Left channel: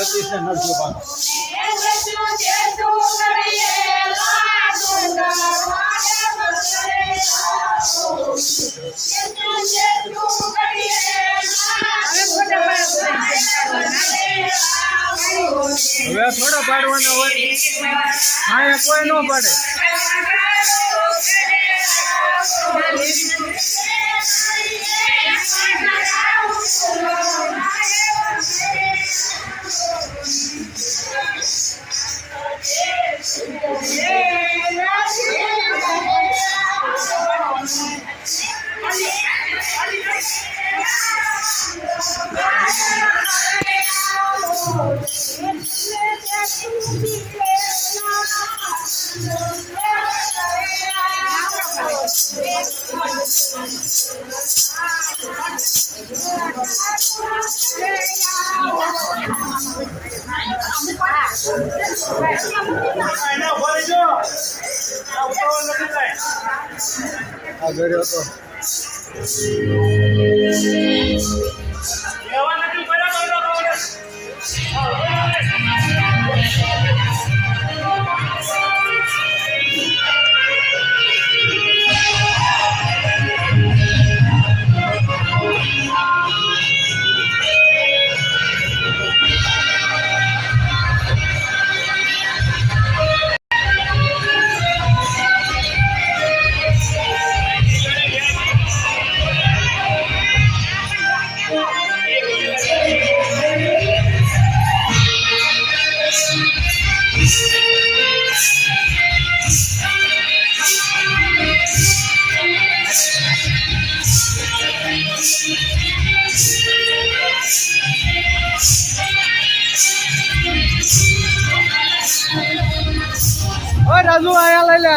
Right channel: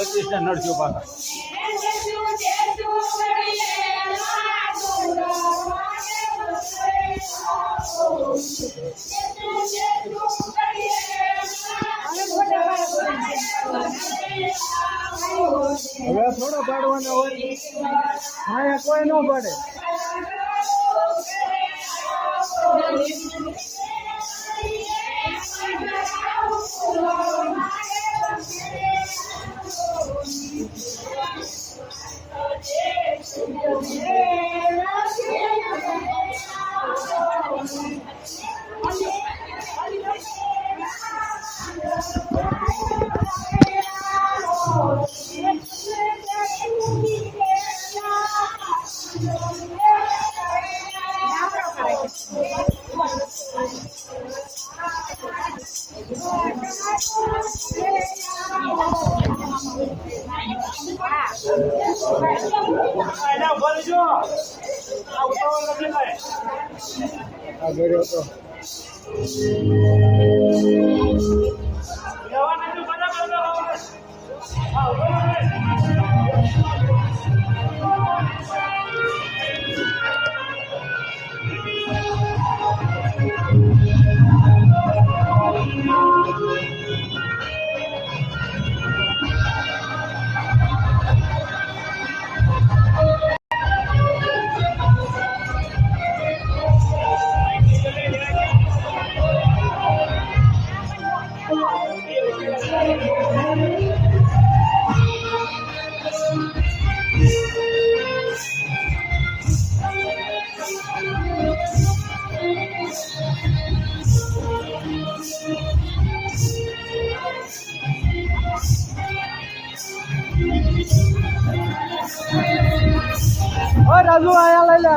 સતીશ ને નરસિંહ પાછા હવે થોડા પાડવાના હોય હા કોઈ ન પાડે આગળ હતો રાજુ આયા લઈ લે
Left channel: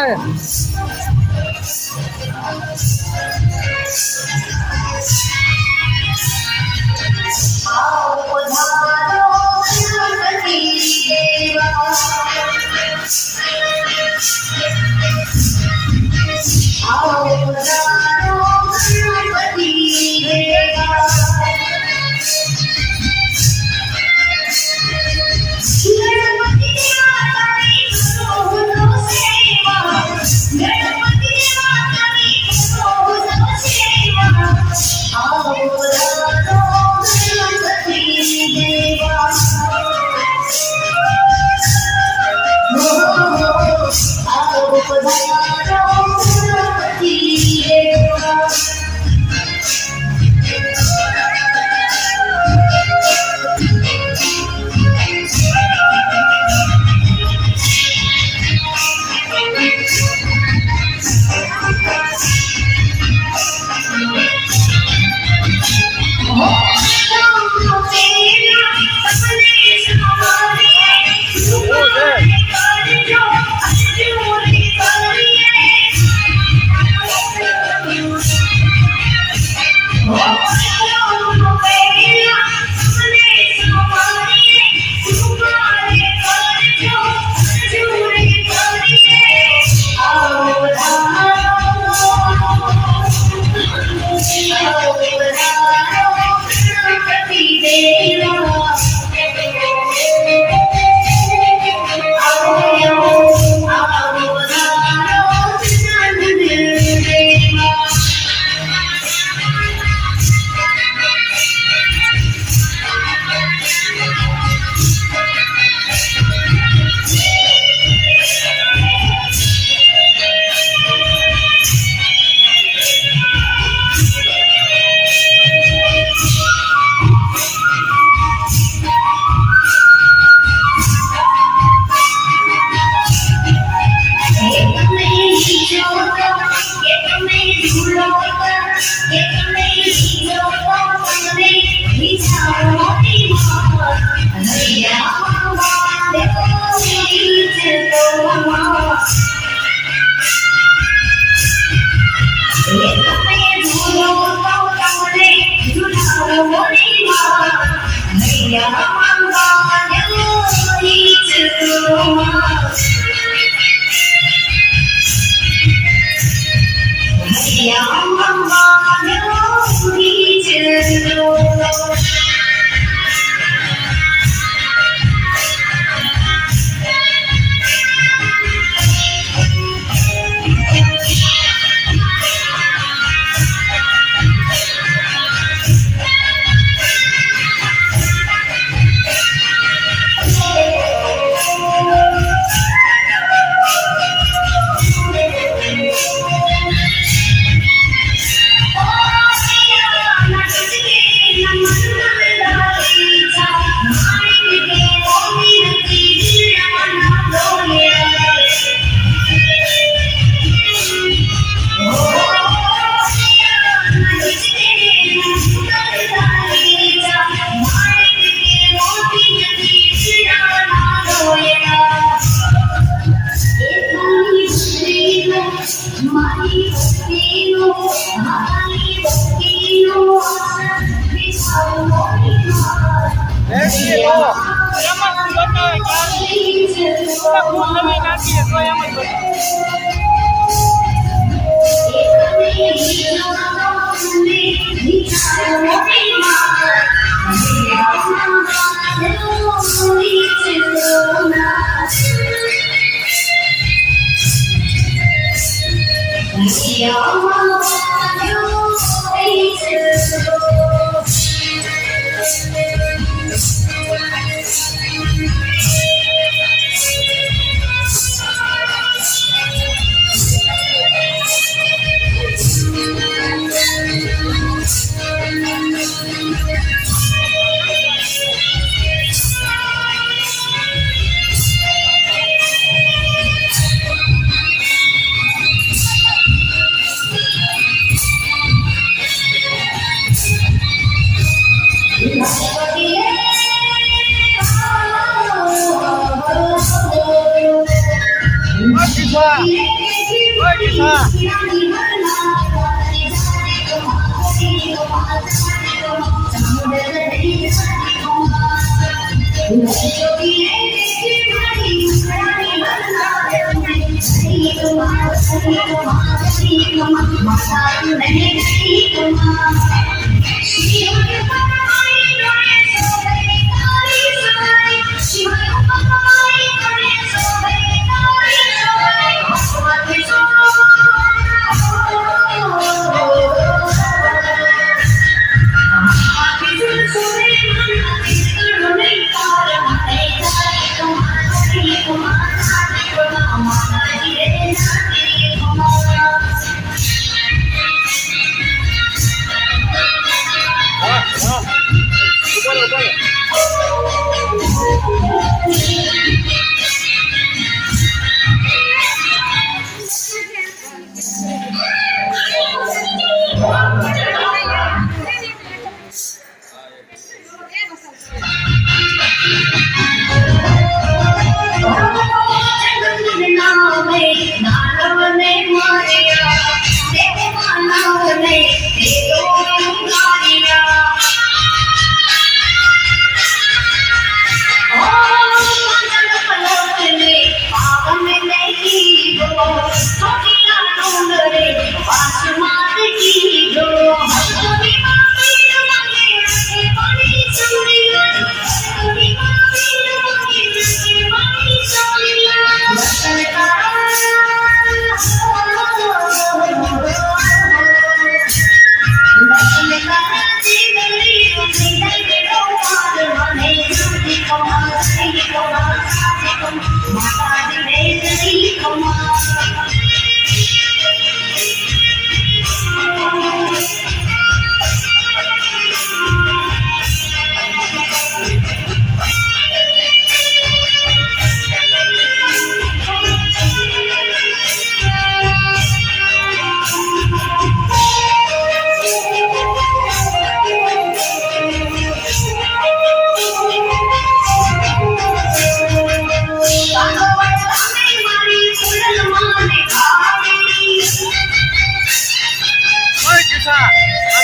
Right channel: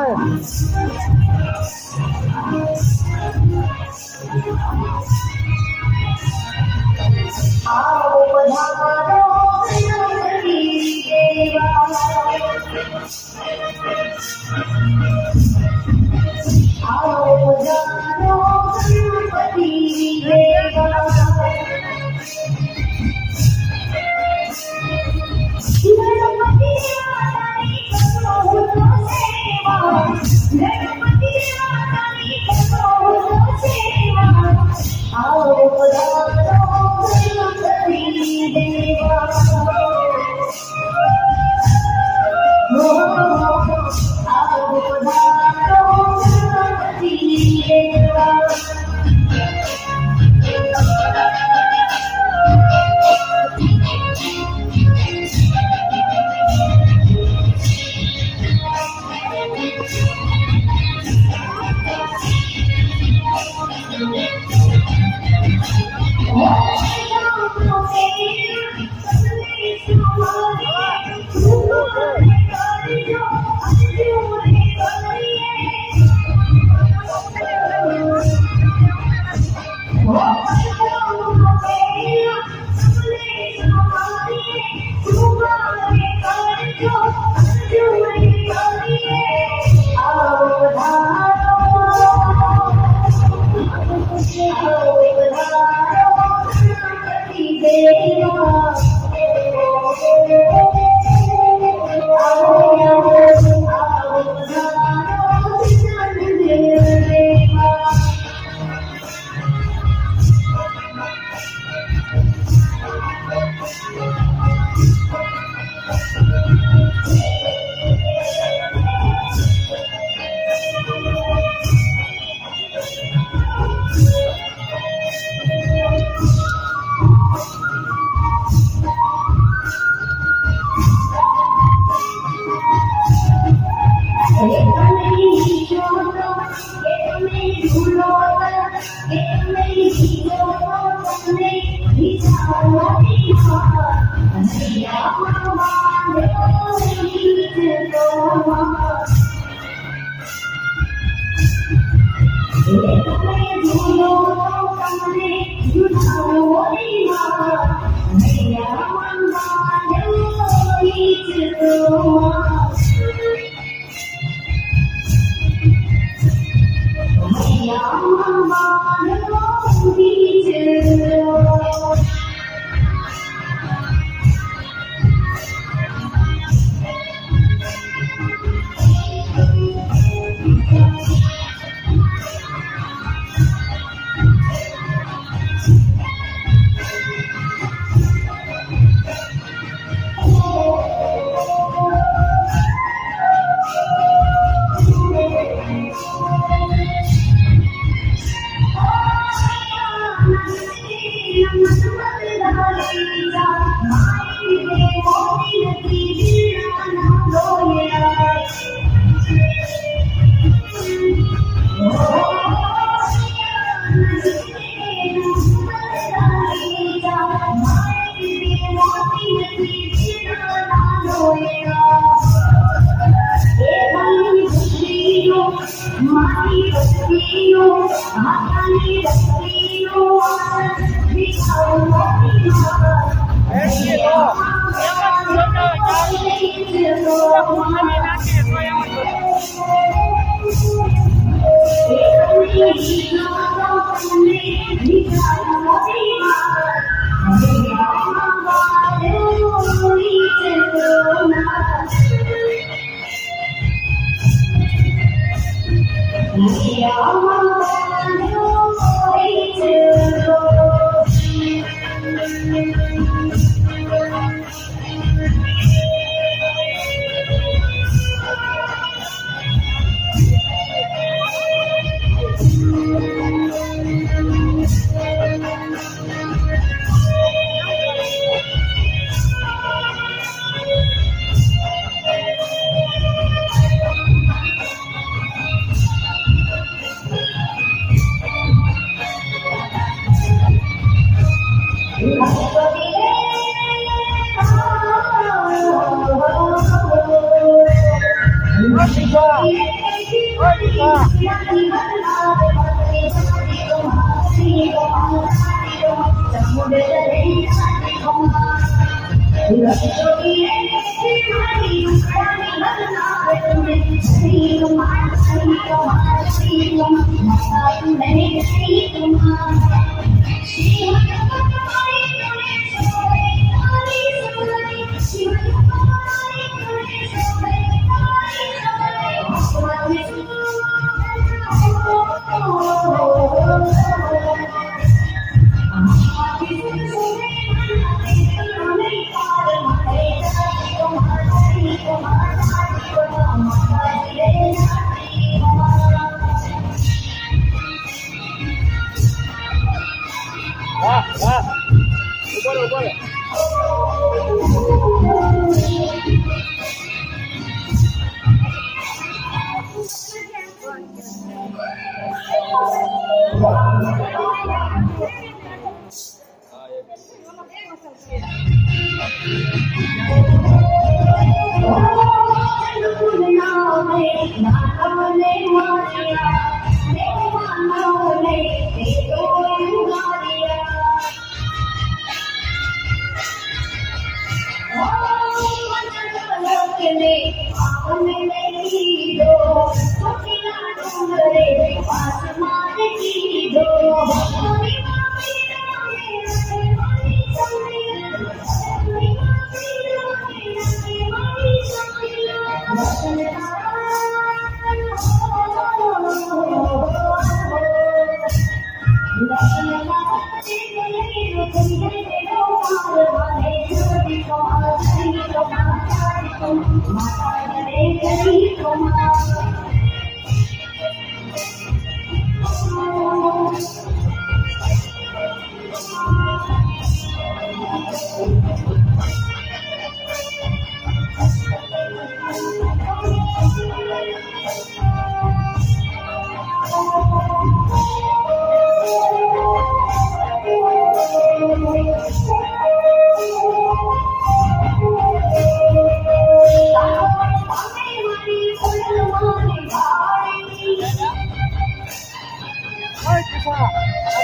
આ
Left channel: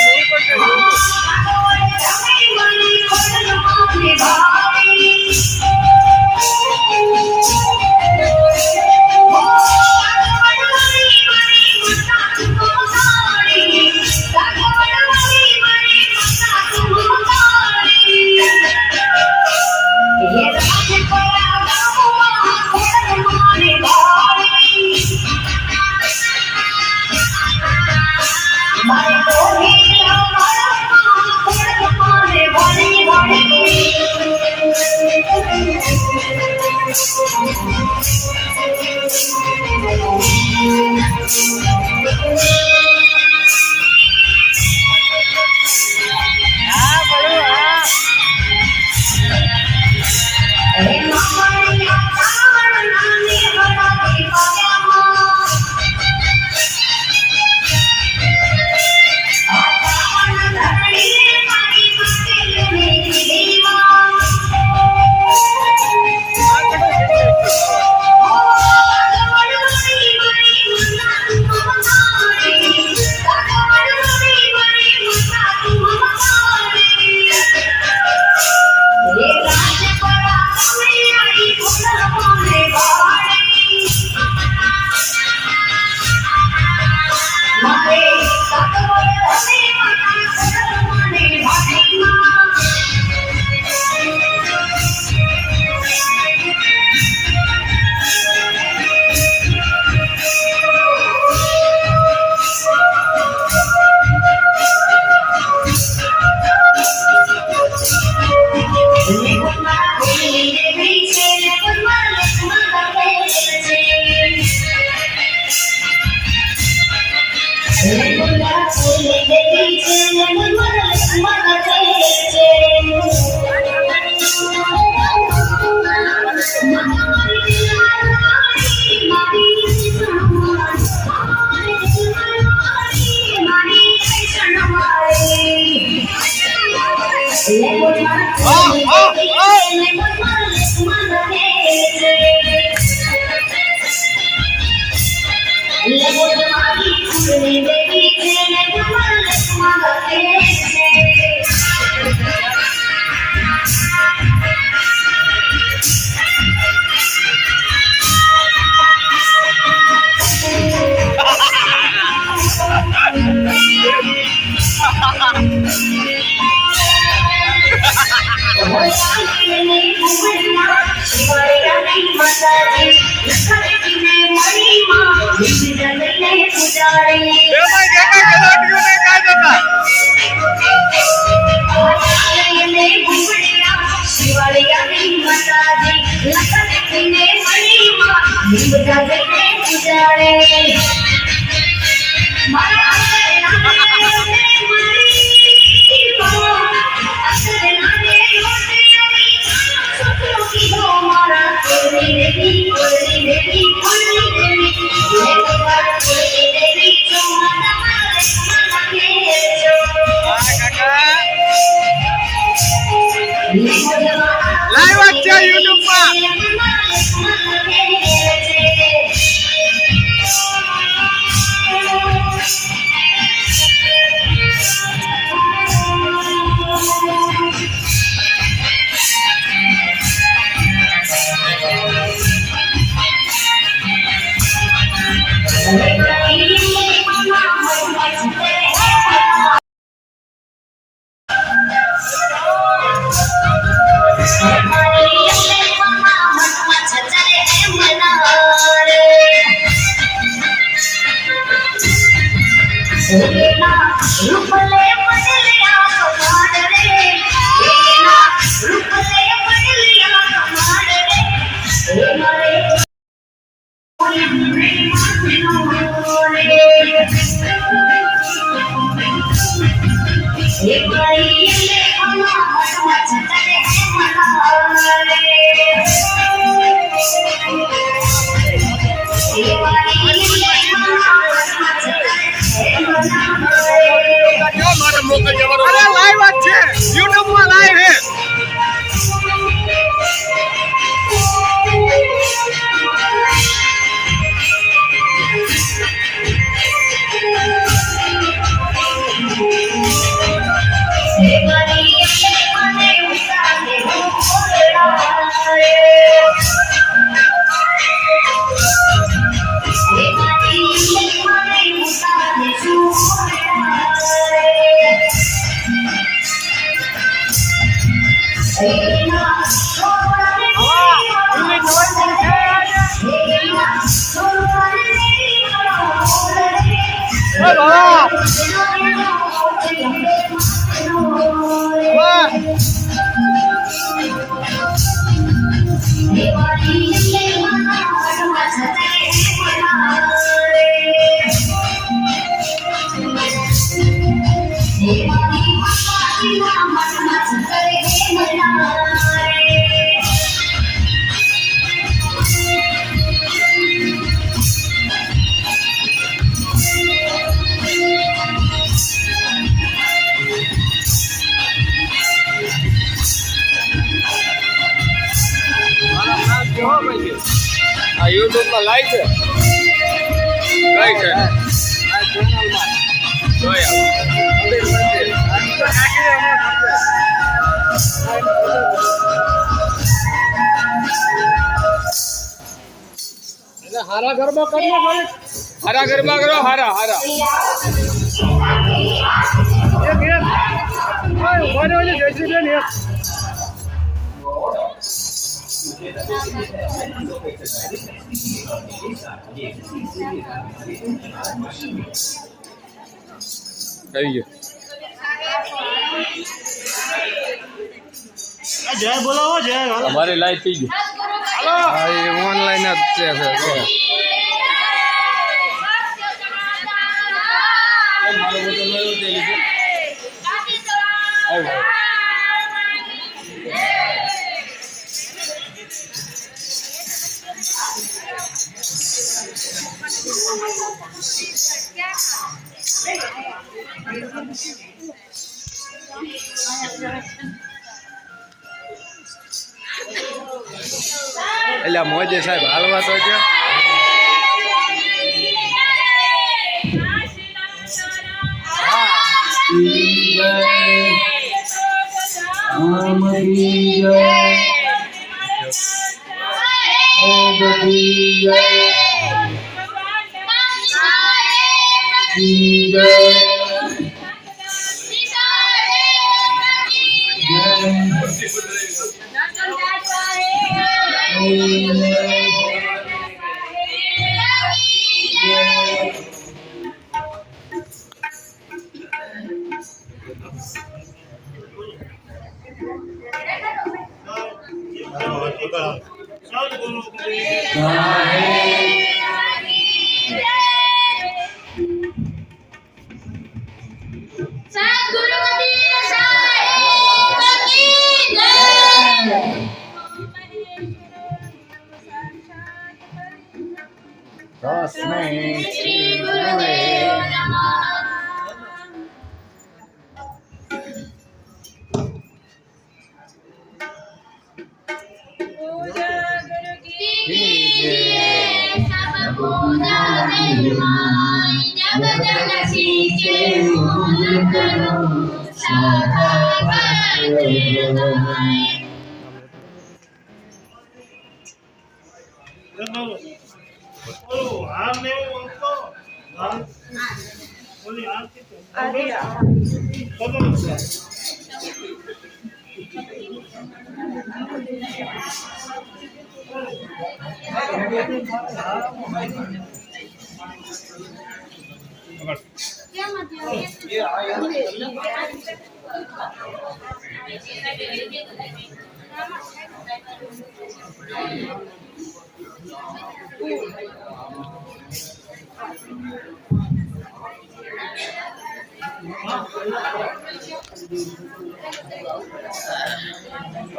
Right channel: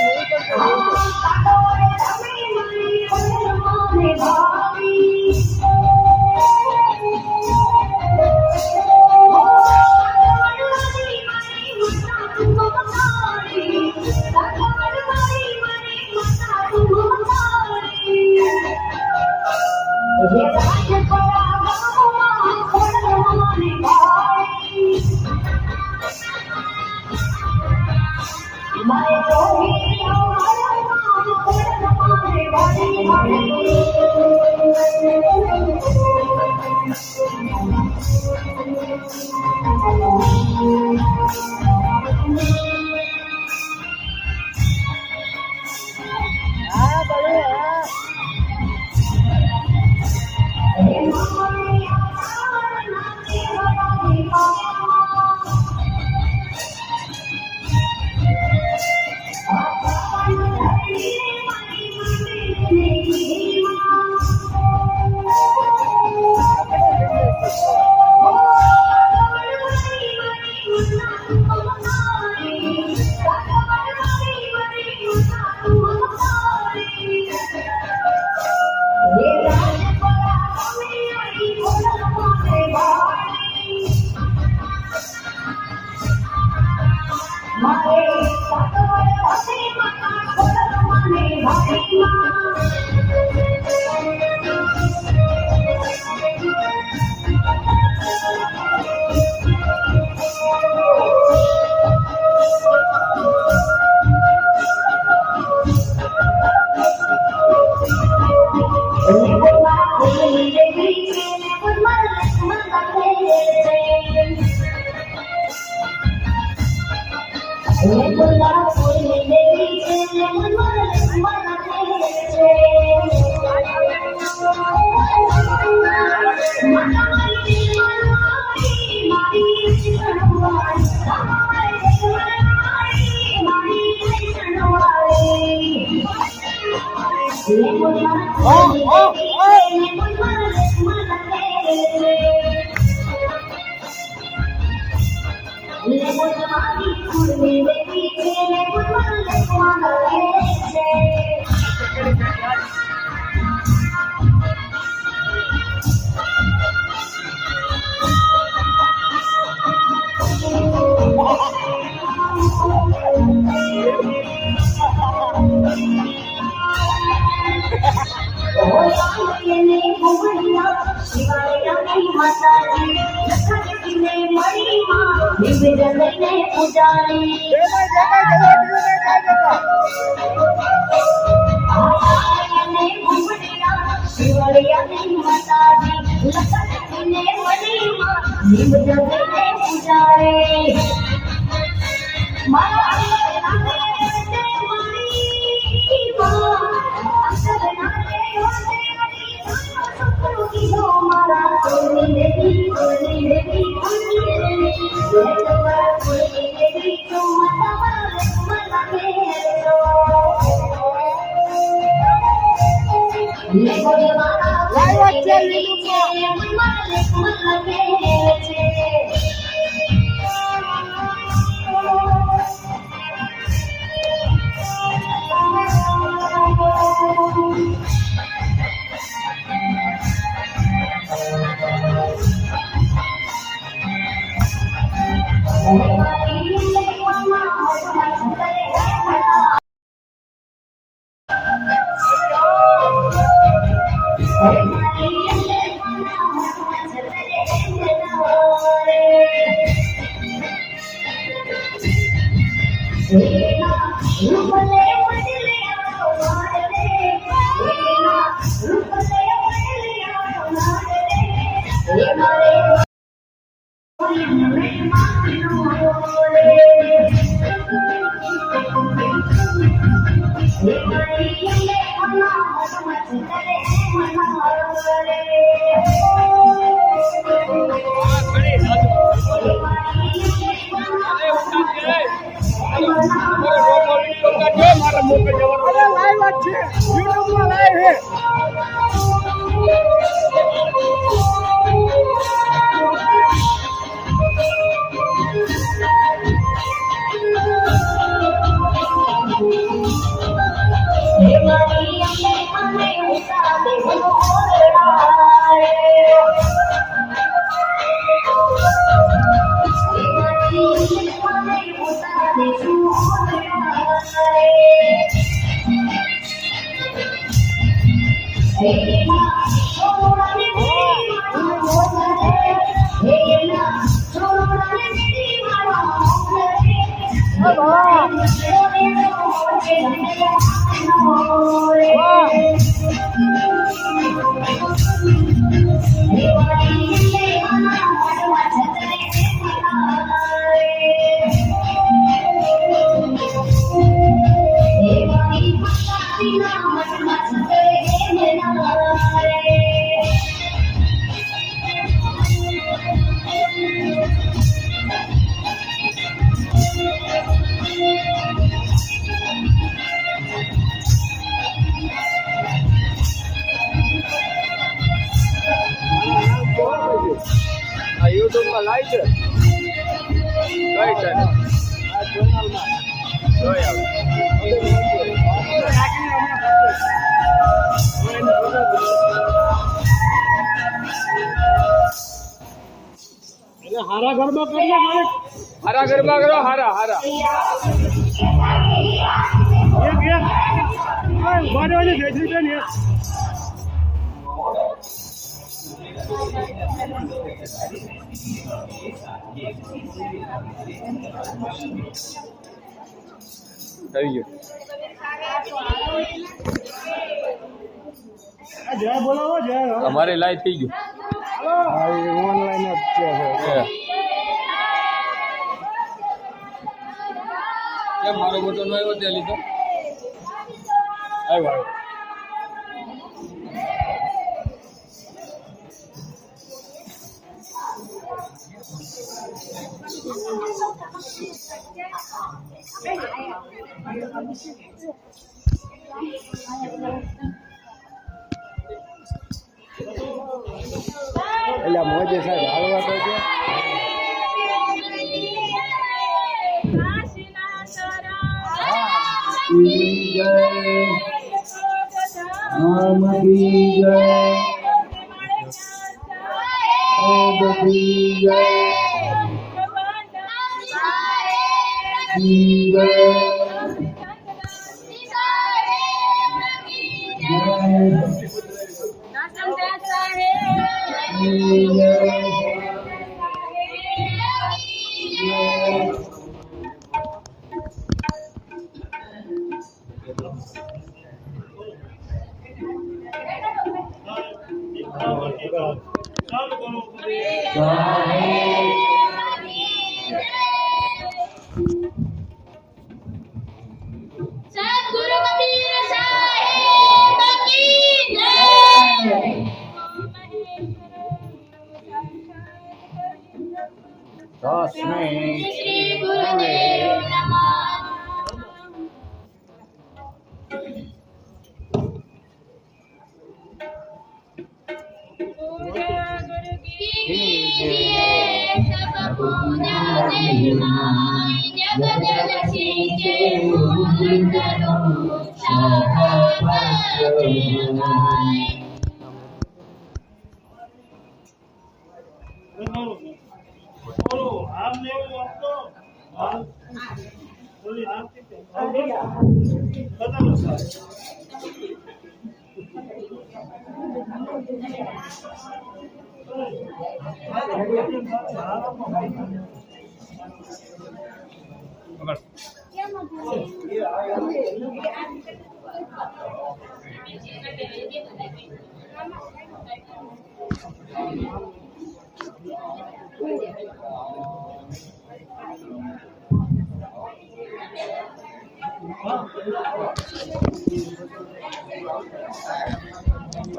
મૂળ પર હા બોલું હા લાઈવ જ છે યુટ્યુબ માં અરે લાઈવ જ છે યુટ્યુબ માં લાઈવ હે Everybody યુટ્યુબમાં લાઈવ છે કઈ છે આ ચેનલમાં જોઈ હારા ગરબા કરો હારા ગરબા કરો હારા હારા એક ઉભા રહેજો જયશ્રીબેન એક જય બોલાવો જય અમારે લાઈવ થઈ ગયું હાલો ઓનલાઈન જ છે મારો બોટલ લેવો છે લીધો આવ્યો એટલે મોજે સાહેબ હાલવા તો છે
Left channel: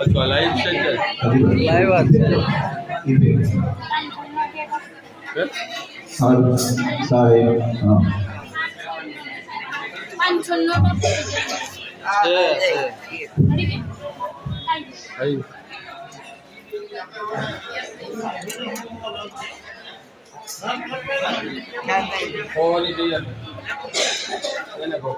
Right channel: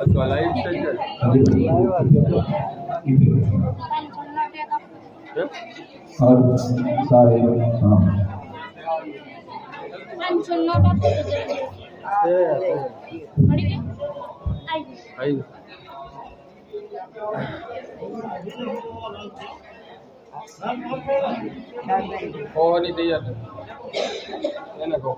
अच्छा लाइव से लाइव और सारे हाँ नहीं दिया मैंने को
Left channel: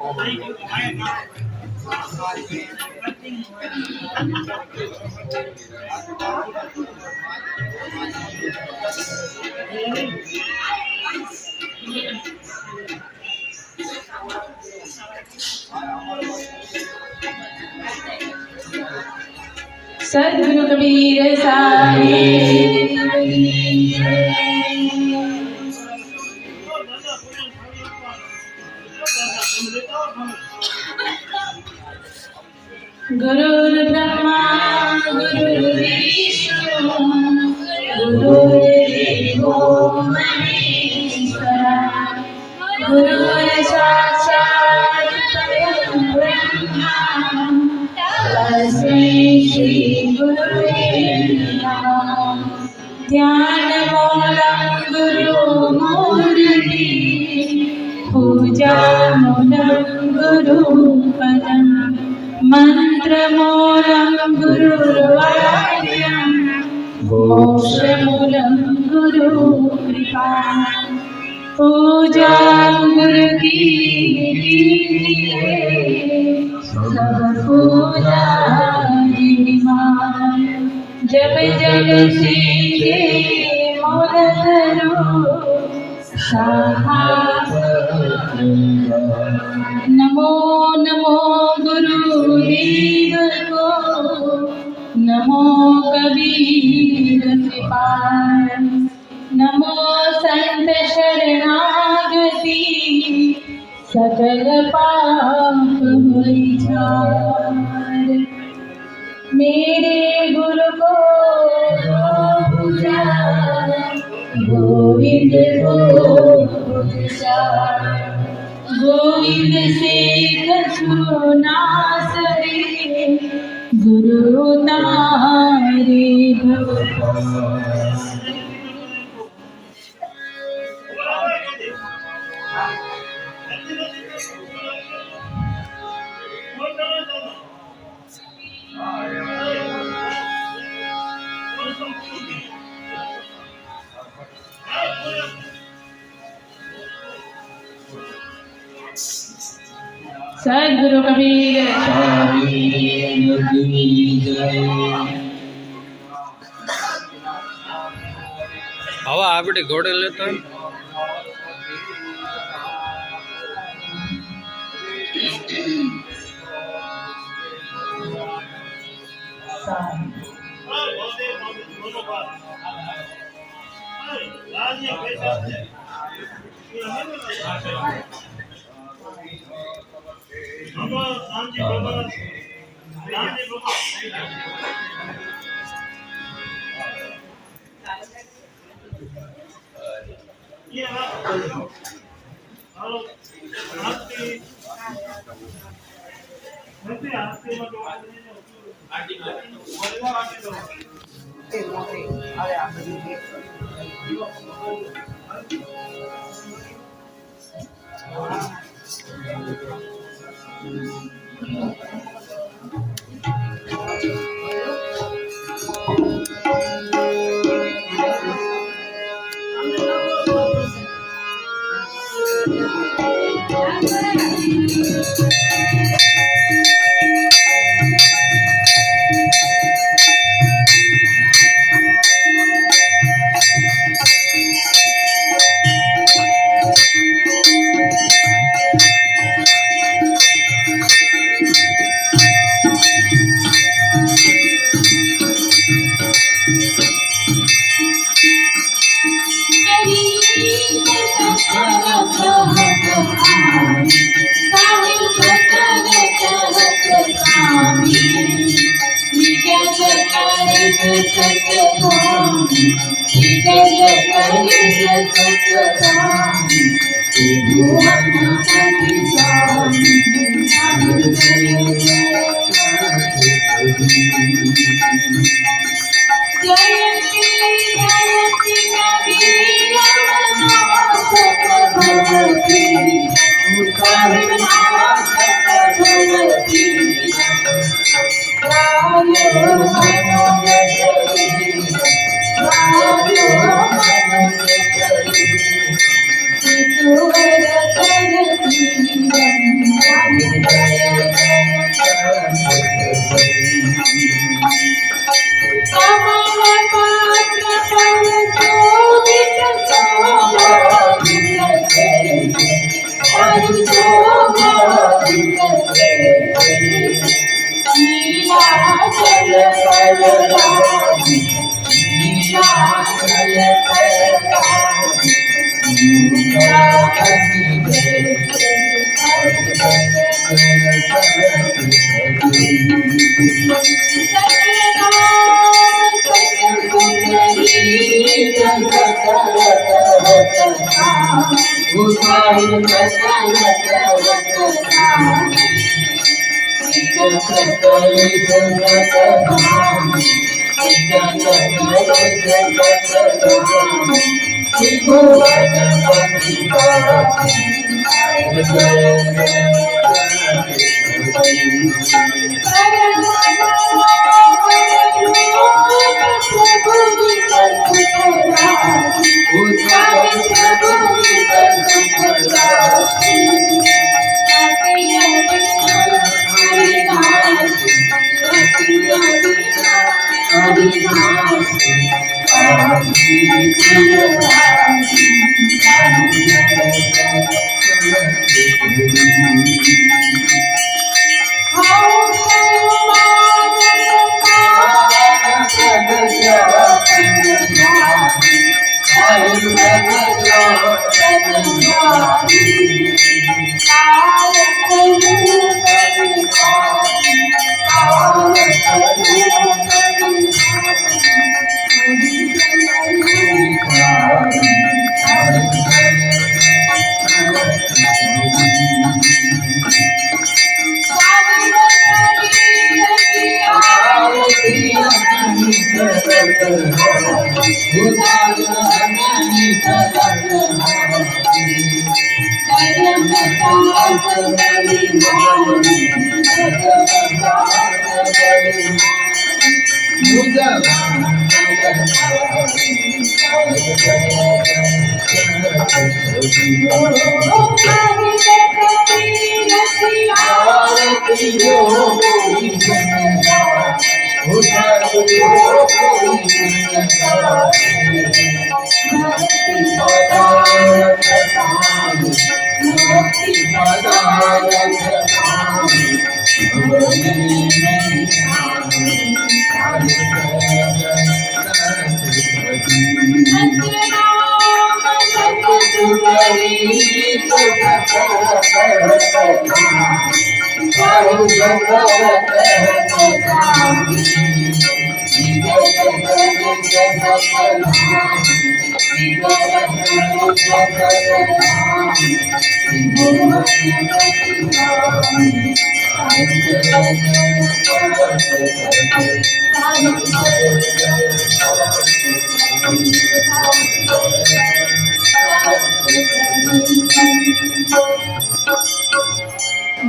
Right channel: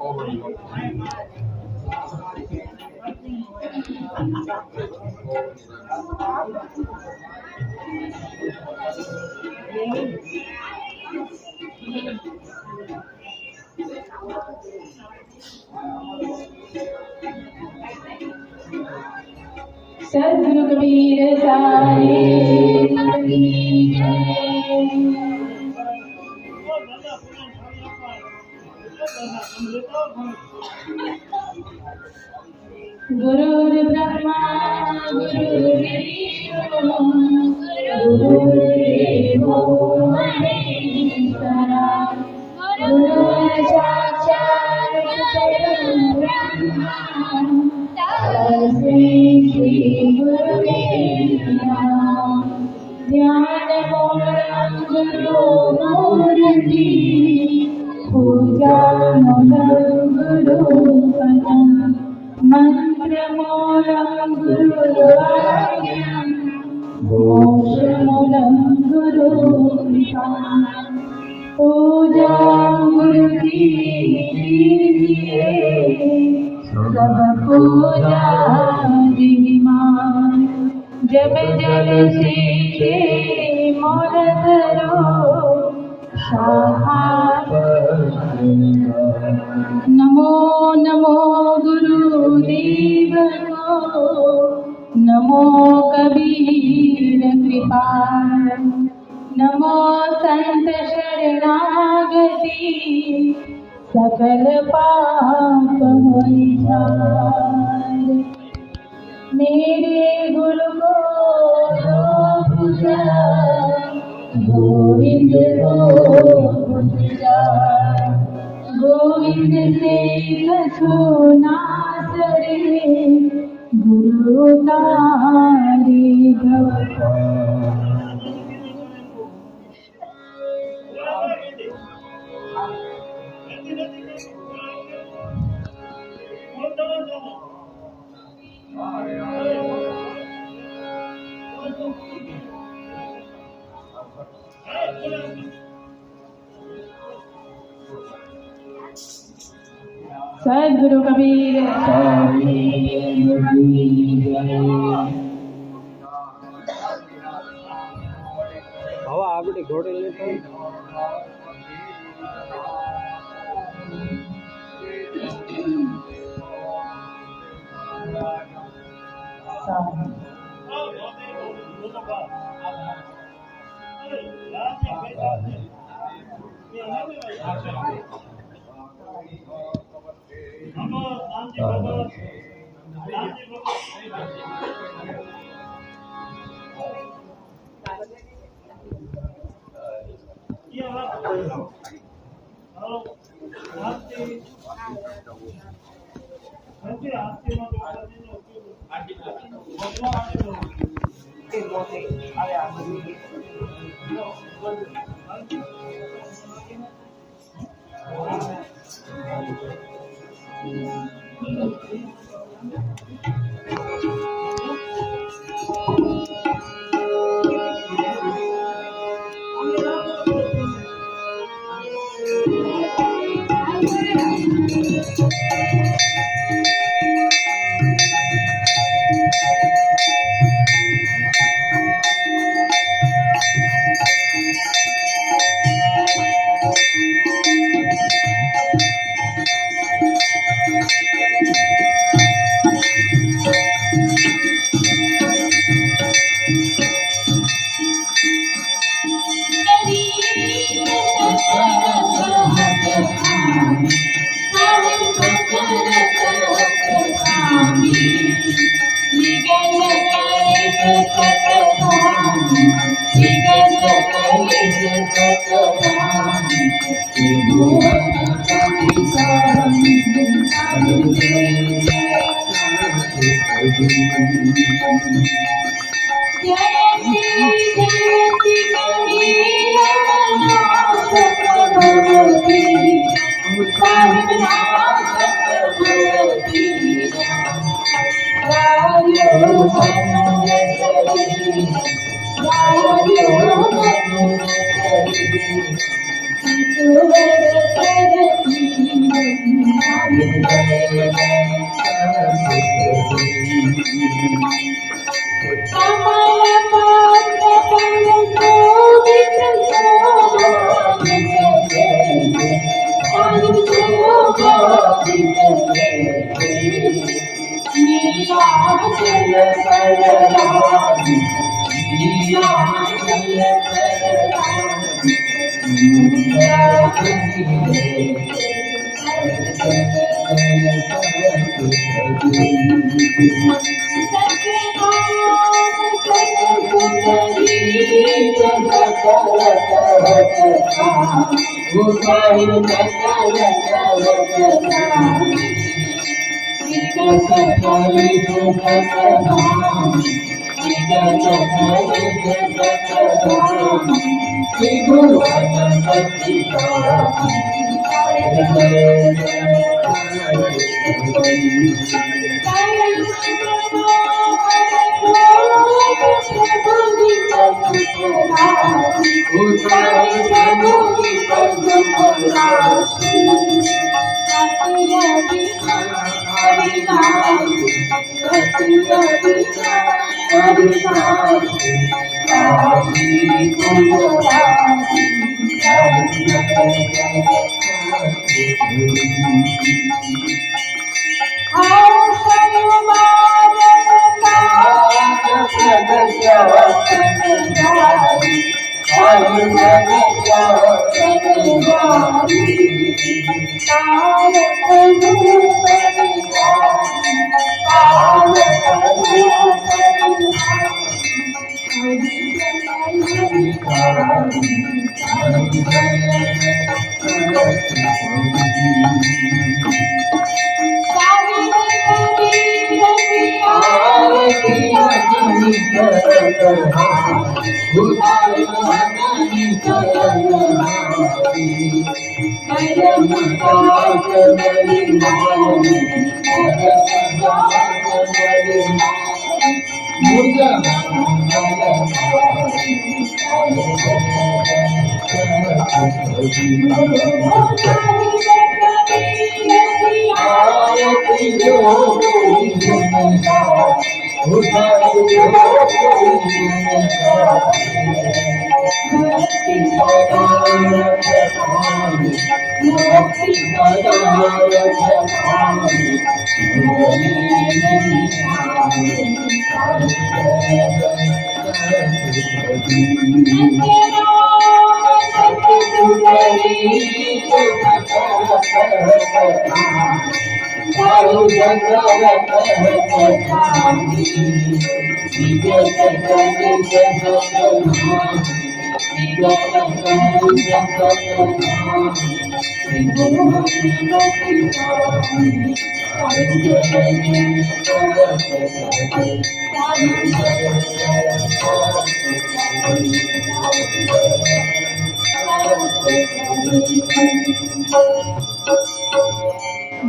सद्गुरु कबीर साहिब गुरुर् ब्रह्मा गुरुर्विष्णु गुरुर्देवो महेश्वरः गुरुर्साक्षात् परब्रह्म तस्मै श्री गुरुवे नमः। ध्यानमूलं गुरुमूर्ति पूजामूलं गुरुपदं मन्त्रमूलं गुरुर्वाक्यं मोक्षमूलं गुरुकृपा। पूजा गुरु की कीजिए सब पूजा जिमान। जब जब सीखे मोर करो नमो नमो गुरुदेव को, नमो कबीर कृपाल, नमो संत शरणागति सकल पाप होई झार। मेरे गुरु को पूजा गोविंद को पूजा। गोविंद से कछु नासरे गुरु तारे भवपार। सद्गुरु कबीर हवा आपड़े घोड़े लेता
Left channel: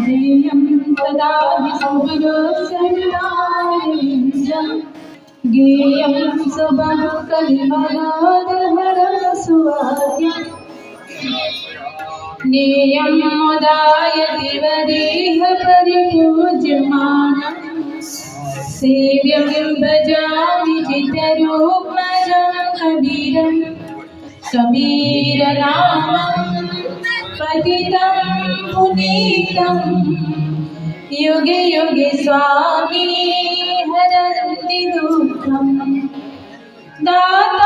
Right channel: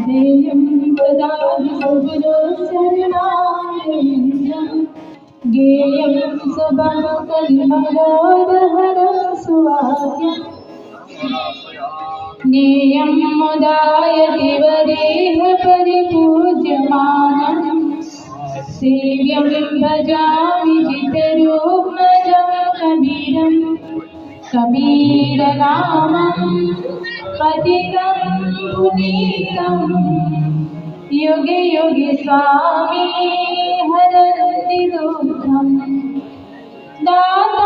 ध्येयं सदा विशुभ्रो शरणारविन्दं ज्ञेयं सुभगकल्मषोदहरं नेयं मुदायति वदेह परिपूज्यमानं सेव्यं भजामि जितरूपमजं कबीरं कबीरनामं पतितं पुनीतं युगे युगे स्वामी हरति दुःखं दातारविन्दं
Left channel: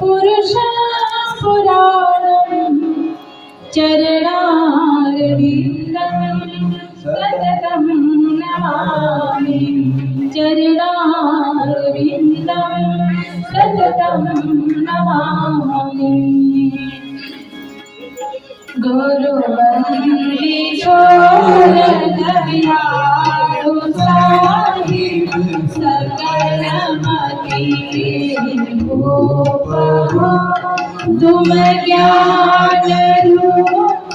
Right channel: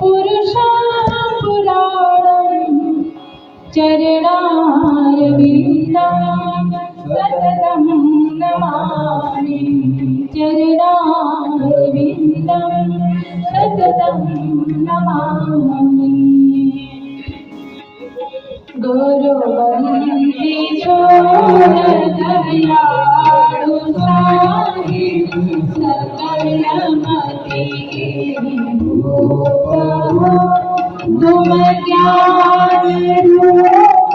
पुरुषं पुराणं चरणारविन्दं सततं नमामि चरणारविन्दं सततं नमामि गुरुवन्दे दयालु साहिब सकलमति भूप तुम ज्ञान रूप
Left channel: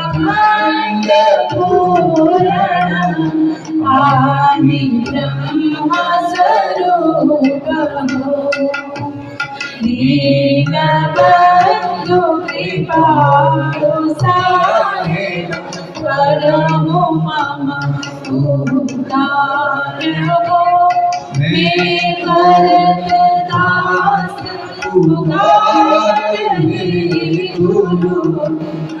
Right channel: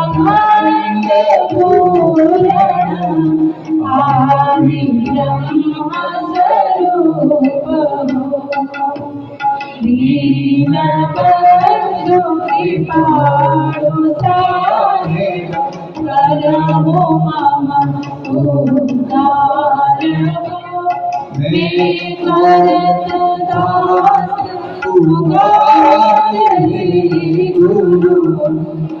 अखंड पूरण आदि ब्रह्म स्वरूप दीनबन्धु कृपालु साहेब करमो मम उद्धार हो मैं करत दास पुकारहि गुरु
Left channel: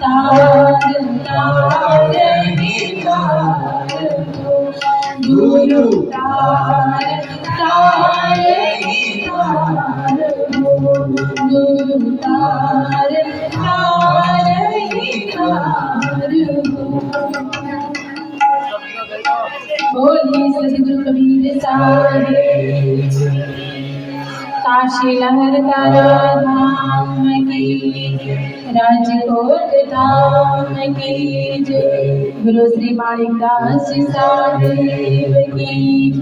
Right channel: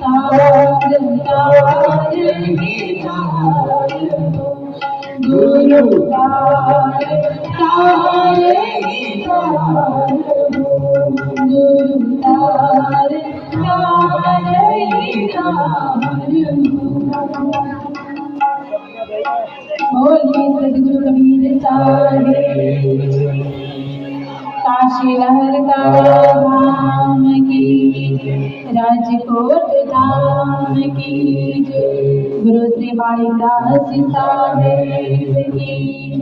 तार तारहि तार हो गुरु तार तारहि तार गुरु तार तारहि तार बोलिए सद्गुरु कबीर साहिब काशी लहर का धाम की राजकोट धाम की जय। गुरु श्री माणिक दास साहेब की,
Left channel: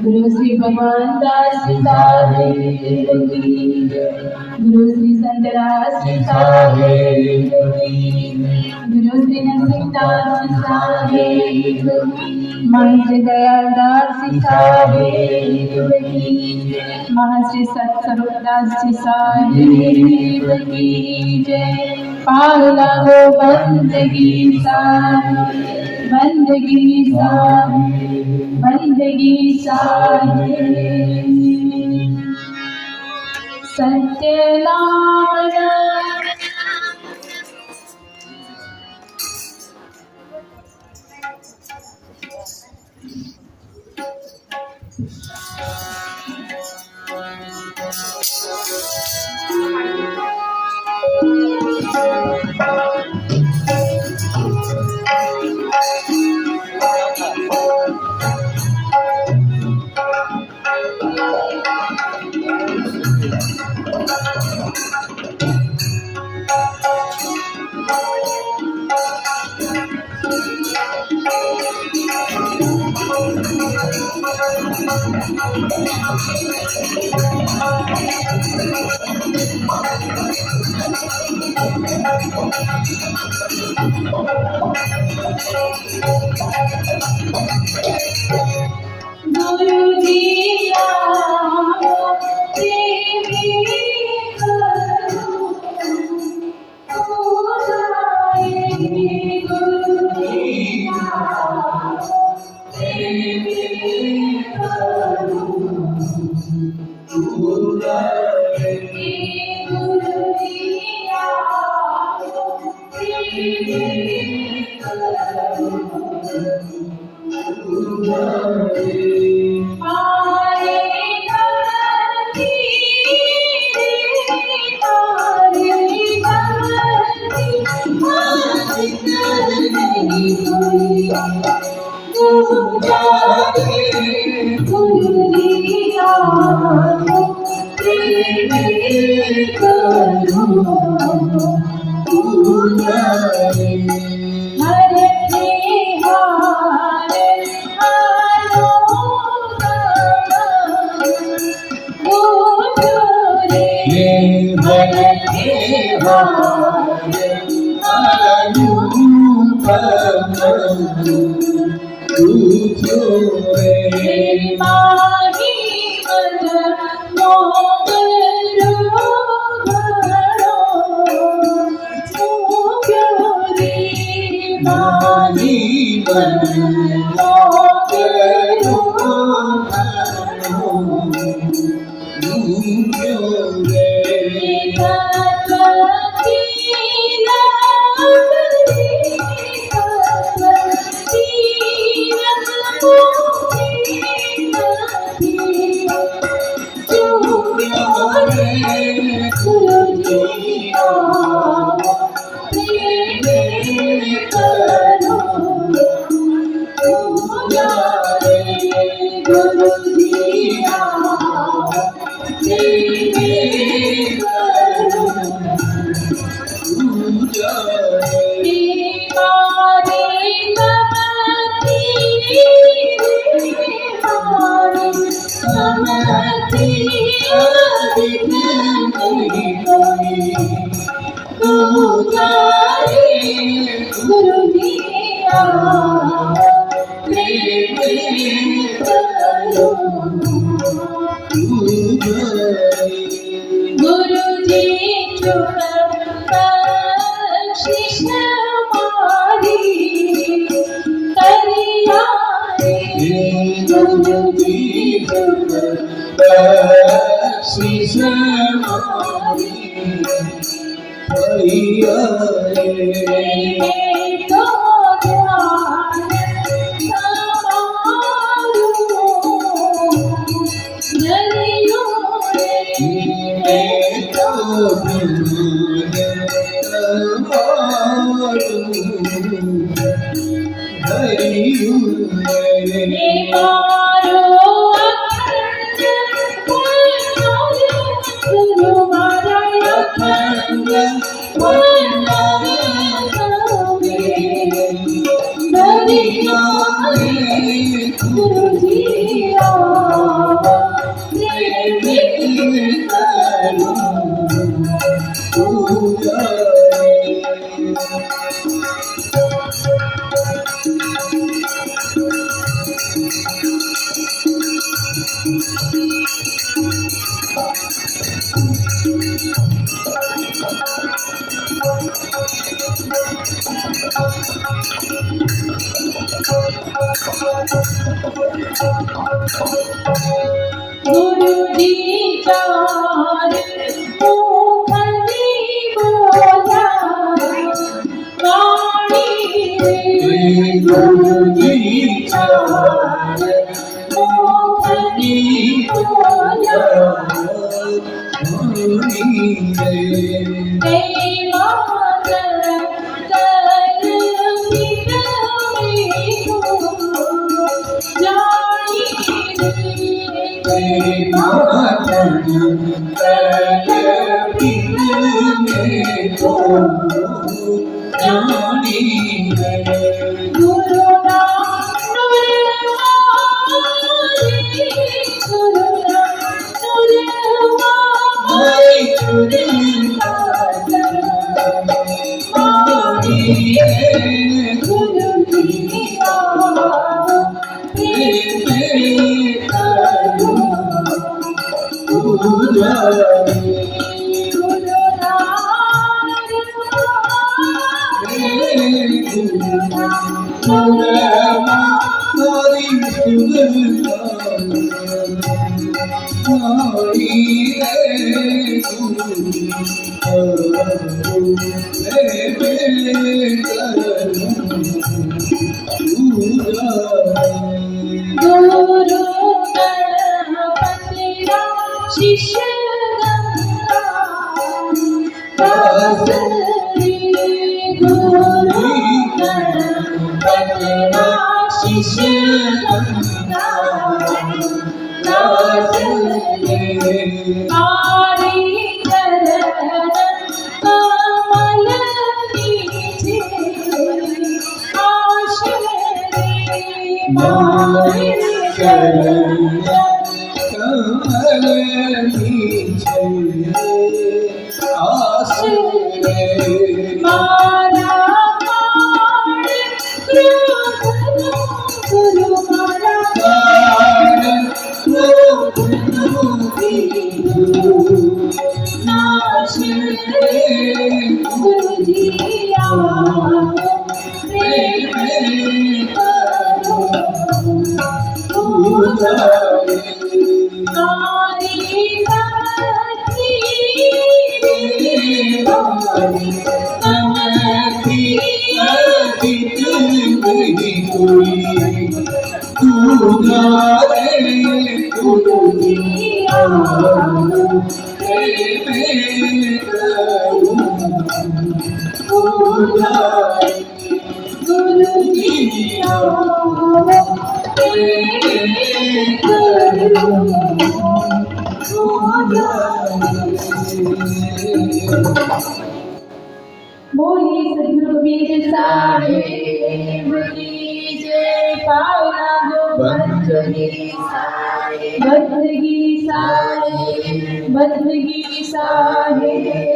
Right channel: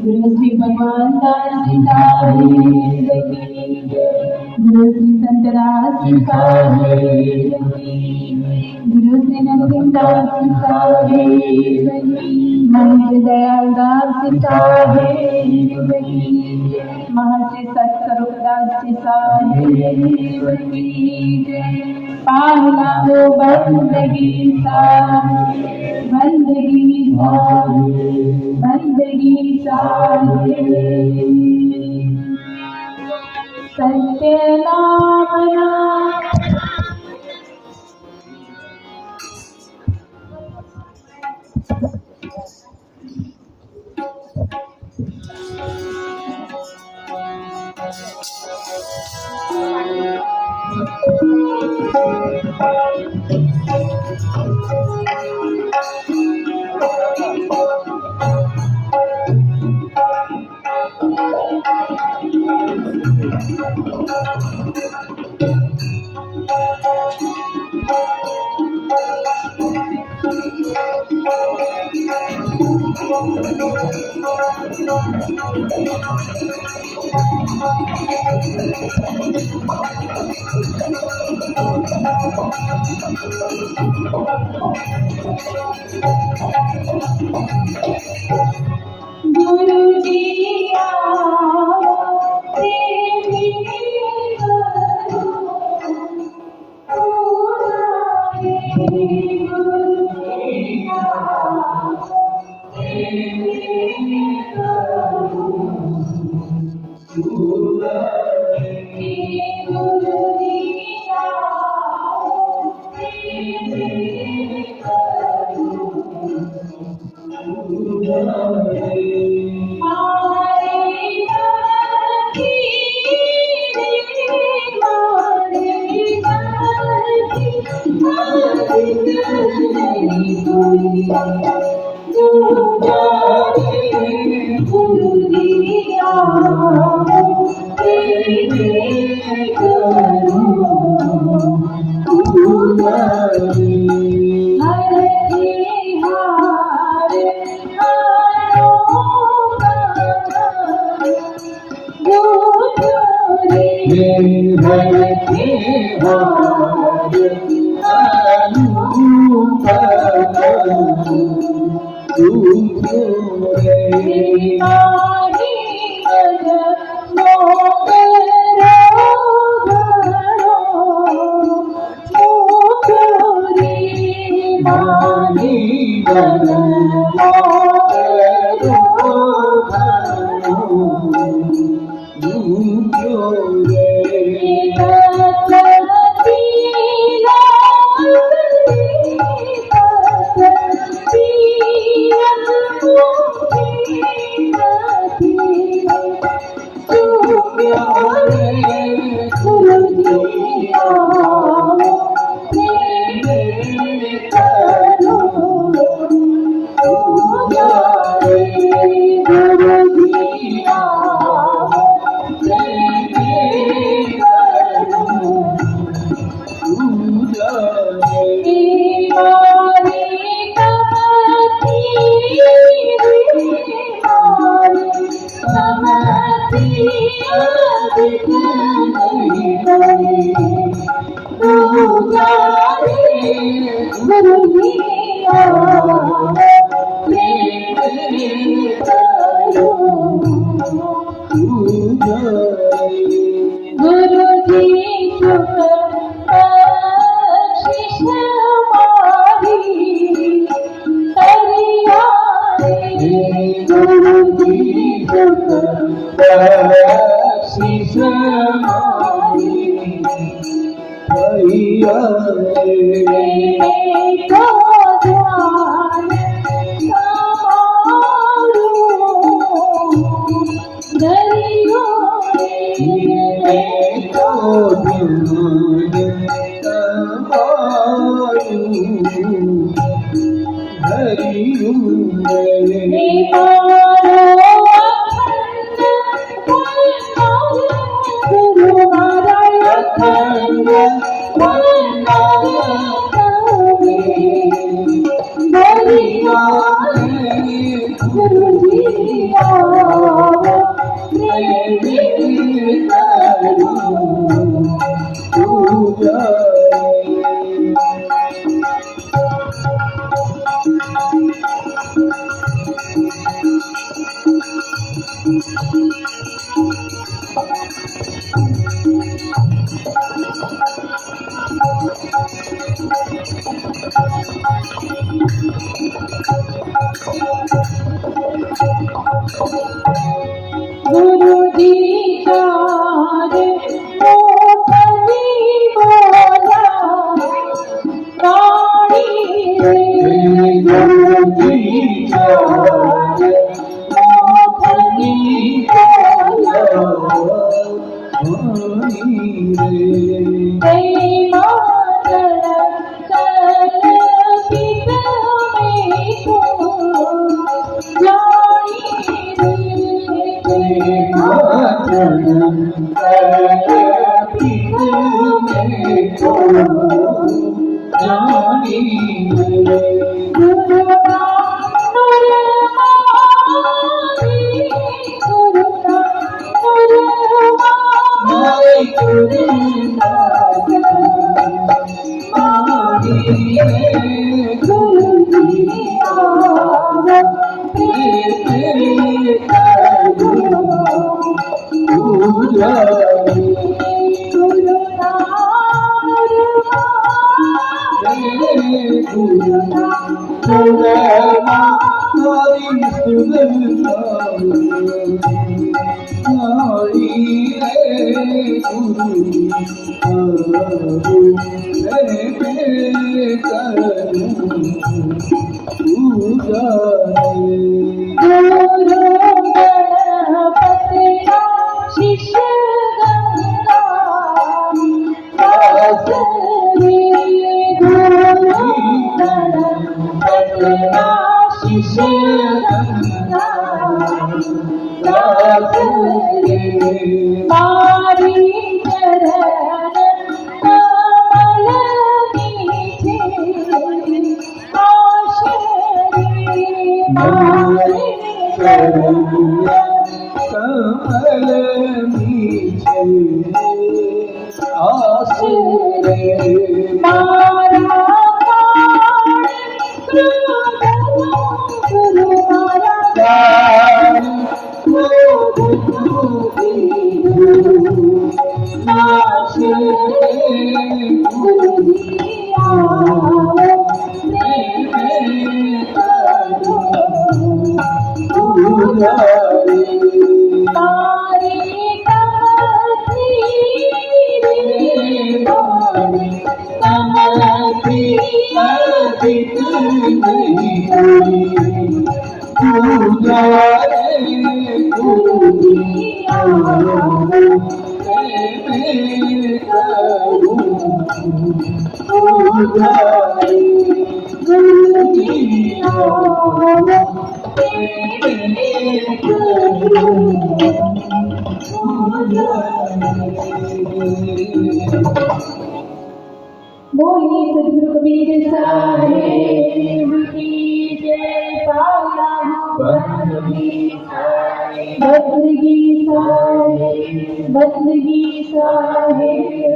गुरु श्री भगवान दास साहेब की जय। गुरु श्री संतरास साहेब की, गुरु श्री नरसिंहदास साहेब की, महर्षि दयालदास साहेब की, महर्षि सत्स्वरूपदास साहेब की जय। पाला गो बंदगी साहेब, बंदगी साहेब, बंदगी साहेब। सत्य नाम गुरु जी आओ तेरी करो पूजाए। गुरु जी आओ तेरी करो पूजाए। गुरु जी आओ तेरी करो पूजाए। गुरु जी चार मुखली बोला वाणी रे गुरु जी चार मुखली बोला वाणी रे मातर कल पित में को जानी रे मातर कल पित में को जानी रे गुरु नाम गुरु शिष्य बोलिए सद्गुरु कबीर साहेब की जय। पावला हो बदगी साहेब, बदगी साहेब, बदगी साहेब।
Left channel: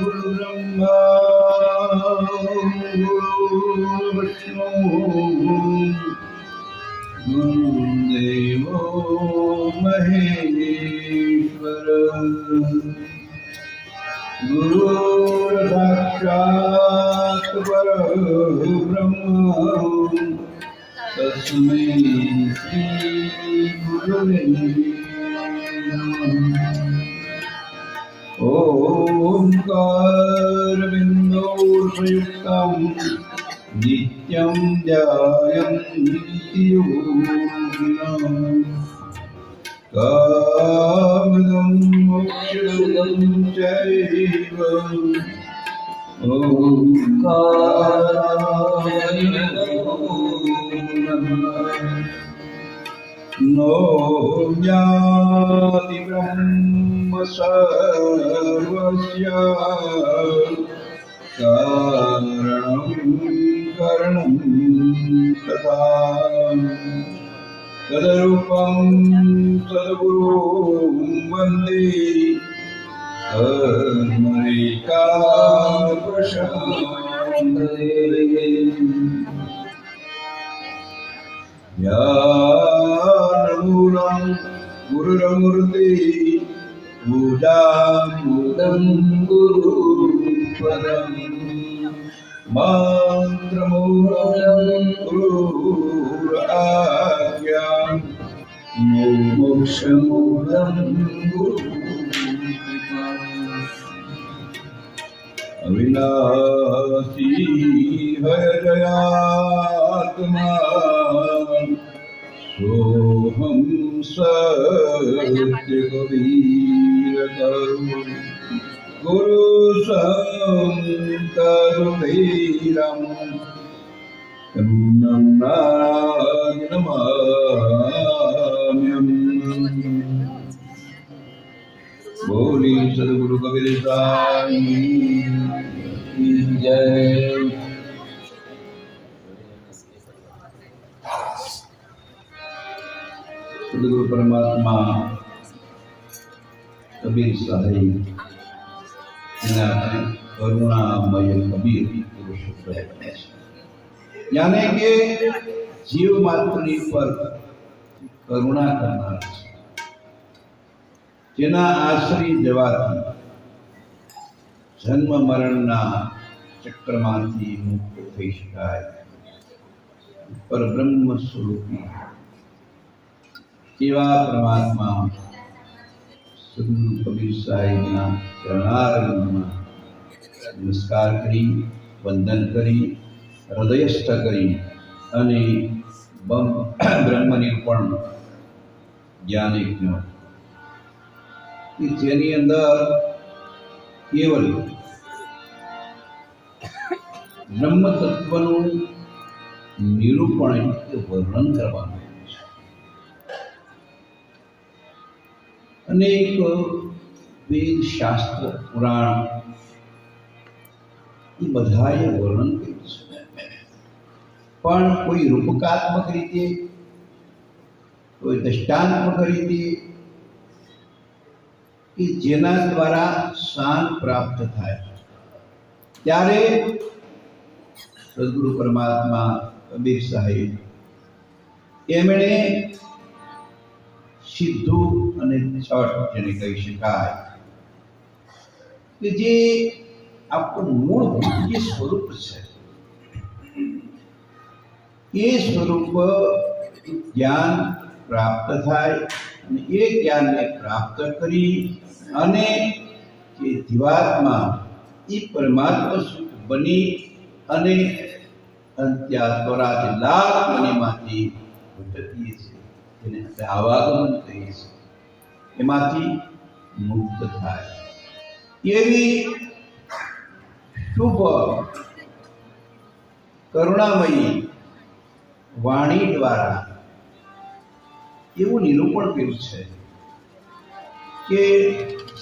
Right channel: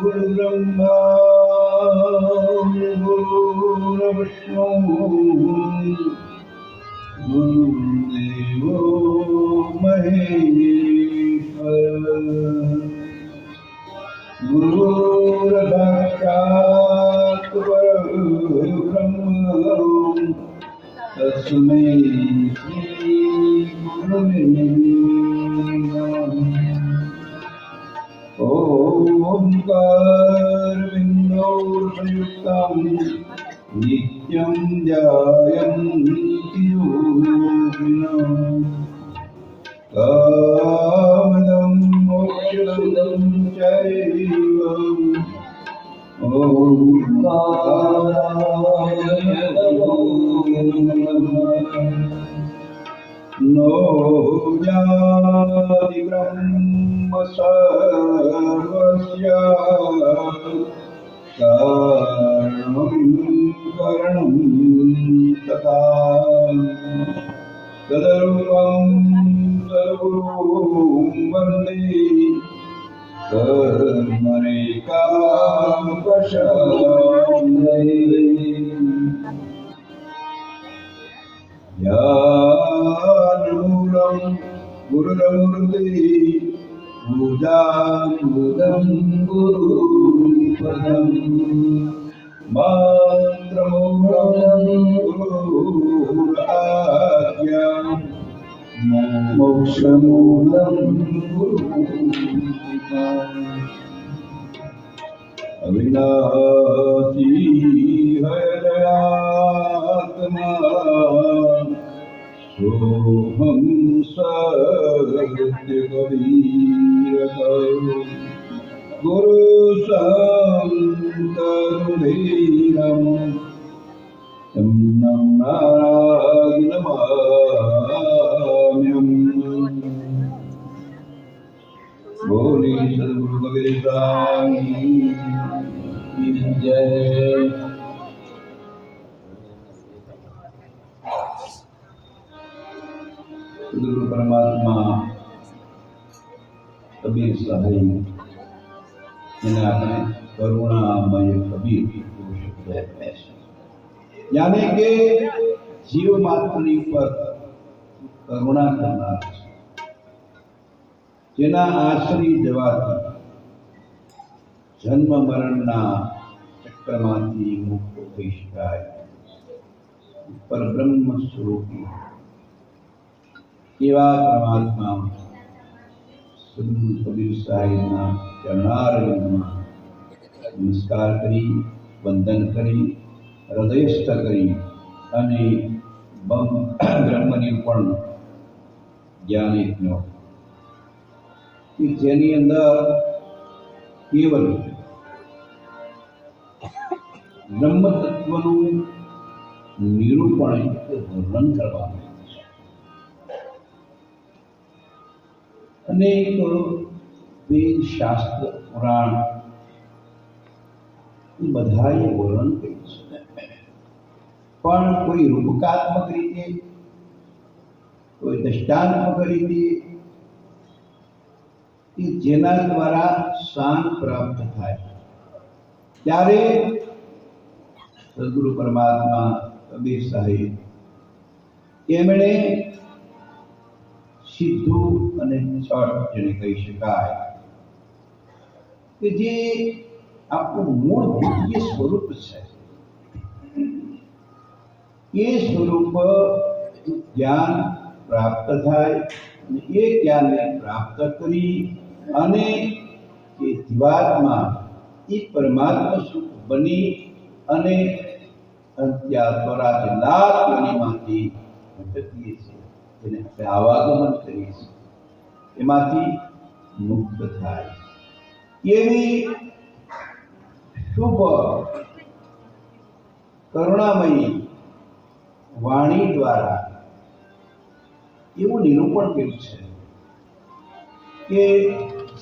ब्रह्मा विष्णु गुरुदेवो महेश्वर गुरुर्साक्षात् परब्रह्म तस्मै श्री गुरवे नमः। ओंकारबिन्दौ संयुक्तं नित्यं ध्यायन्ति योगिनः कामदं मोक्षदं चैव ओंकाराय नमः। गुरुरमूर्ति पूजामूलं गुरुपदं मंत्रमूलं गुरुराज्ञां मोक्षमूलं गुरुकृपा अविनाशी हृदयात्मा सोहम सत्य कबीर गुरु संत रुधिरम नमाम्यहम्। बोली सद्गुरु कबीर साईं की जय। सद्गुरु परमात्मा कबीर साहिब એને આપણે કરુણામય કબીર એવું શબ્દ કહે છે, यानी કે જીવ માત્રની પર કરુણા કરનાર છે, જેના આશ્રય જવાથી જન્મ મરણના ચક્રમાંથી મુક્ત થઈ શકાય। પરબ્રહ્મ સ્વરૂપી એવા પરમાત્મા સદ્ગુરુ કબીર સાહેબના ચરણારવિંદમાં નમસ્કાર કરી, વંદન કરી, હૃદયસ્થ કરી અને બ્રહ્મનિર્પણ જ્ઞાન યજ્ઞ કે જેની અંદર કેવલ બ્રહ્મ તત્વનું નિરૂપણ એટલે વર્ણન કરવાનું છે। અનેક વેદ શાસ્ત્ર પુરાણ એ બધાએ વર્ણન કર્યું છે, પણ કોઈ રૂપકાત્મક રીતે, કોઈ દ્રષ્ટાંતમક રીતે કે જેના દ્વારા શાન પ્રાપ્ત થાય, ત્યારે સદ્ગુરુ પરમાત્મા કબીર સાહેબ એમણે સીધું અને છટ જેને કહી શકાય કે જે આપણું મૂળભૂત જે સ્વરૂપ છે એ સ્વરૂપ જ્ઞાન પ્રાપ્ત થાય અને એ જ્ઞાનને પ્રાપ્ત કરી અને જે જીવાત્મા એ પરમાત્મા સુખ બની અને અંત્યાત્વરાથી લાખ મનીમાંથી ભટકીએ છીએ, જેને આપણે આવાગમન કહીએ છીએ, એમાંથી મુક્ત થાય એવી શુભ કરુણામયી વાણી દ્વારા એવું નિરૂપણ કર્યું છે કે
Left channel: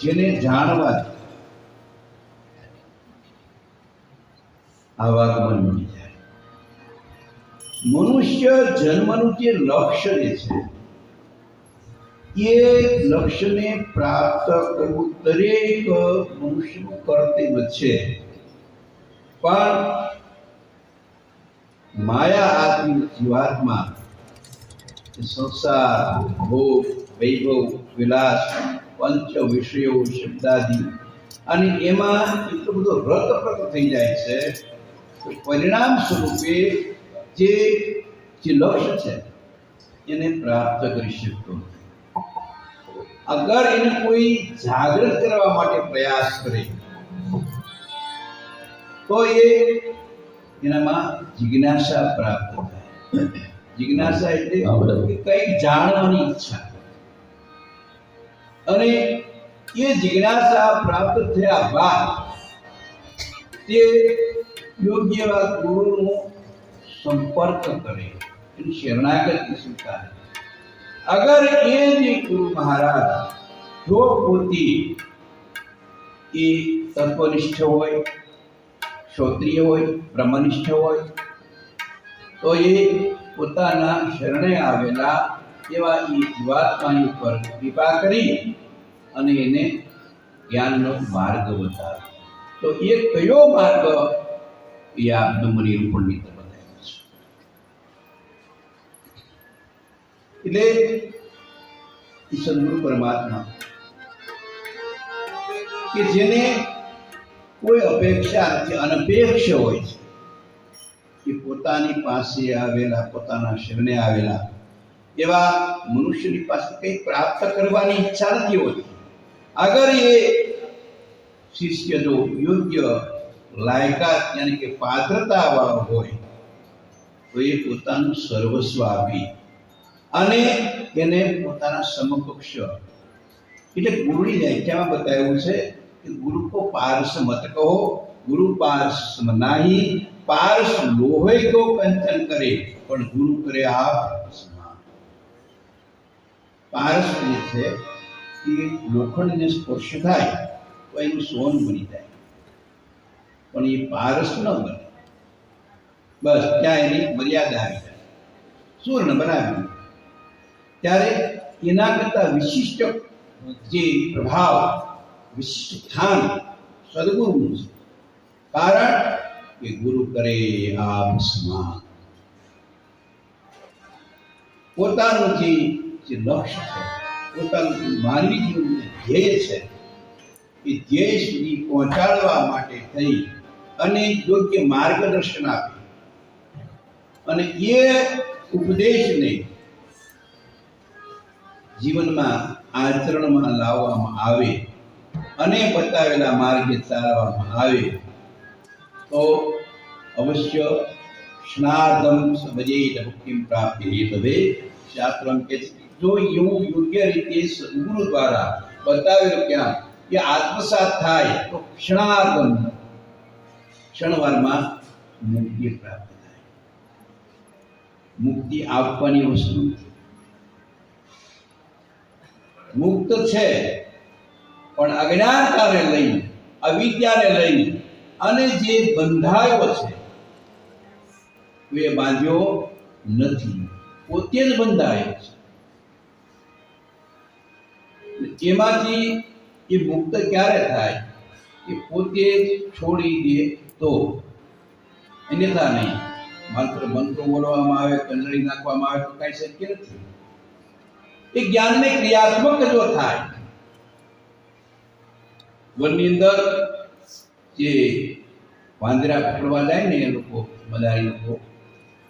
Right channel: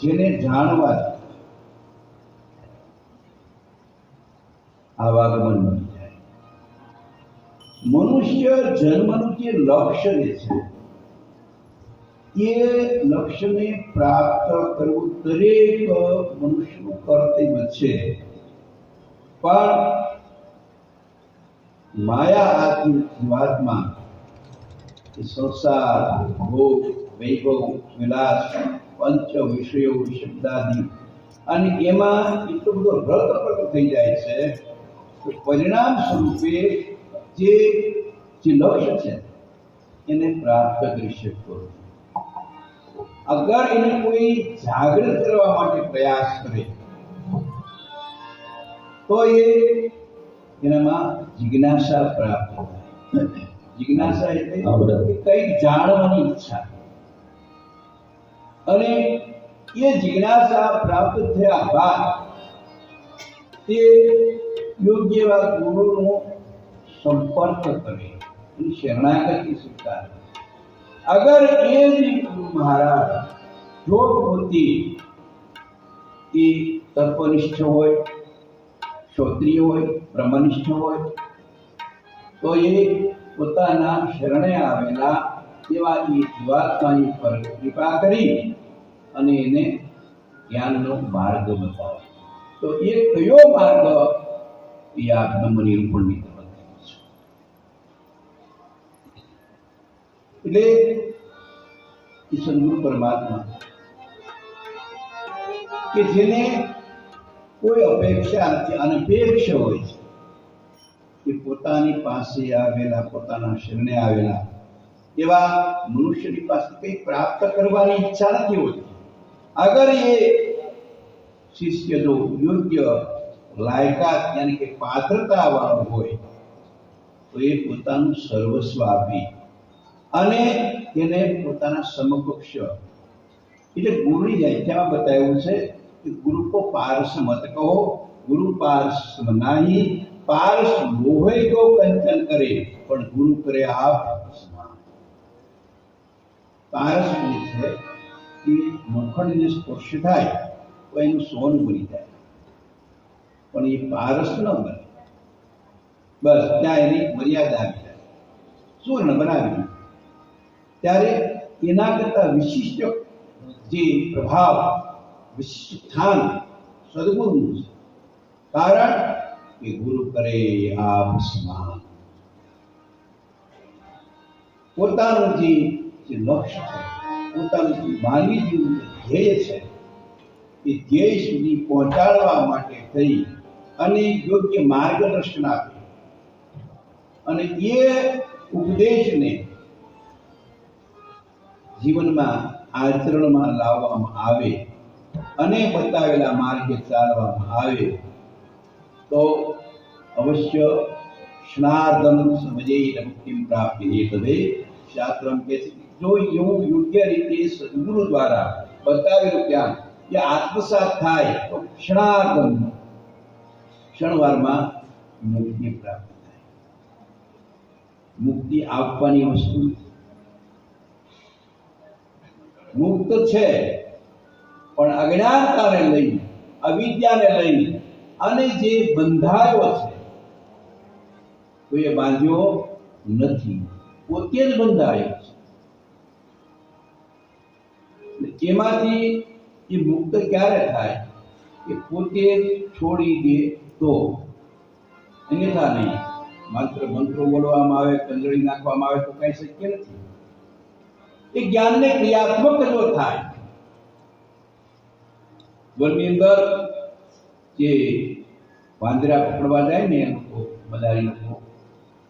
જેને જાણવાથી આવાગમન બની જાય। મનુષ્ય જન્મનું જે લક્ષ્ય જે છે એ લક્ષ્યને પ્રાપ્ત કરવું દરેક મનુષ્યનું કર્તવ્ય છે, પણ માયા આદિ જીવાત્મા સંસાર, ભોગ, વૈભવ, વિલાસ, પંચ વિષયો, શબ્દાદિ અને એમાં એટલો બધો રતપ્રત થઈ જાય છે કે પરિણામ સ્વરૂપે જે લક્ષ્ય છે એને પ્રાપ્ત કરી શકતો નથી। અગર એને કોઈ જાગૃત કરવા માટે પ્રયાસ કરે તો એનામાં જિજ્ઞાસા પ્રાપ્ત થાય। જિજ્ઞાસા એટલે કંઈક જાણવાની ઈચ્છા, અને એ જિજ્ઞાસા પ્રાપ્ત થયા બાદ તે યોગ્ય એવા ગુરુનો સંપર્ક કરે, એની શરણાગતિ સ્વીકારે। અગર એ જે ગુરુ મહારાજ જો પોતે એ તત્વનિષ્ઠ હોય, ક્ષોત્રિય હોય, બ્રહ્મનિષ્ઠ હોય, તો એ પોતાના શરણે આવેલા એવા એ જીવાત્માની ઉપર કૃપા કરી અને એને જ્ઞાનનો માર્ગ બતાવે। તો એ કયો માર્ગ એ આ બ્રહ્મનિરૂપણની તરફ બતાવ્યો છે। એટલે સદ્ગુરુ પરમાત્મા કબીર સાહેબ, એ સદગુરુ પરમાત્મા કે જેને કોઈ અપેક્ષા નથી, અનપેક્ષ હોય છે કે પોતાની પાસે આવેલા, પોતાના શરણે આવેલા એવા મનુષ્યની પાસે કંઈ પ્રાપ્ત કરવાની ઈચ્છા નથી હોતી. અગર એ શિષ્ય જો યોગ્ય લાયકાત યાની કે પાત્રતા વાળો હોય તો એ પોતાનું સર્વસ્વ આપી અને એને પોતાના સમકક્ષ એટલે ગુરુની વ્યાખ્યામાં બતાવ્યું છે કે ગુરુ કો પારસ મત કહો, ગુરુ પારસ નાહી, પારસ લોહે કો કંચન કરે પણ ગુરુ કરે આપ સમાન. પારસ જે છે એ લોખંડને સ્પર્શ થાય તો એનું સોનું બની જાય, પણ એ પારસ ન બને. બસ ત્યાં એની મર્યાદા આવી જાય, સુવર્ણ બનાવી. ત્યારે એના કરતા વિશિષ્ટ જે પ્રભાવ, વિશિષ્ટ સ્થાન સદગુરુનું છે. કારણ કે ગુરુ કરે આપ સમાન. પોતાનું જે લક્ષ્ય છે, પોતાનું માનવી જીવનનું ધ્યેય છે, એ ધ્યેય સુધી પહોંચાડવા માટે થઈ અને યોગ્ય માર્ગદર્શન આપે અને એ ઉપદેશને જીવનમાં આચરણમાં લાવવામાં આવે અને બતાવેલા માર્ગે ચાલવામાં આવે તો અવશ્ય સ્નાર્ધમ સમજેત મુક્તિમ પ્રાપ્તિ હેતવે. શાસ્ત્રમ કે જો એવું યોગ્ય રીતે સદગુરુ દ્વારા બતાવેલું જ્ઞાન એ આત્મસાત થાય તો ક્ષણવારમાં મુક્તિ પ્રાપ્ત થાય. મુક્તિ આપવાની વસ્તુ મુક્ત છે, પણ અજ્ઞાનતાને લઈ, અવિદ્યાને લઈ અને જે બંધાયો છે તો એ બાંધ્યો નથી, પોતે જ બંધાયો છે. એમાંથી એ મુક્ત ક્યારે થાય? એ પોતે જ છોડી દે તો, અન્યથા નહીં. માત્ર મંત્રો બોલવામાં આવે, કંજળી નાખવામાં આવે તો કઈ શક્ય નથી. એ જ્ઞાનને ક્રિયાત્મક જો થાય. વનની અંદર જે વાંદરા પકડવા જાય ને એ લોકો, બધારી લોકો,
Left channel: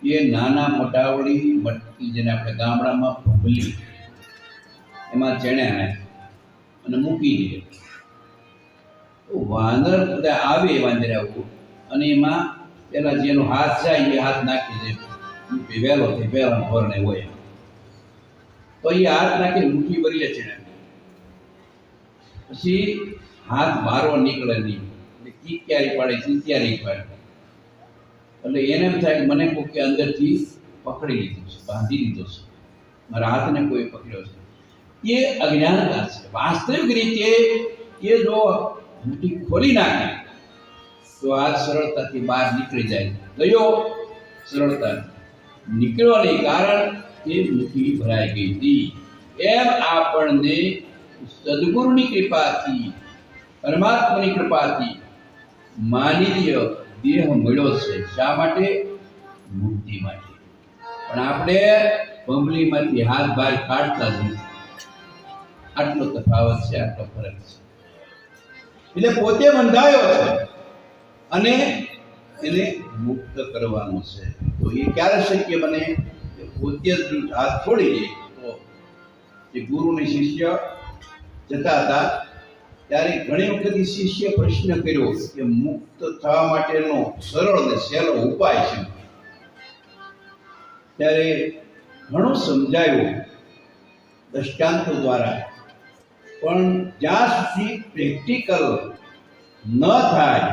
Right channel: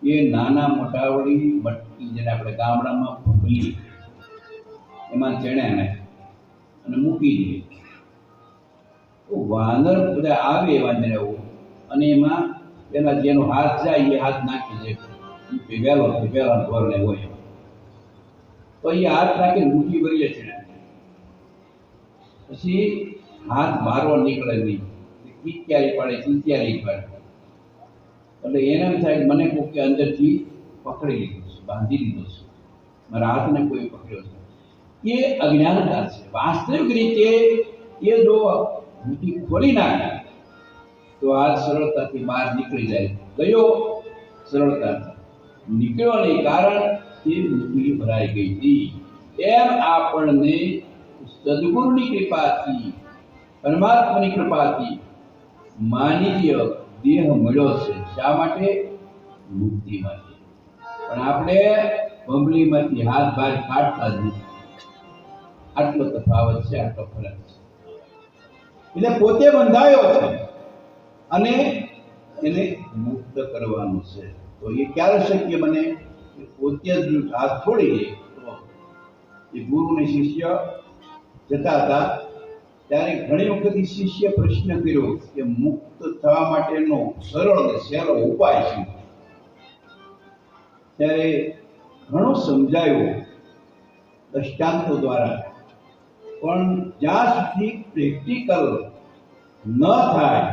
એ નાના મોટાવડી મટકી, જેને આપણે ગામડામાં ભૂલી, એમાં ચણ્યા નાખે અને મૂકી દે. તો વાંદર બધા આવે વાંદરાઓ અને એમાં પેલા જેનો હાથ જાય એ હાથ નાખી દે. વહેલોથી વહેલા ધોરણે હોય તો એ હાથ નાખીને મુઠ્ઠી ભરીએ છે. પછી હાથ મારો નીકળે નહીં, ચીત્યારી પડે, ચીત્યારી પડે. એટલે એને એમ થાય મને કોઈ કે અંદરથી પકડી લીધું છે, બાંધી લીધો છે, મારા હાથને કોઈ પકડ્યો છે. એ અજ્ઞાનતા છે. વાસ્તવિક રીતે એ જો મુઠ્ઠી ખોલી નાખે તો આ સરળતાથી બહાર નીકળી જાય. ગયો સરળતાથી નીકળ્યો નહીં, કારણ એ મુઠ્ઠી ભરાઈ ગઈ હતી. એમ આપણને સદગુરુની કૃપાથી, પરમાત્માની કૃપાથી માનવીય દેહ મળ્યો છે. શા માટે? મુક્તિ માટે. પણ આપણે બંબલીમાંથી હાથ બહાર કાઢતા જ નથી. આટલો તફાવત છે, આટલો ફરક છે. એટલે પોતે બંધાયો છે અને એને મુક્ત કરવાનો છે. તો એ ક્યારે શક્ય બને? પોતે જ હાથ છોડી દે. તો એ ગુરુ ને શિષ્ય જતા હતા ત્યારે ઘણી વખત શિષ્ય પ્રશ્ન કર્યો કે મુક્ત થવા માટેનો સરળ અને સહેલો ઉપાય છે. ત્યારે ઘણો સમજાયો દ્રષ્ટાંતો દ્વારા, પણ જ્યાં સુધી પ્રેક્ટિકલ ન થાય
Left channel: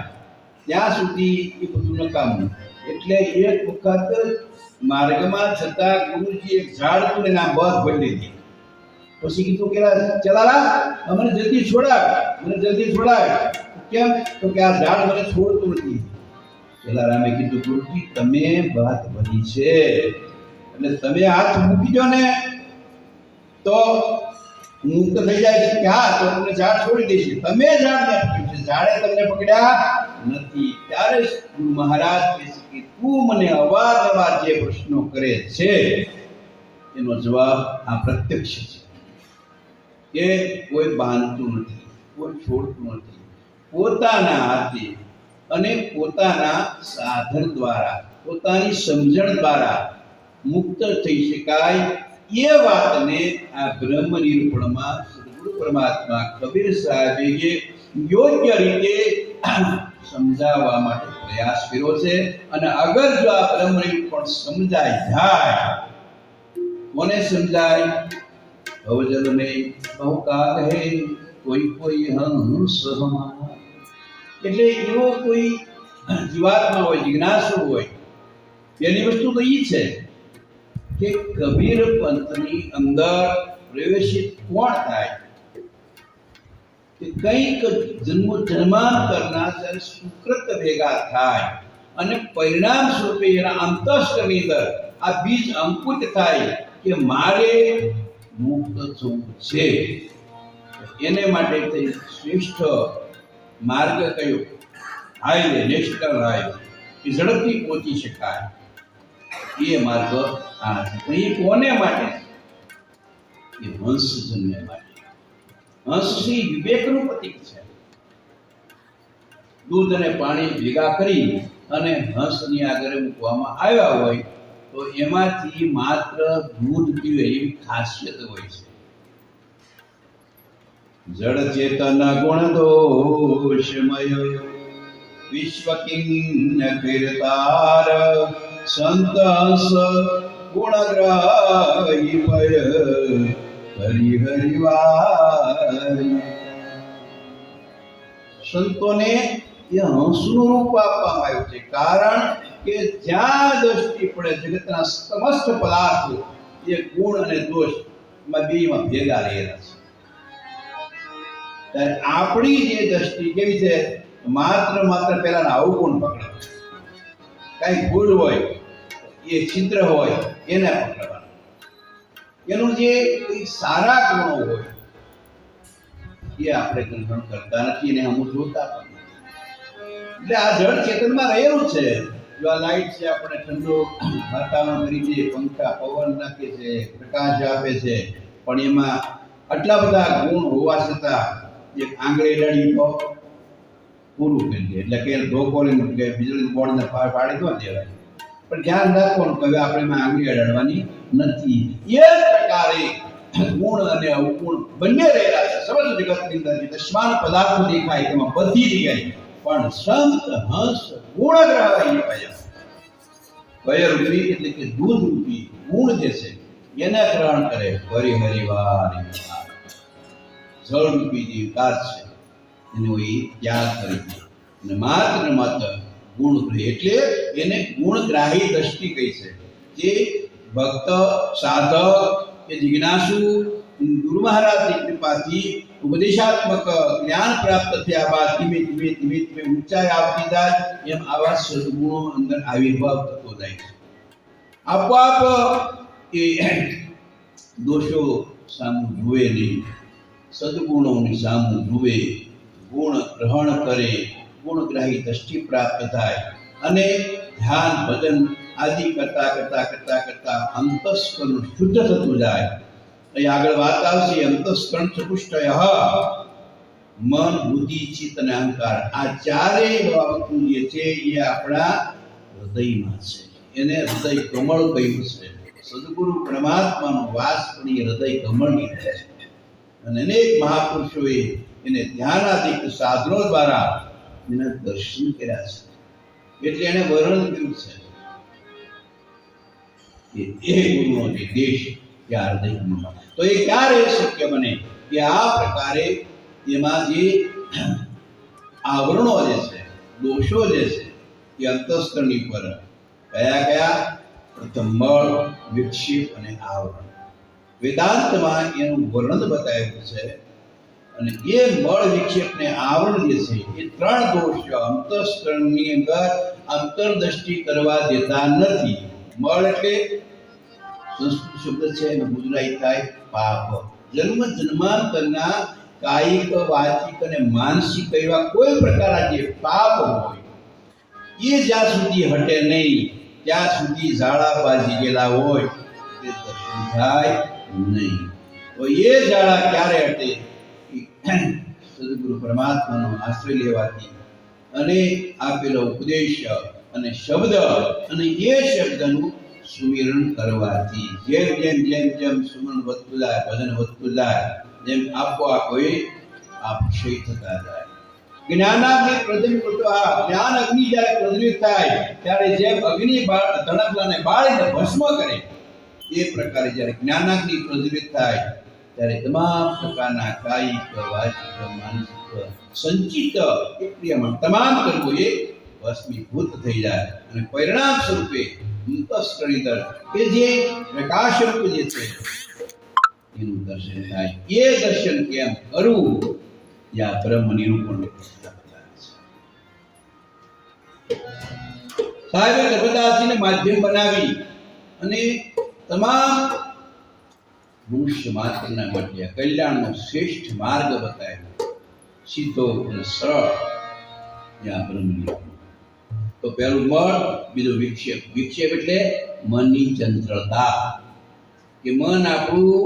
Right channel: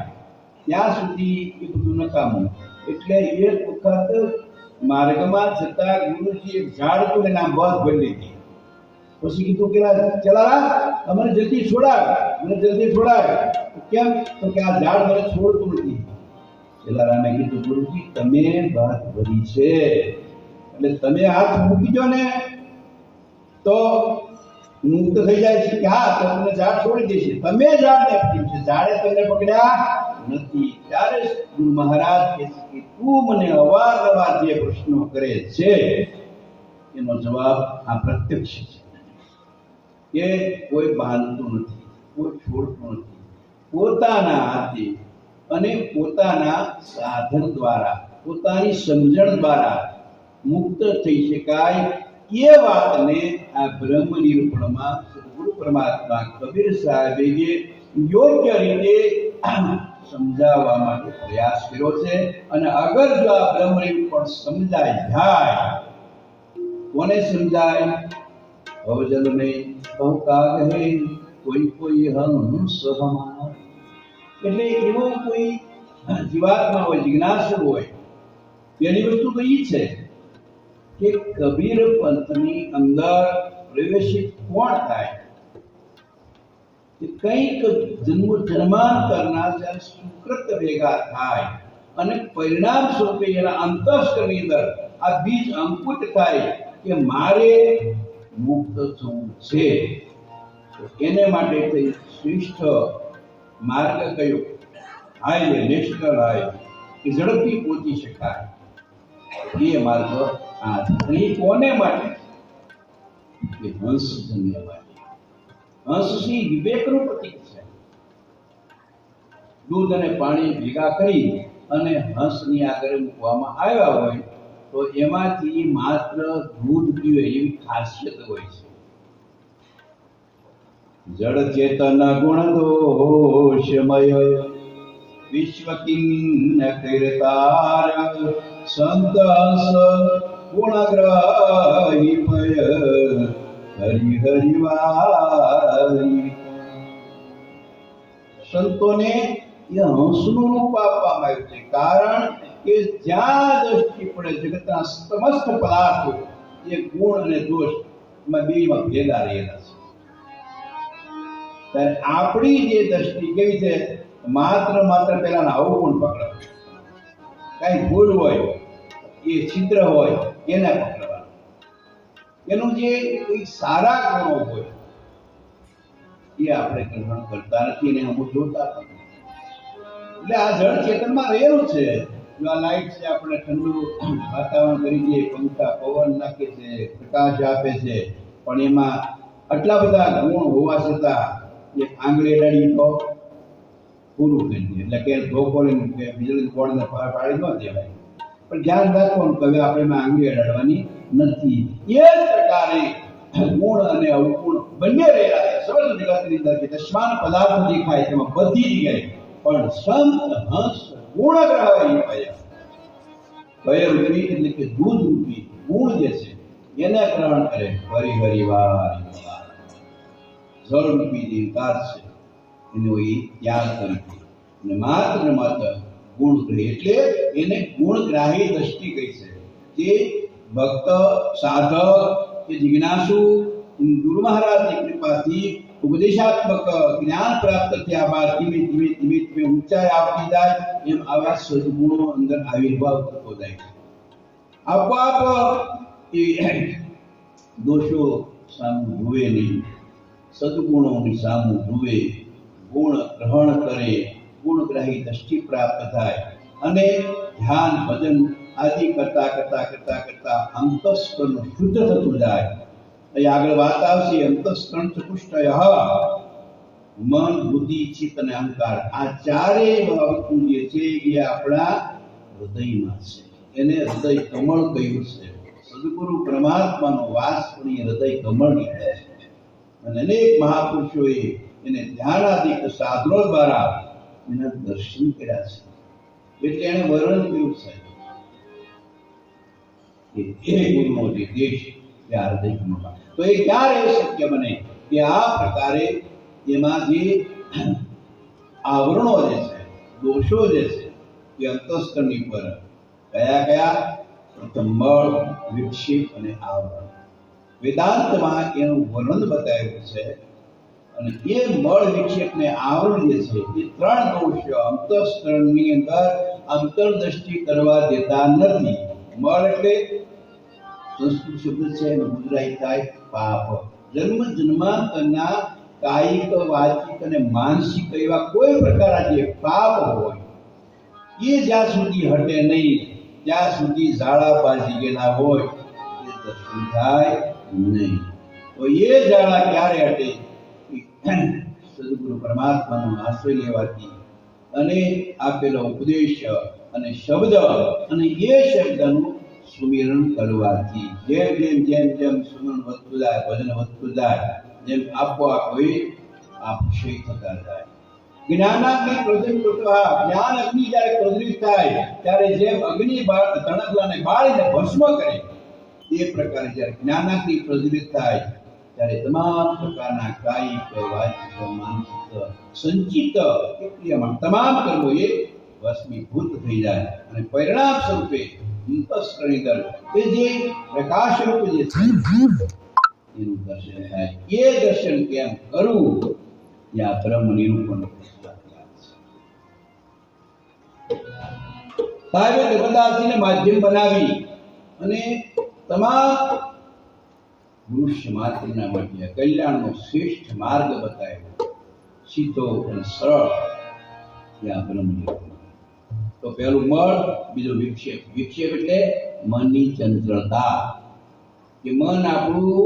ત્યાં સુધી એ બધું નકામું. એટલે એક વખત માર્ગમાં જતા ગુરુજી એક ઝાડ હતું એના બધ ભરી લીધી. પછી કીધું કે ચલારા અમને જલ્દી છોડાવ, મને જલ્દી છોડાવ. કેમ? તો કે આ ઝાડ મને છોડતું નથી. ચલારામે કીધું ગુરુજી તમે વાત ભરી છે એટલે તમે હાથ મૂકી દો ને તો મુક્ત થઈ જાય છે. કે હા તો તમને ઝાડ છોડી દેશે. તમે ઝાડને પકડ્યું છે, ઝાડે તમને પકડ્યા નથી. ત્યારે ગુરુ મહારાજ કહે છે કે તું મને અવારનવાર જે પ્રશ્નો કરે છે એનો જવાબ આ પ્રત્યક્ષ છે. કે કોઈ બાંધતું નથી, કોઈ છોડતું નથી. પોતાના હાથે અને પોતાના સાધન દ્વારા, પોતાની સમજણ દ્વારા મુક્ત થઈ શકાય એ વાતને આ બ્રહ્મ નિરૂપણમાં સદગુરુ પરમાત્મા કબીર સાહેબે યોગ્ય રીતે સમજાવવા માટે પ્રયાસ કર્યો છે. અને અગર જો આ બ્રહ્મ નિરૂપણ સમજાય જાય, કોને સમજાય? ભવજન में बहु काल है कोई कोई हंस हमारा. એટલે એવો કોઈ જીવાત્મા હોય, જિજ્ઞાસુ હોય, પહેલી વસ્તુ તો એ છે કે કબીર પંથની અંદર પ્રવેશિત કોણ થાય? કે કંઈક જન્માંતરના જ્યારે સુકૃત ભેગા થાય અને પરિણામ સ્વરૂપે એના અંતઃસ્કરની અંદર આ બીજ અંકુરિત થાય કે મારે મુક્ત થવું છે, તો એને માટે થઈ શ્રેષ્ઠ માર્ગ કયો? હાઈવે, નેશનલ હાઈવે, કે ઝડપથી પહોંચી શકાય એ માર્ગ આ છે. એ કોને માટે? એ હંસ જન્મે માટે. હંસ શ્રી વિવેકનું પ્રતીક છે. દૂધ અને પાણી ભેગા કરી અને હંસની આગળ મૂકવામાં આવ્યા હોય તો એમાંથી માત્ર દૂધ પીવે એવી ખાસિયત હોય છે. જડ ચેતન ગુણ દોષમય વિશ્વ કિન્ન કીર્તાર સંત હંસ ગુણગ્રાહી ભય હરિ હરિવારી. સંતોને એ હંસનું રૂપ આપવામાં આવ્યું છે, કારણ કે જ્યાં દ્રષ્ટિ પડે જગતના સમસ્ત પદાર્થો એ ગુણ અને દોષ માં બેમાં ભેગા રહેલા છે. ત્યારે આપણી જે દ્રષ્ટિ કેવી છે? માત્ર પેલા અવગુણ પકડવા, કઈ ભૂલ હોય, એ છિદ્ર હોય એને પકડવા, એનું જે કઈ સારા ગુણો હોય એ આપણે ગ્રહણ કરતા નથી અને અમુક જોતા પણ નથી. એટલે આ જળ ચેતનમાં રહેલું છે. જો આ લાઈટ છે, આપણે ઠંડુ વાતાવરણ કરી દે, પંખા પવન નાખે છે, પ્રકાશ આપે છે, પણ એમાં આટલા બધા ગુણ હોવા છતાં એક આંગળી અડાડી તો પૂરું કરી દે, એટલે કે ધોકો કે વીજળી બોર્ડને પાડી ન દેવાય. પણ ધ્યાન રાખવાનું કે હવે આપણે એમાં આંગળી અડાડવાની નથી. એ જ પ્રકારે ગુણ અને અવગુણ બંને રહેલા છે સમસ્ત જગતની અંદર. જે દશમાન પદાર્થો દેખાય તેમાં બધી જગ્યાએ પણ સંત હંસ ગુણગ્રાહી ભય રૂપી એટલે કે દૂધ રૂપી ગુણ જે છે એને ગ્રહણ કરે. હરિ હરિવારી જળ રૂપી જે વિકાર છે એનો એ ત્યાગ કરી અને માત્ર ગુણ ગ્રહી એટલે એને ગુણગ્રાહી દ્રષ્ટિ કહી છે. જે ભક્ત સાધક કે જિજ્ઞાસુ ગુરુ મહારાજની કૃપાથી ઉપદેશાત્મક જ્ઞાન પ્રાપ્ત થયા બાદ ધીમે ધીમે ઊંચાઈ આવતી જાય એમ આવા સદગુણો અંદર આવિર્ભાવ થતો જાય છે. આપોઆપ એ દોષો સામું જુએ નહીં, સદગુણોની સામું જુએ, ગુણ ગ્રહણ કરે, ગુણગ્રાહી દ્રષ્ટિ પ્રાપ્ત થાય અને ધ્યાન ભજન આદિ કરતા અંતઃસ્કરણ શુદ્ધ થતું જાય. અહીં આગળ વાત આવશે અંતઃસ્કરણ ચતુષ્ટય, મન, બુદ્ધિ, ચિત્ત અને અહંકાર. આ ચારેય બાબતો જે છે એ આપણા હૃદયમાં છે. એને હૃદય કમળ કહ્યું છે. સદગુરુ પરમાત્માનો વાસ પણ એ હૃદય કમળની છે. અને અનેક મહાપુરુષોએ એને ધ્યાનાદિક સાધનો દ્વારા એના દર્શન કર્યા છે. એટલે એને વર્ણન કર્યું છે કે એ ગુરુનો જે દેશ ત્યાં હૃદયમાં. તો એ ક્યારે શક્ય બને કે આ પ્રકારે એમાં જે આવરણો જે છે, દોષો જે છે એ અંતઃસ્કરની પર કયા? પ્રથમ મળ, વિક્ષેપ અને આવરણ. વેદાંતમાં એનું વર્ણન બતાવ્યું છે. અને એ મળ, વિક્ષેપ ને આવરણ જે છે એ ત્રણ દોષ અંતઃસ્કરણની અંદર અંતરદ્રષ્ટિ કરવા દેતા નથી. મળ એટલે સંસ્કૃત શબ્દ છે, ગુજરાતી થાય પાપ. જન્માંતરના કાયિક, વાચિક અને માનસિક એવા કોઈ પ્રકારના જે પાપ હોય એ જ્યાં સુધી હટે નહીં ત્યાં સુધી ઝાડા બાજી ગયેલા હોય તે દર્શન થાય નહીં. તો એ જાળા ક્યારે હટે? સદગુરુ પરમાત્માનો આશ્રય લેવાથી અને આપેલો ઉપદેશ અને શબ્દ અને એ શબ્દનું સુમિરણ કરવાથી જેમ જેમ જેમ જેમ સુમરણ વધતું જાય, ભજન વધતું જાય, જેમ આપોઆપ હોય આપક્ષય થતા જાય. જ્ઞાનાગ્નિ પ્રજ્વલિતઃ, જ્ઞાન અગ્નિ જ્યારે પ્રજ્વલિત થાય ત્યારે જેમ અગ્નિ તણખલાને બાળીને ભસ્મ કરે એ પ્રકારે જ્યારે જ્ઞાનાગ્નિ પ્રજ્વલિત થાય ત્યારે તમામ પ્રકારના કાયિક, વાચિક, માનસિક, સંચિત ક્રિયામાં તમામ કર્મો એ ભસ્મીભૂત થઈ જાય અને પરિણામ સ્વરૂપે અંતસ્કરણી દળ કે જે પ્રકાશ રૂપ જે છે એનું દર્શન થાય. એ દર્શન કેમ કરવું? યા બ્રહ્મ નિરૂપણ સાહેબે નર્મદાજીને માધ્યમ બનાવી અને તમામ મનુષ્ય માત્રના માટે કલ્યાણનો શ્રેષ્ઠ માર્ગ બતાવ્યો, સીધો અને સરળ. યા બ્રહ્મ નિરૂપણ. તો પહેલું મળ, બીજું વિક્ષેપ. વિક્ષેપ એટલે મનની ચંચળતા, કે મન આપણું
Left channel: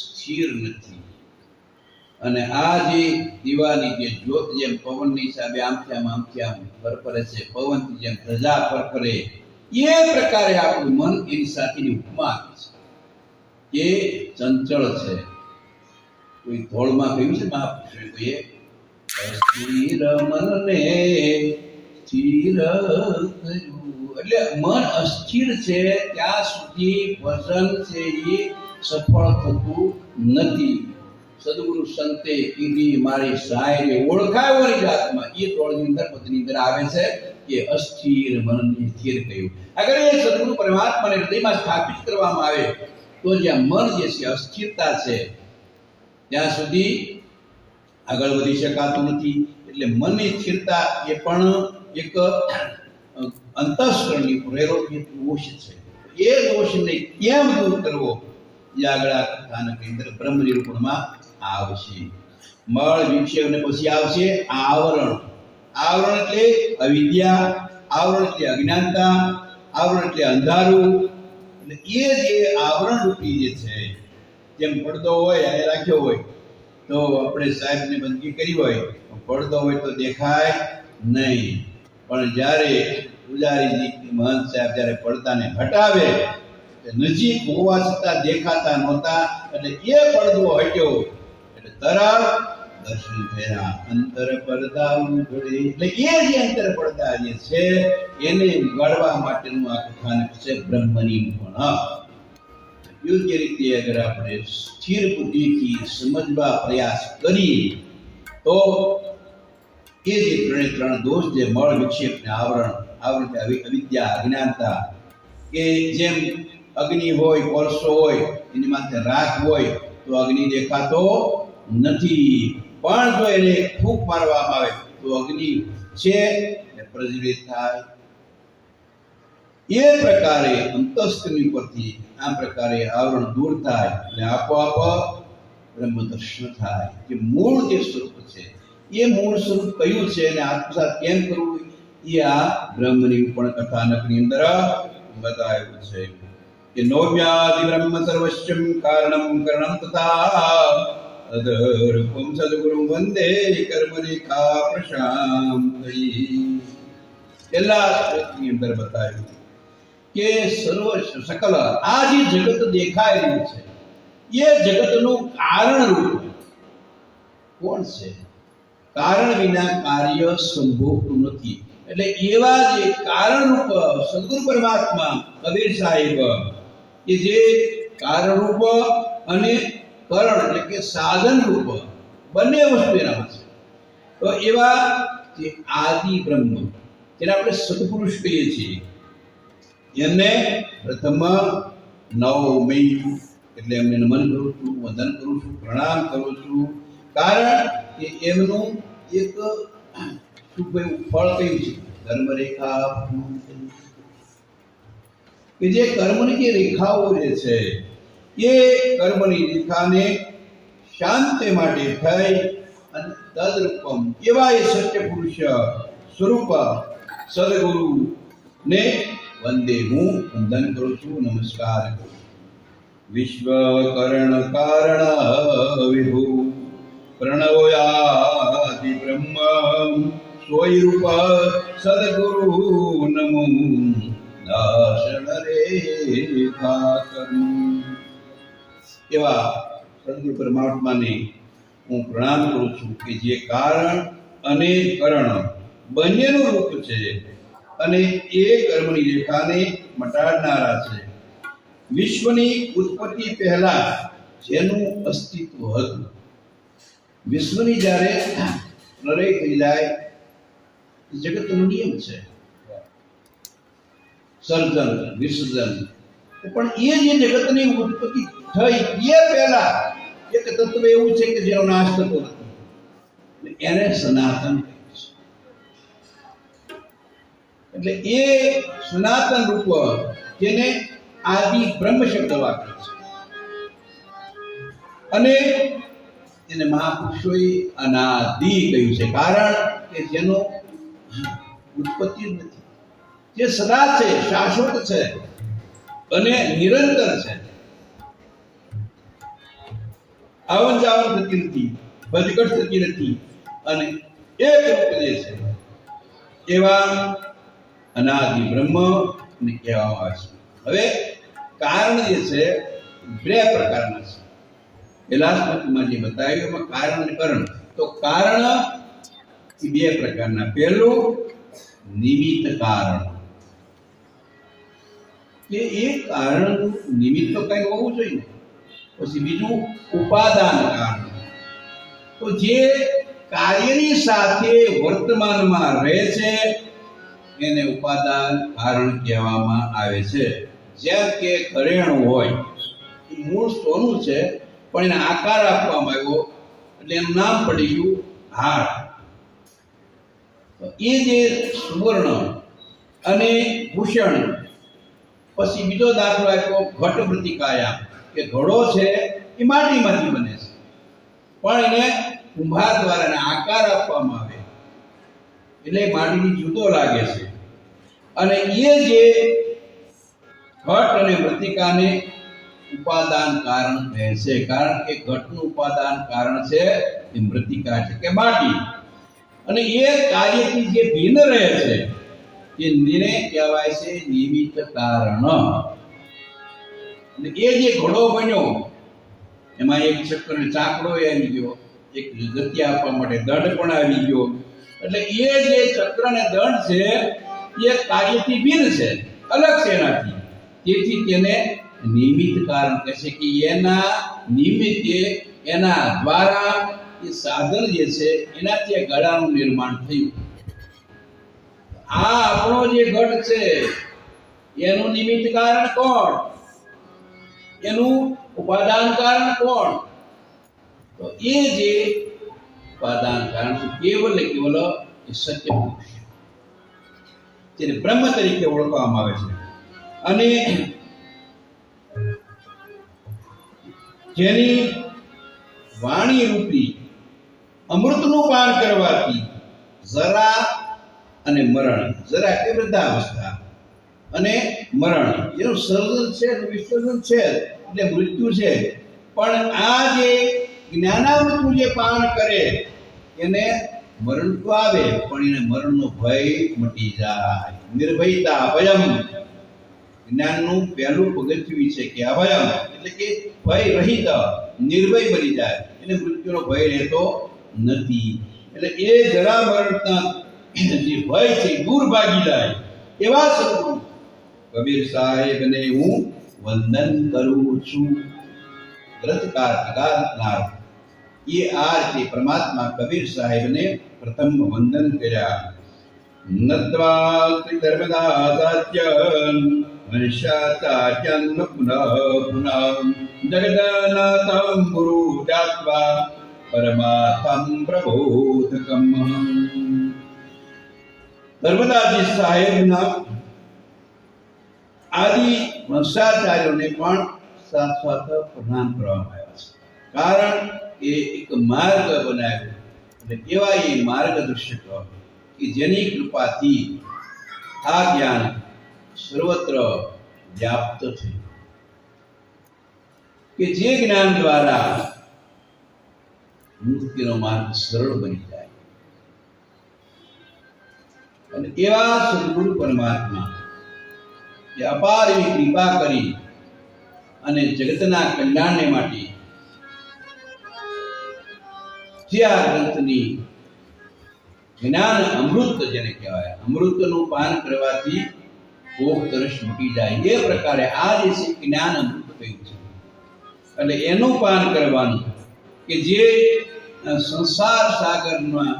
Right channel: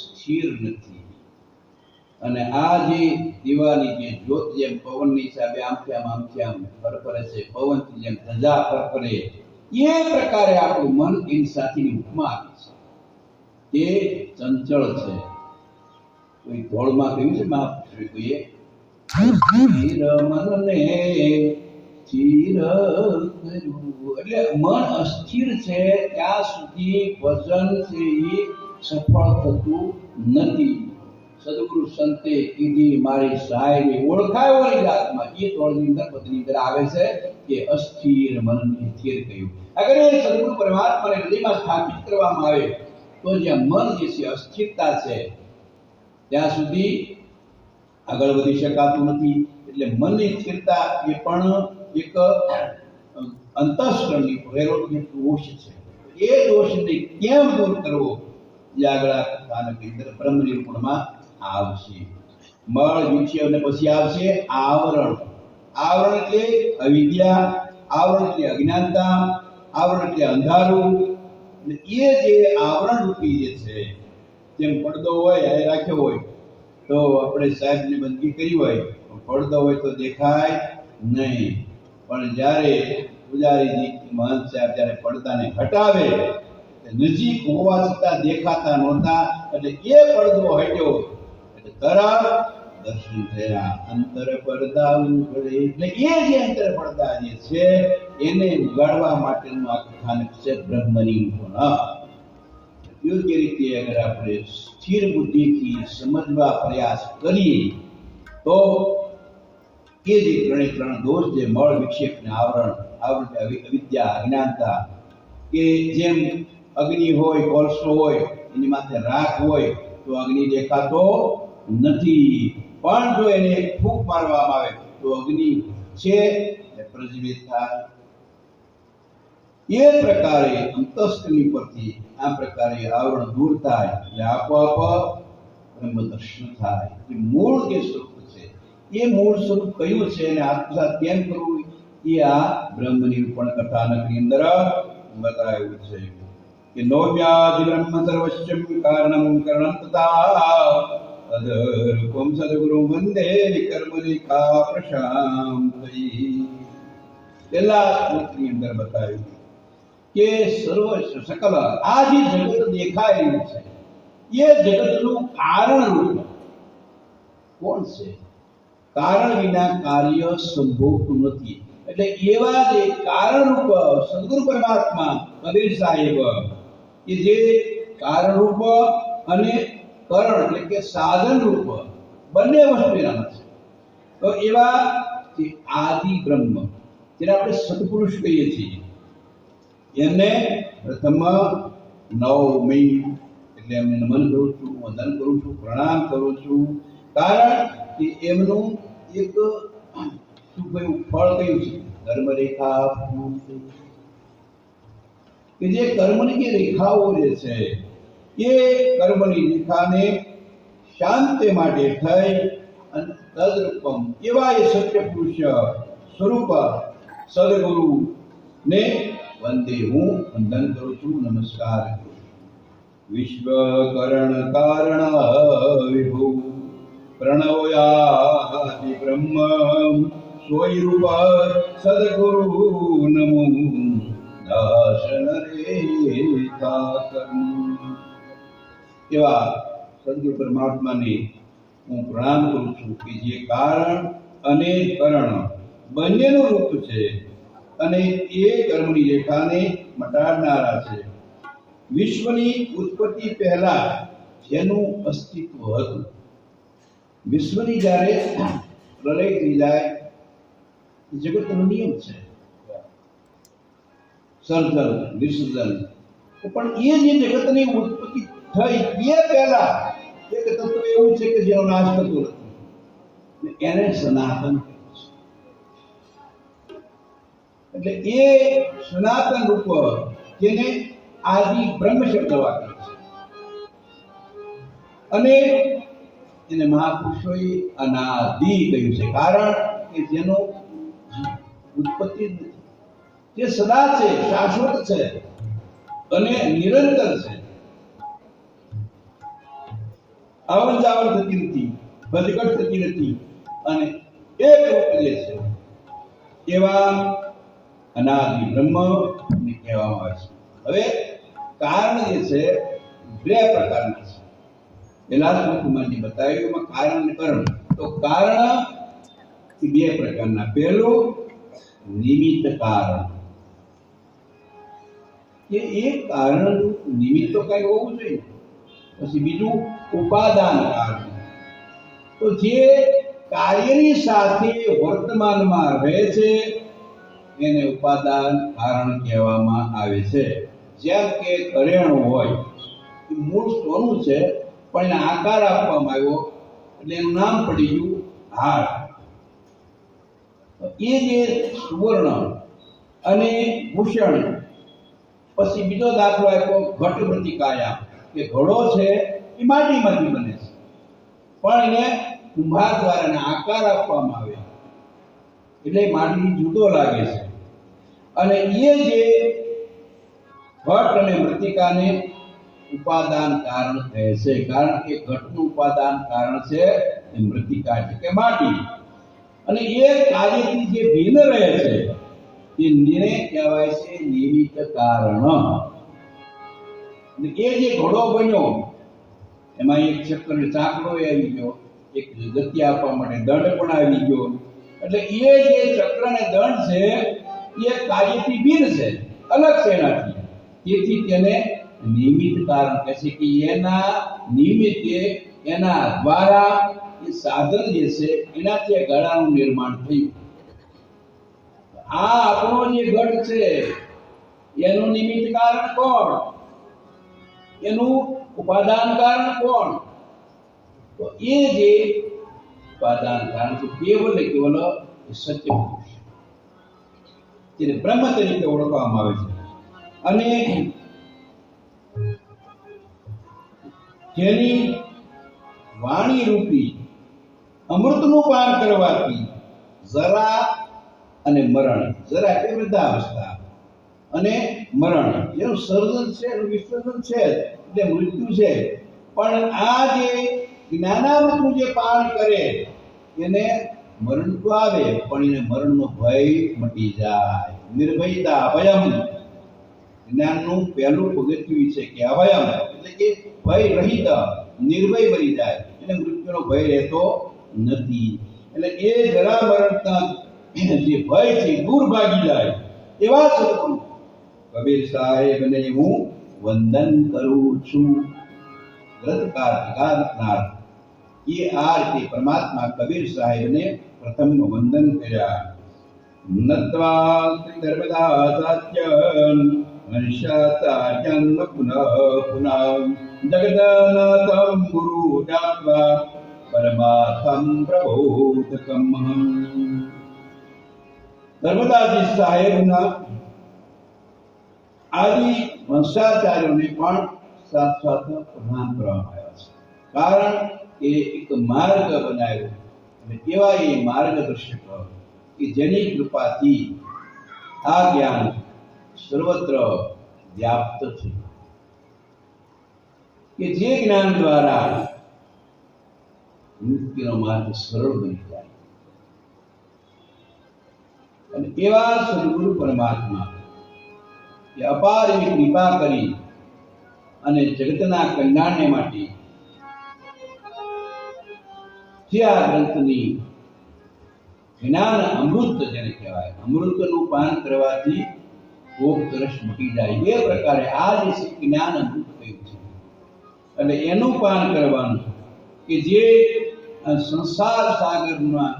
સ્થિર નથી. અને આ જે દીવાની જે જ્યોત જેમ પવનની હિસાબે આમથી આમ ફરફરે છે, પવનથી જેમ ધજા ફરફરે, એ પ્રકારે આપણું મન એની સાથેની ઉપમા આપી છે એ ચંચળ છે. કોઈ ધોળમાં કહ્યું છે મહાપુરુષોએ, સ્થિર મનને સ્થિર કર્યું. એટલે મન અસ્થિર છે ત્યાં સુધી ભજન છે એ સફળ થતું નથી. સદગુરુ સંતે કીધી મારી સાહેબે ઓળખાયોની જાતમાં એ તોળની અંદર પદની અંદર આવે છે કે અસ્થિર મનને સ્થિર કર્યું. અગર એ સદગુરુ પરમાત્માને હૃદયમાં સ્થાપિત કરવામાં આવે તો જ્યાં મન જે છે અસ્થિરતા છે ત્યાં સુધી આગળ વધી શકાતું નથી. એટલે મનની સ્થિરતા એ પણ એક અંતઃસ્કરણની પ્રેરોગ્ય દોષ છે. એ દોષને કેમ દૂર કરવો એ આગળ આ કથાનકની અંદર બ્રહ્મ નિરૂપણમાં આવશે. મળ, વિક્ષેપ ને પછી આવશે આવરણ. આવરણ એટલે અવિદ્યા, આવરણ એટલે અજ્ઞાનતા, આવરણ એટલે અંધારું. અને એ જે આવરણ રૂપી જે છે, જેમ પડદો હોય આ રાખ્યો હોય તો આપણે સાહેબને બંદગી કરી હોય, પડદો હોય તો દેખાય નહીં. પણ જ્યારે પૂજારીજી મહંત સાહેબ જ્યારે પડદાને હટાવે, નજીક હોવા છતાં દેખાતા નહોતા, એટલે એ પડદો હટ્યો એટલે તરત દર્શન થયા. અંતર પડદા ઉઘડે. એટલે એ જે અંતર પડદા જે છે એને ઉગાડવા માટેનું આ કથાનક છે બ્રહ્મ નિરૂપણ. યોગ્ય રીતે અગર આપણે સ્થિર બુદ્ધિથી સમજવા પ્રયાસ કરીએ તો એ જે ત્રણ દોષ જે મળ, વિક્ષેપ ને આવરણ, આવરણ અવિદ્યા, અજ્ઞાનતા, કે જેમ અગ્નિ હોય, કોલસો હોય, એની માથે રાખ હોય તો અગ્નિ દેખાતો નથી, પણ જો એને ફૂંક મારવામાં આવે તો અગ્નિ છે એ પ્રજ્વલિત થાય. એ પ્રકારે અંતસ્કરણી પરથી આ પ્રકારે આવરણ દૂર થાય એટલે આપોઆપ બ્રહ્મ દર્શન થાય. જે મૂળ જે સ્વરૂપ છે એ મૂળ સ્વરૂપ કયું છે અને આત્મસાત કેમ કરવું એ આ બ્રહ્મ નિરૂપણ કથાનકની અંદર બતાવ્યું છે. કે નૌમ્યાદિ બ્રહ્મ સર્વસ્યમ કારણમ કरणम તથા અધરૂપમ સદગુરુ વંદે કર્મરેખા પ્રશાંતયી. પહેલા શ્લોકની અંદર બતાવ્યું કે સર્વ સકલ આ જે જગત દેખાઈ રહ્યું છે એ જગતનું કારણ રૂપ કોણ છે? કારણ વિના કાર્ય સંભવતું નથી. એટલે એવા જે કારણ રૂપ સદગુરુ પરમાત્મા કબીર સાહેબ કે જે કારણ રૂપ અને કરણ એટલે કે સાધન રૂપ બંને વસ્તુ એનામાં છે. તો એવા જે આદિ બ્રહ્મ જેને આપણે સદપુરુષ કહીએ છીએ એમને પ્રથમ નવમી એટલે એમને નમન કરું છું, વંદન કરું છું, પ્રણામ કરું છું. કારણ કે એમનું એક શું કયું ફળ કયું છે? કર્મ રેખા. કે જે કર્મની જે રેખાઓ જે છે એ કર્મની રેખાને શાંતિ માટે થઈ અને તદરૂપમ એવા એ સત્ય પુરુષ સ્વરૂપ સદગુરુ ને વંદે હું વંદન કરું છું, નમસ્કાર કરું છું. વિશ્વકરણ કારણ વિભુ પ્રણવયાદિ બ્રહ્મ સ્વરૂપ સદગુરુ નમો દાસન રેખા કરું. એવા સદગુરુ પરમાત્માને હું પ્રણામ કરું છું કે જે કારણ અને કરણ બંનેનું રૂપ છે અને એ કર્મની રેખાને મટાડનારા છે. વિશ્વની ઉત્પત્તિ પહેલા જેનું અસ્તિત્વ હતું, વિશ્વની જ્યારે પ્રલય થઈ જાય, જગતનો નિયમ છે સર્જન વિસર્જન, પણ એ જે જગતની ઉત્પત્તિ થઈ એ પહેલા એક તત્વ એવું છે કે જેનો નાશ થતો નથી, એને સનાતન કહે છે. એટલે એ સનાતન રૂપ જેને આદિ બ્રહ્મ શબ્દ વાપરે છે અને એને મહાપુરુષોએ અનાદિ કહ્યું છે, કારણ કે જેનો ઉત્પત્તિ જ નથી, જે સદા છે, શાશ્વત છે અને નિરંતર છે. આવન જાવન થતી નથી, વધઘટ થતી નથી અને એક રૂપ જે છે એવા અનાદિ બ્રહ્મ કહેવામાં આવે છે. હવે કારણ જે છે બે પ્રકારના છે. પહેલા શ્લોકમાં જે બતાવ્યું એમાં કારણ અને કરણ. તો કારણ બે પ્રકારના. પહેલું નિમિત્ત કારણ, કે એ કારણ નિમિત્ત તો કઈ હોવું જોઈએ. પછી બીજું ઉપાદાન કારણ, તો જે કાર્યની સાથે વર્તમાનમાં રહે છે એને ઉપાદાન કારણ કહેવામાં આવે છે. જેમ કે કરેણું હોય, એ મૂળ સોનું છે પણ એને આકાર આપવામાં આવ્યો એટલે એનું નામ પડી ગયું હાર. એ જે સુવર્ણ અને ભૂષણ. પછી બીજો દાખલો આપ્યો ઘટ પ્રતિકાયા, કે ઘડો છે એ માટીમાંથી બને છે પણ એને કુંભાર દ્વારા એને આકાર આપવામાં આવે એટલે માટીથી જુદો લાગે છે. અને એ જે ઘટ અને મૃતિકાને ઉપાદાન કારણ કહે છે, કારણ કે ઘટનું ઉપાદાન કારણ છે એ મૃતિકા છે કે માટી, અને એ કાર્યથી જે ભિન્ન રહે છે એને કહેવાય છે નિમિત્ત કારણ. એ જે ઘોડો બન્યો એમાં એક ચક્ર ચાકડો આવી ગયો, એક ગતિ આપવા માટે દંડ પણ આવી ગયો. એટલે એ જે ચક્ર ને દંડ છે એ કાર્યથી ભિન્ન છે, અલગ છે એનાથી. તેથી તેને નિમિત્ત કારણ કહે છે કે એના નિમિત્તે, એના દ્વારા એ સાધન જે છે એનાથી આ ગળાનું નિર્માણ થયું. આ આપણો જે ઘટ છે એનું નિમિત્ત કારણ કોણ? એનું ઉપાદાન કારણ કોણ? તો એ જે ઉપાદાન કારણ છે કેવલ ને કેવલ એ સત્ય પુરુષ, જેને બ્રહ્મ તરીકે ઓળખવામાં આવે છે અને જેની વાણી રૂપી અમૃતનું પાન કરવાથી જરા અને મરણ, જરા એટલે વૃદ્ધાવસ્થા અને મરણ એનું સર્જન છે અને વિસર્જન છે એટલે મૃત્યુ છે. પણ આ જે જ્ઞાનામૃતનું જે પાન કરે એને મરણ તો આવે પણ એને મરણનો ભય મટી જાય. નિર્ભયતા અભયમ, જ્ઞાનનું પહેલું પગથિયું છે કે અભયમ એટલે કે ભય રહિત, નિર્ભય બની જાય, એને મૃત્યુનો ભય રહેતો નથી. એટલે એ જરા મરણના જે ભય છે દૂર ભાગી જાય એવા સ્વરૂપ કબીર સાહેબને હું વંદન કરું છું. ગ્રંથકાર ગાનાર એ આ રીતે પરમાત્મા કબીર સાહેબને પ્રથમ વંદન કર્યા. નત્વા શ્રી ધર્મદાસાચ્યં મનુષ્યાચાર્યં પુનઃ પુનઃ જગન્નાથં ગુરુ જાત્વા પરમાર્થમ પ્રબોધકમ. ધર્મદાસજી સાહેબના આદિ વંશાચાર્યોને પણ સાથ સાથ પ્રણામ કરવામાં આવ્યા છે, કારણ કે એક માર્ગ બનાવ્યો એટલે કેવા એ માર્ગદર્શક કે જેની કૃપાથી આ જ્ઞાન સર્વત્ર વ્યાપ્ત છે. કે જે જ્ઞાન દ્વારા મુક્તિનો માર્ગ સરળ બની જાય. અને એવા સદગુરુ પરમાત્મા કે અપાર એવી કૃપા કરી અને જગતના કલ્યાણને માટે જે આ ગ્રંથની જ્ઞાન અમૃત જેને કહેવાય, અમૃતનું પાન કરવાથી ભૂખ તરસ મૂકી જાય, એ પ્રકારે આ જે જ્ઞાન અમૃત કહ્યું છે. અને એનું પાન કરવાનું કે જે સંસાર સાગરમાં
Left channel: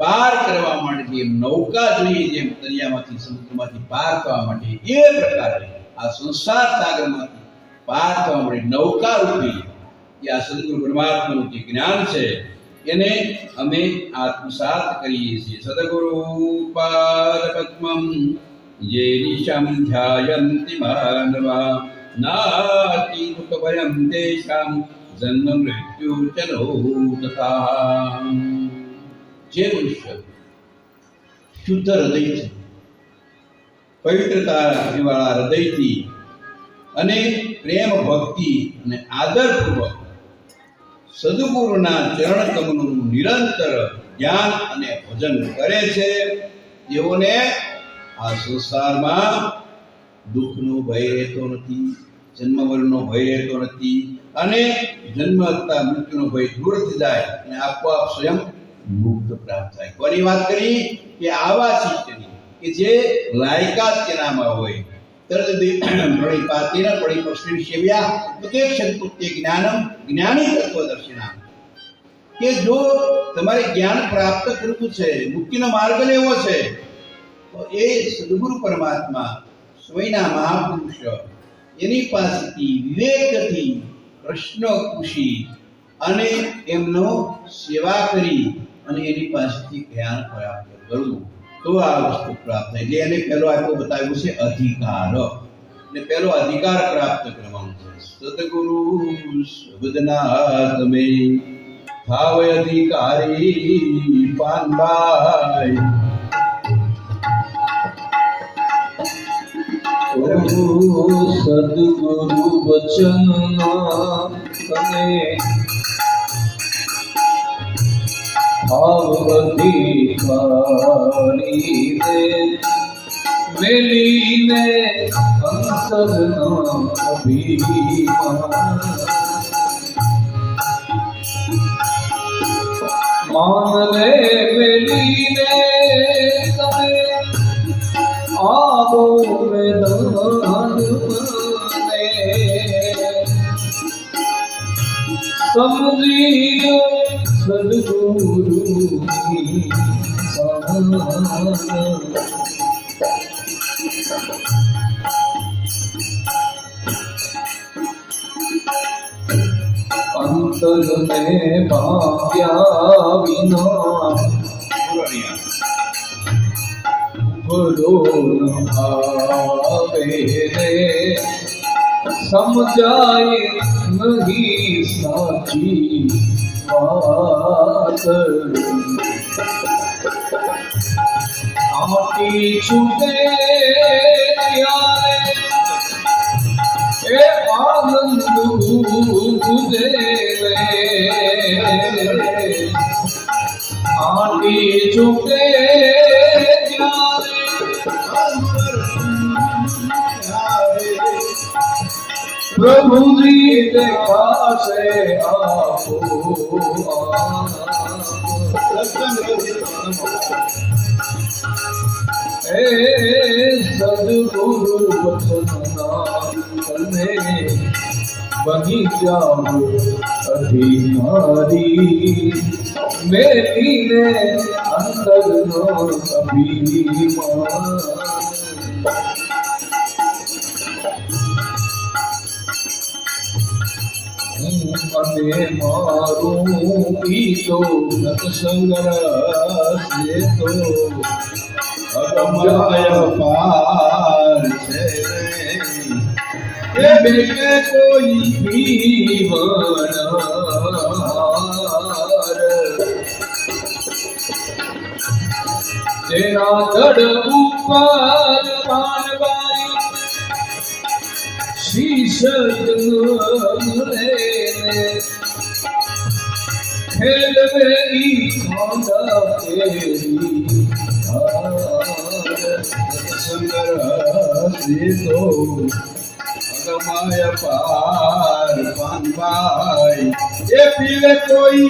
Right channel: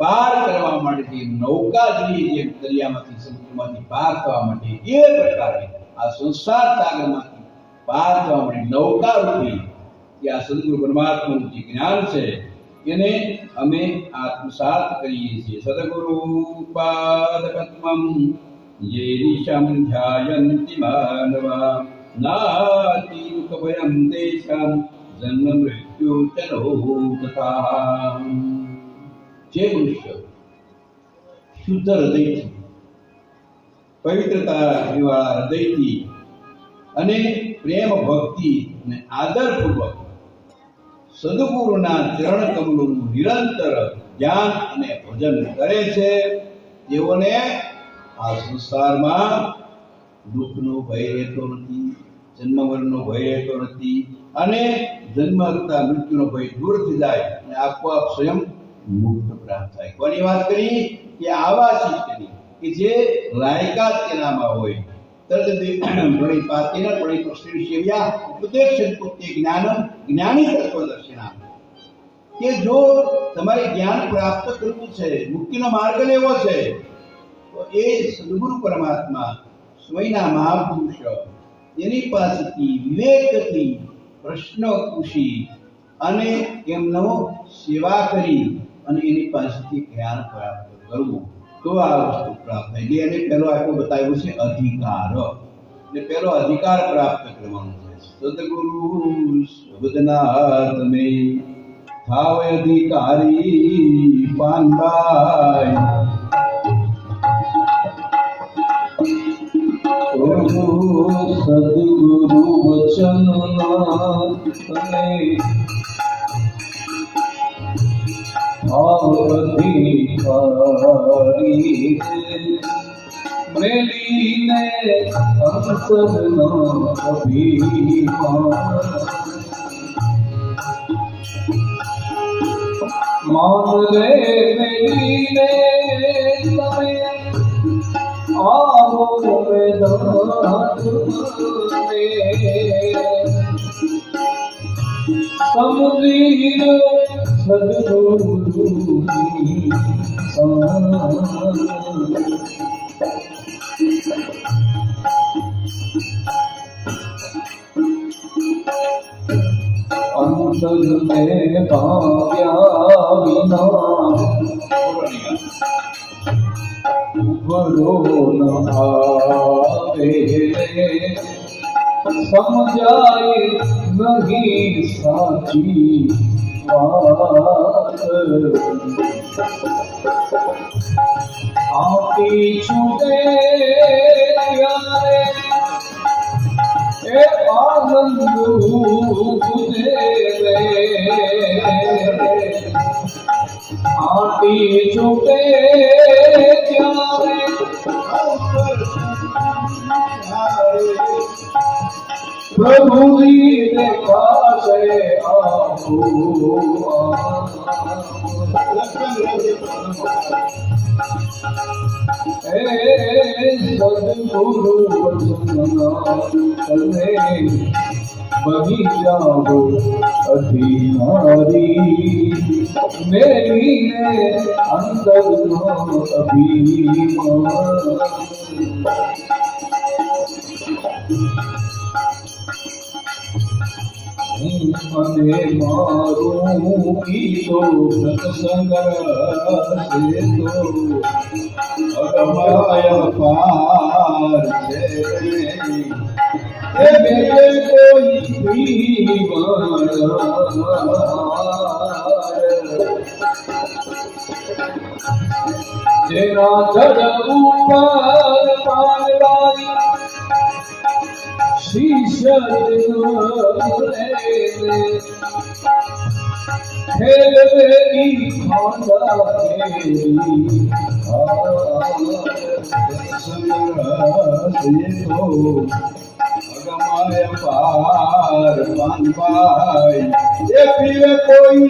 પાર કરવા માટે જેમ નૌકા જોઈએ, જેમ દરિયામાંથી સમુદ્રમાંથી પાર થવા માટે, એ પ્રકારે આ સંસાર સાગરમાંથી પાર થવા માટે નૌકા રૂપી કે આ સદગુરુ પરમાત્માનું જે જ્ઞાન છે એને અમે આત્મસાત કરીએ છીએ. સદગુરુ પાદ પદ્મમ યે નિશમ ધ્યાયન્તિ માનવા નાતિ દુઃખ ભયમ તેષામ જન્મ મૃત્યુ ચલો તથા. જે મનુષ્ય શુદ્ધ હૃદયથી, પવિત્રતા વાળા હૃદયથી અને પ્રેમ ભક્તિ અને આદરપૂર્વક સદગુરુના ચરણ કમળનું નિરંતર ધ્યાન અને ભજન કરે છે, તેઓને આ સંસારમાં દુઃખનો ભય રહેતો નથી, જન્મ મરણનો ભય રહેતો નથી, અને જન્મ તથા મૃત્યુનો ભય દૂર થઈ જાય અને આપોઆપ સ્વયં મુક્ત પ્રાપ્ત થાય. કોની વાત કરી? કે આવા શિષ્યની કે જે લાયકાત તેનામાં હોય. તરત પ્રણિપાતેન પ્રણિપશ્રી સેવ્યા ઉપદેશંતુ તે જ્ઞાનમ જ્ઞાની તત્વદર્શિનામ. કે જો તમારે જ્ઞાન પ્રાપ્ત કરવું છે, મુક્તિનો માર્ગ લેવો છે, તો એ સદગુરુ પરમાત્મા સ્વયંના મહાપુરુષ એની પાસેથી વિવેકથી પ્રશ્ન પૂછી અને એમનો સેવા કરી અને એની પાસેથી જ્ઞાન પ્રાપ્ત કરવું, તો આ વસ્તુ પ્રાપ્ત થાય. એટલે એને પહેલો આટલું બતાવ્યું છે અધિકાર. એટલે પહેલો અધિકાર પ્રાપ્ત કરવાનો છે. સદગુરુ સુબદના તમે થાવ અધિકારી પાનબાઈ. સદગુરુ વચનમાં તમે ભાવ અધિકારી દે મેલીને અંતરના અભિમાન. માન રે મેલીને તમે આવો વેદાંત સમજી સદગુરુની અંતર ને પામ્યા વિના ઉભરો ન આવે રે, સમજાય નહીં સાચી વાત. આટી છૂટે ત્યારે એ આનંદ ઉદે રે, આટી છૂટે ત્યારે પ્રભુજી દેખાશે આપો. એ સદગુરુ વચનના તમે બની જાઓ અધિકારી, મેલીને અંતરનો અભિમાન. અને મારું ગીતો સત્સંગ તો અગમાય પાર છે, એ બેગે કોઈ પીવણ જેના ધડ ઉપર પાનવાઈ શીશ રે ખેલવે ઈ ખાંડા કેરી સુંદર હસે તો અગમાય પાર પાનભાઈ એ પીવે કોઈ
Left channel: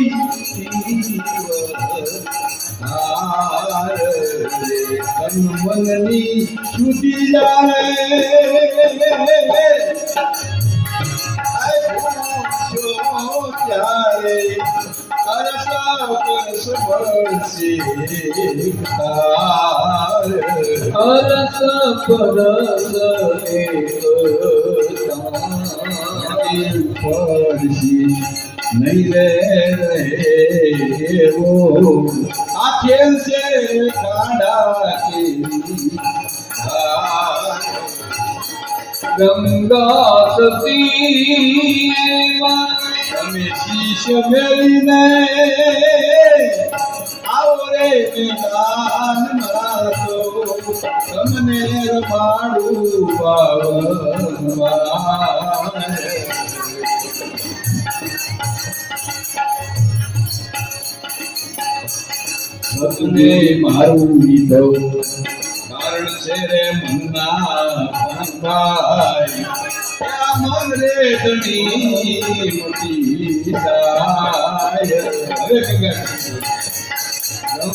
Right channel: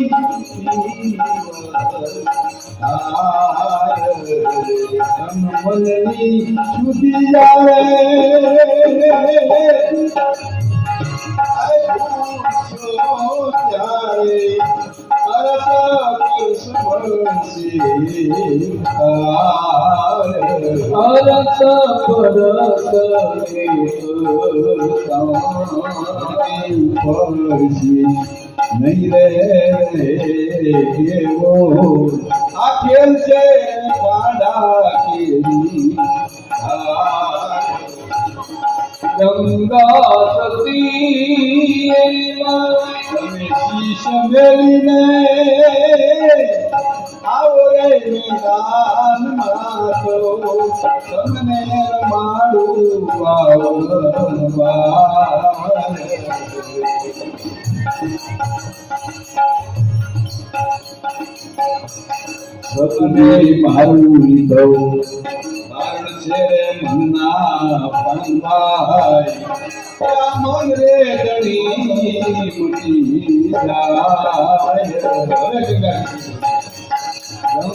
મનની સુધી જાવે અરસ પરસ પરસી નહીં રે એવો આ ખેલ છે કાંડા કેરી ગંગા સતી તમે શીશ મેલીને આવો રે મેદાનમાં તો તમને રમાડું પાવનમાં સતને મારું લીધો કારણ છે રે મનના પંગાઈ મન રે તણી મોટી જાય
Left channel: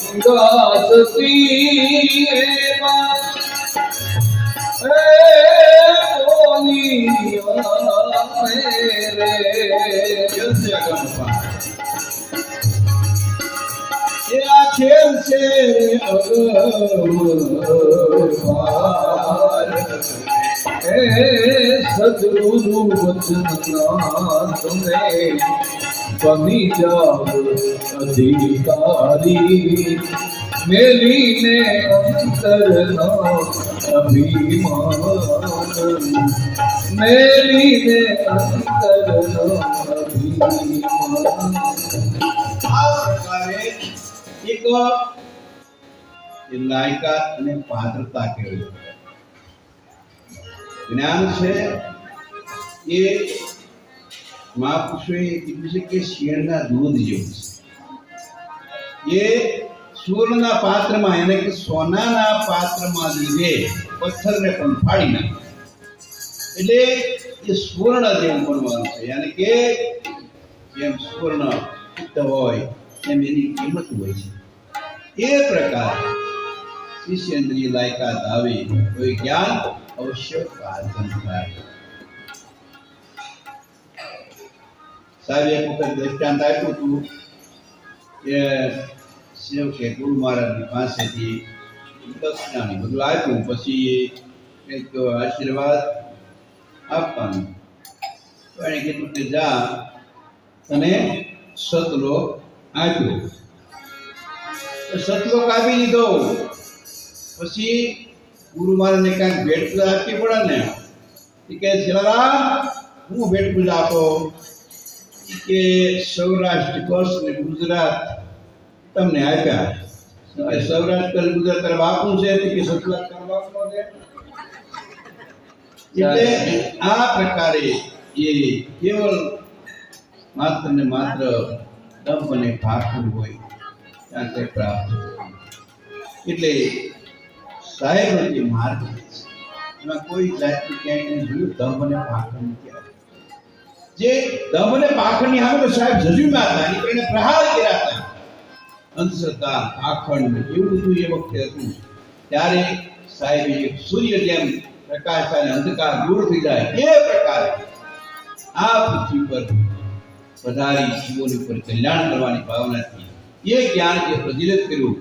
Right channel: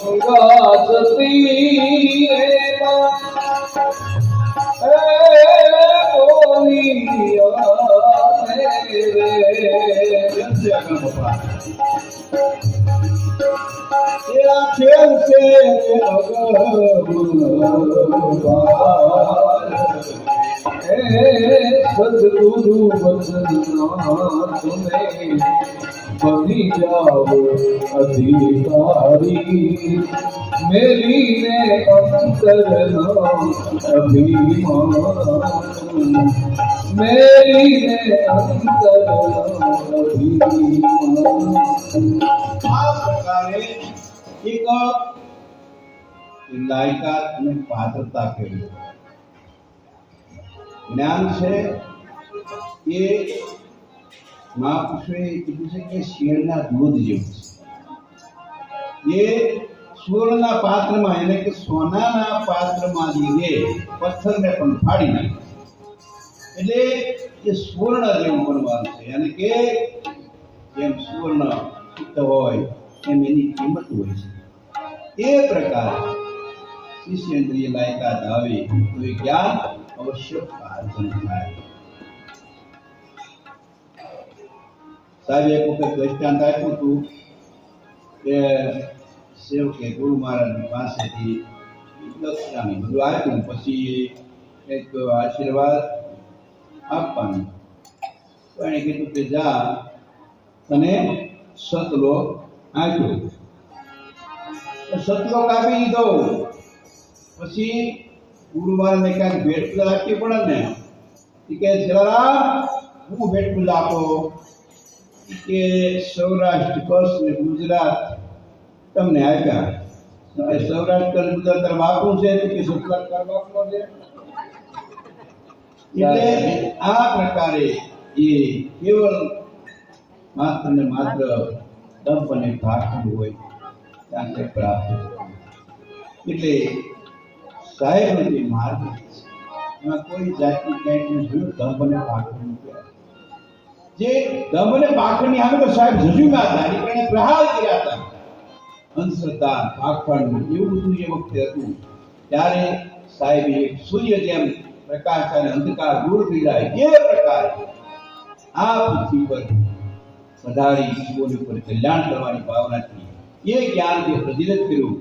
ગંગા સતી ખેલ છે સદગુરુ વચના તમે બની જાઓ અધિકારી મેલીને અંતરના અભિમાન મેલીને અંતરના અભિમાન આ પ્રકારે એક લાયકાત અને પાત્રતા કહેવાય જ્ઞાન છે એ મહાપુરુષોએ કીધું છે કે શેરના દૂધ જેવું છે એ સુવર્ણના પાત્રમાં એને કે સોનાના પાત્રમાં લીધે પથ્થરને પણ ફાડી નાખે એટલે એ સુવર્ણ જેવું બનવાનું છે યાની કે જેમ સુવર્ણ હોય એમ એની કિંમત હોય છે એ પ્રકારે શિષ્યેન્દ્રિય લાયકાત આવે તો એ જ્ઞાન અવશ્ય પ્રાર્થન થાય સાહેબ એક વખત દ્રષ્ટાંત આપ્યું હતું કે સેવકે ગુરુ મહારાજની પાસેથી દક્ષિણાની બધું આપ્યું પછી કંઈક આશીર્વાદ આપવાનું તો એણે કીધું કે જા અને સતલો આપ્યો સતલો કાપી લીધો પછી ગુરુ મહારાજને કાંઈક ભેટ પૂજા આપવી પડે ને એ કે જલારામ હું ભેટ પૂજા આપો કે સૌરાષ્ટ્ર કચ્છ ને ગુજરાત તમને આપ્યા સૌરાષ્ટ્ર ગુજરાત તરફ આપવું છે કે સતલાક તરફ આપવો છે એટલે આ પ્રકારે એ કેવલ માત્ર ને માત્ર દંભ અને ભાખંડ હોય ત્યાં તે પ્રાપ્ત એટલે સાહેબનો જે માર્ગ છે એમાં કોઈ જાતનું ક્યાંય જોયું દંભ અને ભાખંડ નથી જે દંભ અને ભાખંડની સામે તો સાહેબ જજુમાં હતા એની કારણે પ્રહાર કર્યા હતા અંધશ્રદ્ધા ભાખંડ એવું બધું એ વખતે હતું ત્યારે સાહેબે એક સૂર્ય જેમ પ્રકાશ અને અંધકાર દૂર થઈ જાય એ પ્રકારે આ પૃથ્વી પર પધારી જીવોની પર કલ્યાણ કરવાની ભાવનાથી એ જ્ઞાન જે પ્રજ્વલિત કર્યું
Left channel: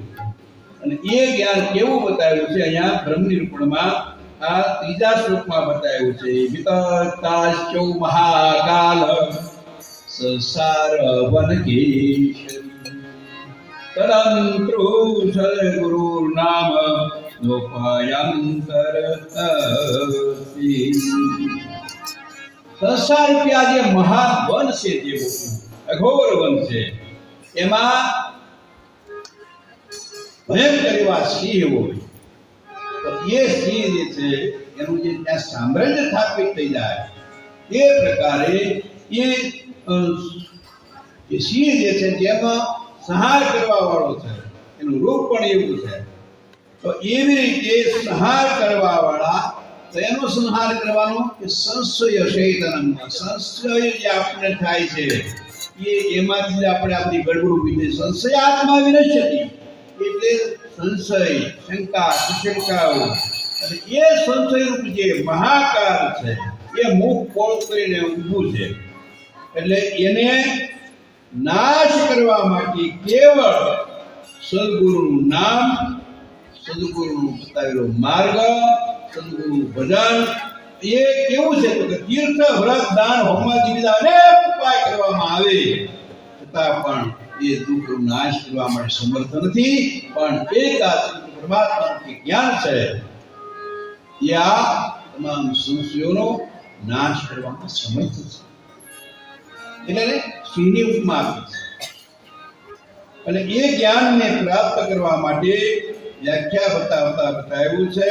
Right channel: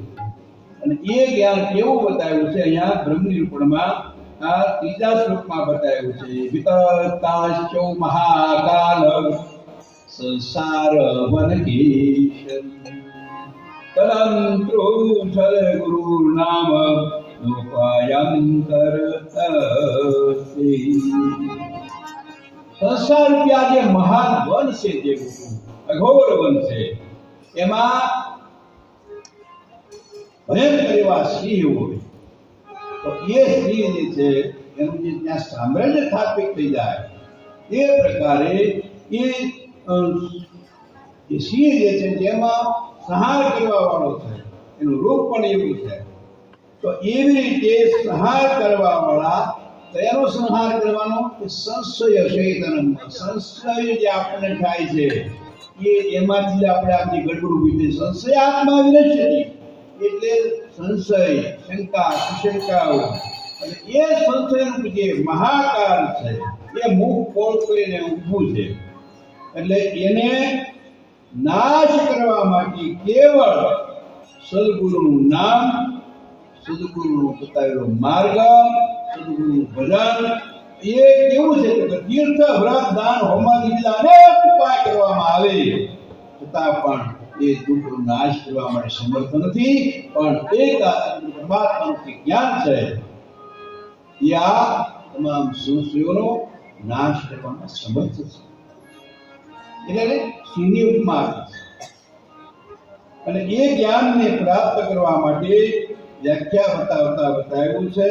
અને એ જ્ઞાન કેવું બતાવ્યું છે અહીંયા બ્રહ્મ નિરૂપણમાં આ ત્રીજા શ્લોકમાં બતાવ્યું છે વિતતાશ્ચૌ મહાકાલ સંસાર વનકેશરી તરંત્રો સદગુરુ નામ લોકાયંતર સંસાર રૂપિયા જે મહાન વન છે જે અઘોર વન છે એમાં ભયંકર એવા સિંહ હોય તો એ સિંહ જે છે એનું જે ત્યાં સામ્રાજ્ય સ્થાપિત થઈ જાય એ પ્રકારે એ સિંહ જે છે જેમાં સંહાર કરવા વાળો છે, એનું રૂપ પણ એવું છે. તો એવી રીતે સંહાર કરવા વાળા, તો એનો સંહાર કરવાનો કે સંશય શૈતનમ, સંશય જે આપણને થાય છે એમાંથી આપણે આપણી ગડબડ ઊભી થઈ. સંશય આત્મા વિનશ્યતિ, એટલે સંશય, શંકા, સુશંકાઓ, અને એ સંશયરૂપ જે મહાકાલ છે એ મુખ પોળ કરીને ઊભું છે. એટલે એને નાશ કરવા માટે કેવળ સદગુરુનું નામ, સદગુરુનું બતાવેલો માર્ગ, સદગુરુનું ભજન, એ કેવું છે તો કે તીર્થ, વ્રત, દાન, હોમાદિ બીજા અનેક ઉપાય કરવામાં આવે છતાં પણ એ દુઃખનો નાશ કરવા માટે સમર્થ નથી. પણ એક પરમાત્માનું જે જ્ઞાન છે એ આ તમામ સંશયોનો નાશ કરવામાં સમર્થ છે. એટલે સિંહની ઉપમા આપી છે. અને એ જ્ઞાનને પ્રાપ્ત કરવા માટે વ્યાખ્યા બતાવતા બતાવ્યું છે